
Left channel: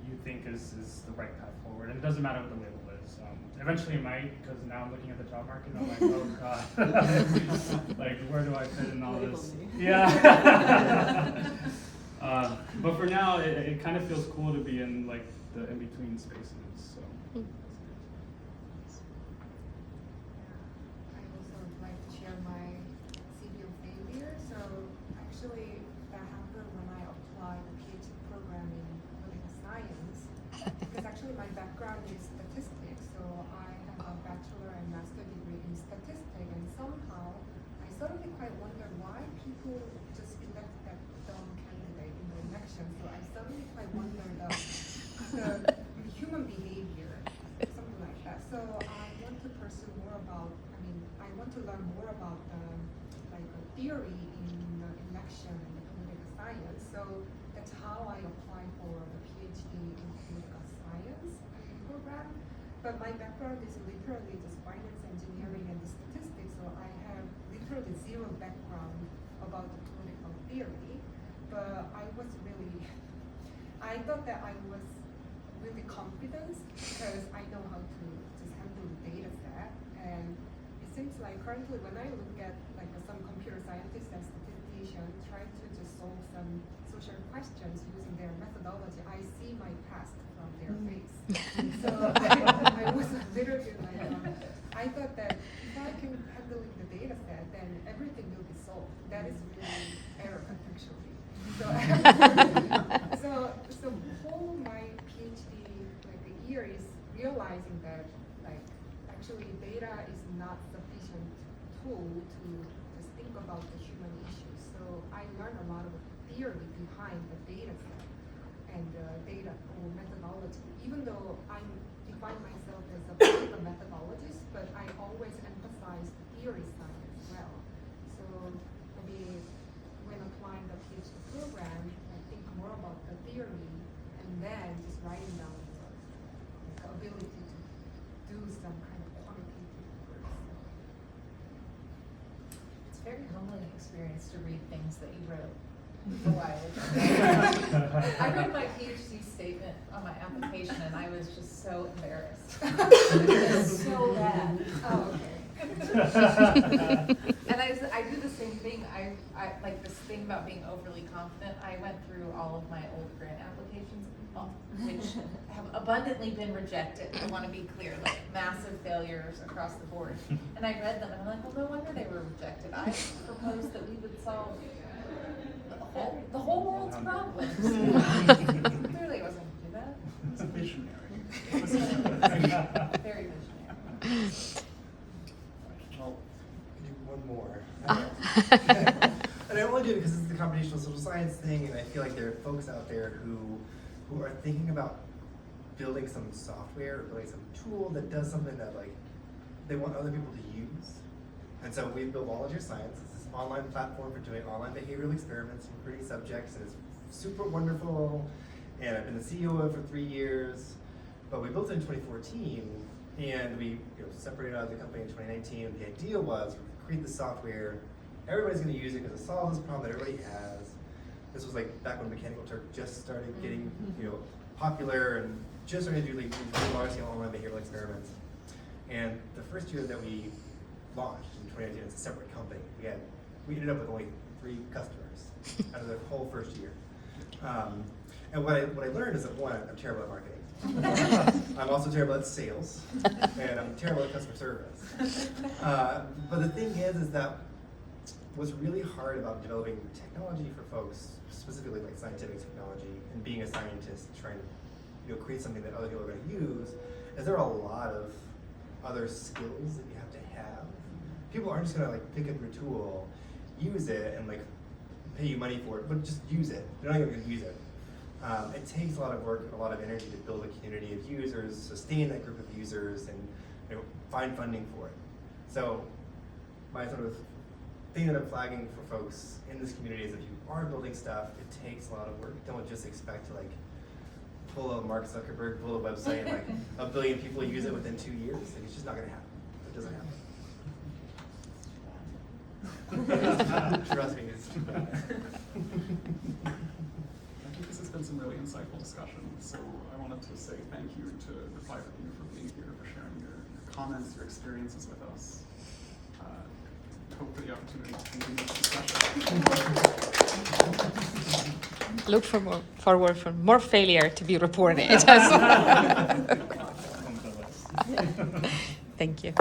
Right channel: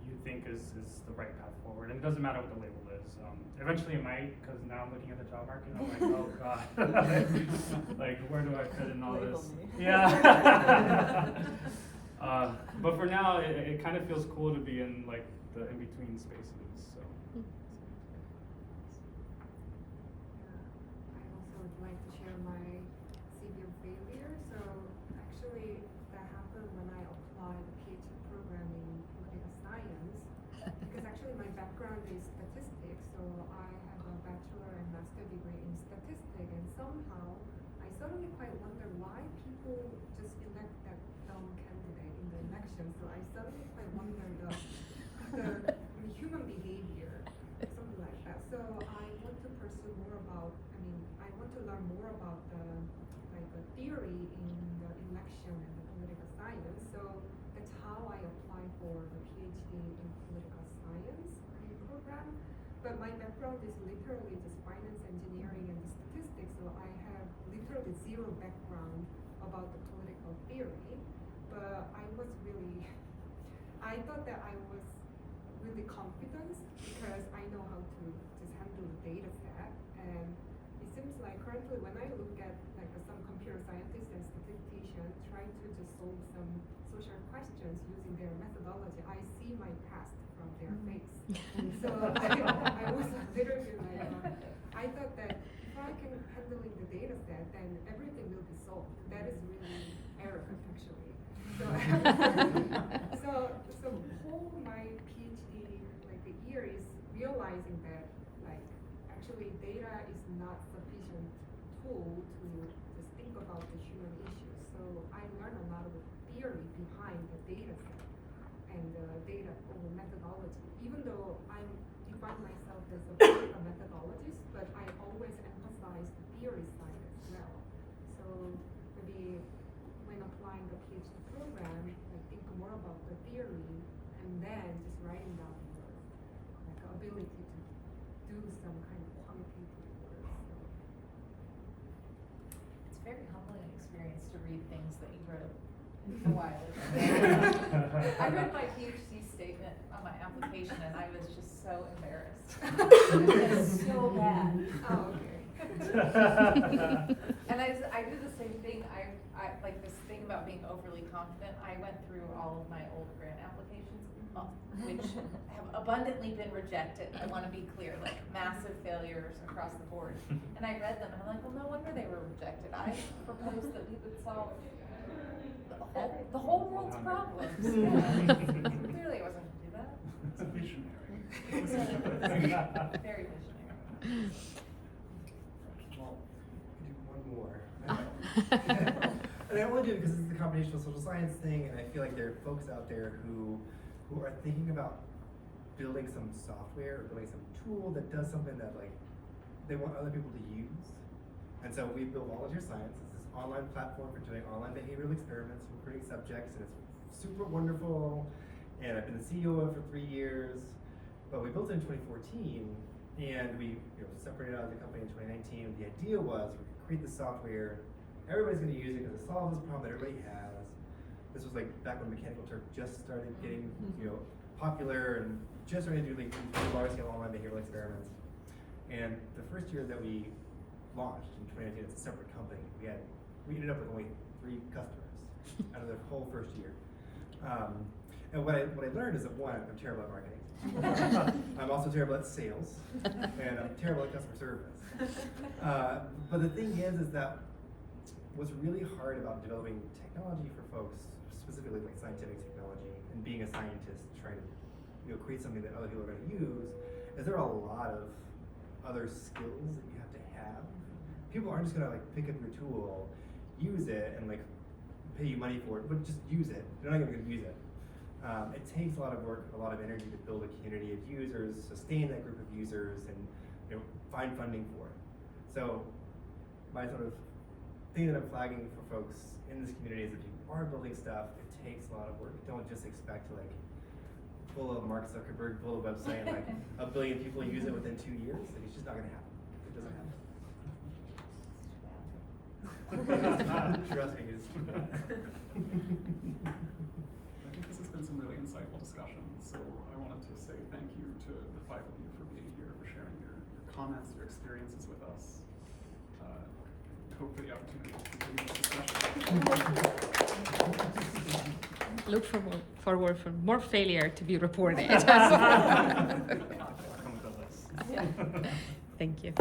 you think is the right path forward. And it doesn't matter what the label is. Eventually it might, because now I'm looking at the job market and I'm like, oh God, where do I fit in all this? Yeah. But for now, it kind of feels cool to be in the in-between spaces. So. I also would like to share my CV of failure. So actually, that happened when I applied a PhD program in political science. Because actually my background is statistics, so I have a bachelor and master degree in statistics, and somehow I suddenly quite wonder why people just elect that dumb candidate in the election. So I suddenly quite wonder the human behavior, something like that. So I want to pursue more about, I want to learn more about the theory in the election and the political science. So that's how I applied for the PhD in political science program. But my background is literally just finance engineering and the statistics, so I have literally zero background about the political theory. But I thought that I was really confident because I know how to just handle the data set. And it seems like currently when I look at some computer scientists and statisticians trying to just solve some social questions using their methodology, I see my past from their face. So I was literally I thought that if I can handling the data set, then everything will be solved. That is really arrogant actually. So whole my PhD year is realizing that actually data is not sufficient tool to just think about the human issues. So I learned a lot of the theory behind the data set and data or methodology. Even though I define myself as a political methodologist, but I always emphasize the theory side as well. So maybe when applying the PhD program, I think more about the theory and then just writing down your ability to do some kind of quantitative work. So. It's a very humbling experience to read things that you wrote a while ago. I read my PhD statement on my application and I was just so embarrassed. It was so bad. Oh, okay. And I do the same thing. I like this thing about being overly confident. I went through all of my old grant applications, which have abundantly been rejected. I want to be clear, like massive failures across the board. And I read them and I'm like, well, no wonder they were rejected. I proposed that we would solve the whole world's problems. Yeah. Clearly I wasn't going to do that. It's a visionary. Very visionary. Well, do one more. And I only do it because this is the computational social science thing, and I feel like there are folks out there who are thinking about building some software or building some tool that does something that like they want other people to use. And so we built Volunteer Science. It's this online platform for doing online behavioral experiments, recruiting subjects, and it's super wonderful. And I've been the CEO of it for 3 years. But we built it in 2014, and we separated out of the company in 2019. The idea was we create the software, everybody's going to use it because it solves this problem that everybody has. This was like back when Mechanical Turk just started getting popular and just started to do like large-scale online behavioral experiments. And the first year that we launched in 2019, it's a separate company. We ended up with only 3 customers out of the whole first year. And what I learned is that one, I'm terrible at marketing. I'm also terrible at sales, and I'm terrible at customer service. But the thing is that what's really hard about developing technology for folks, specifically like scientific technology, and being a scientist trying to create something that other people are going to use, is there are a lot of other skills that you have to have. People aren't just going to like pick up your tool, use it, and like pay you money for it, but just use it. They're not even going to use it. It takes a lot of work and a lot of energy to build a community of users, sustain that group of users, and find funding for it. So my sort of thing that I'm flagging for folks in this community is if you are building stuff, it takes a lot of work. Don't just expect to like pull a Mark Zuckerberg, pull a website, and like 1 billion people use it within 2 years. Like, it's just not going to happen. It doesn't happen. Trust me, it's too bad. I think this has been some really insightful discussion. So I wanted to say thank you to the 5 of you for being here, for sharing your comments, your experiences with us. Hope for the opportunity to continue this discussion. Look forward for more failure to be reported. Come to us. Thank you.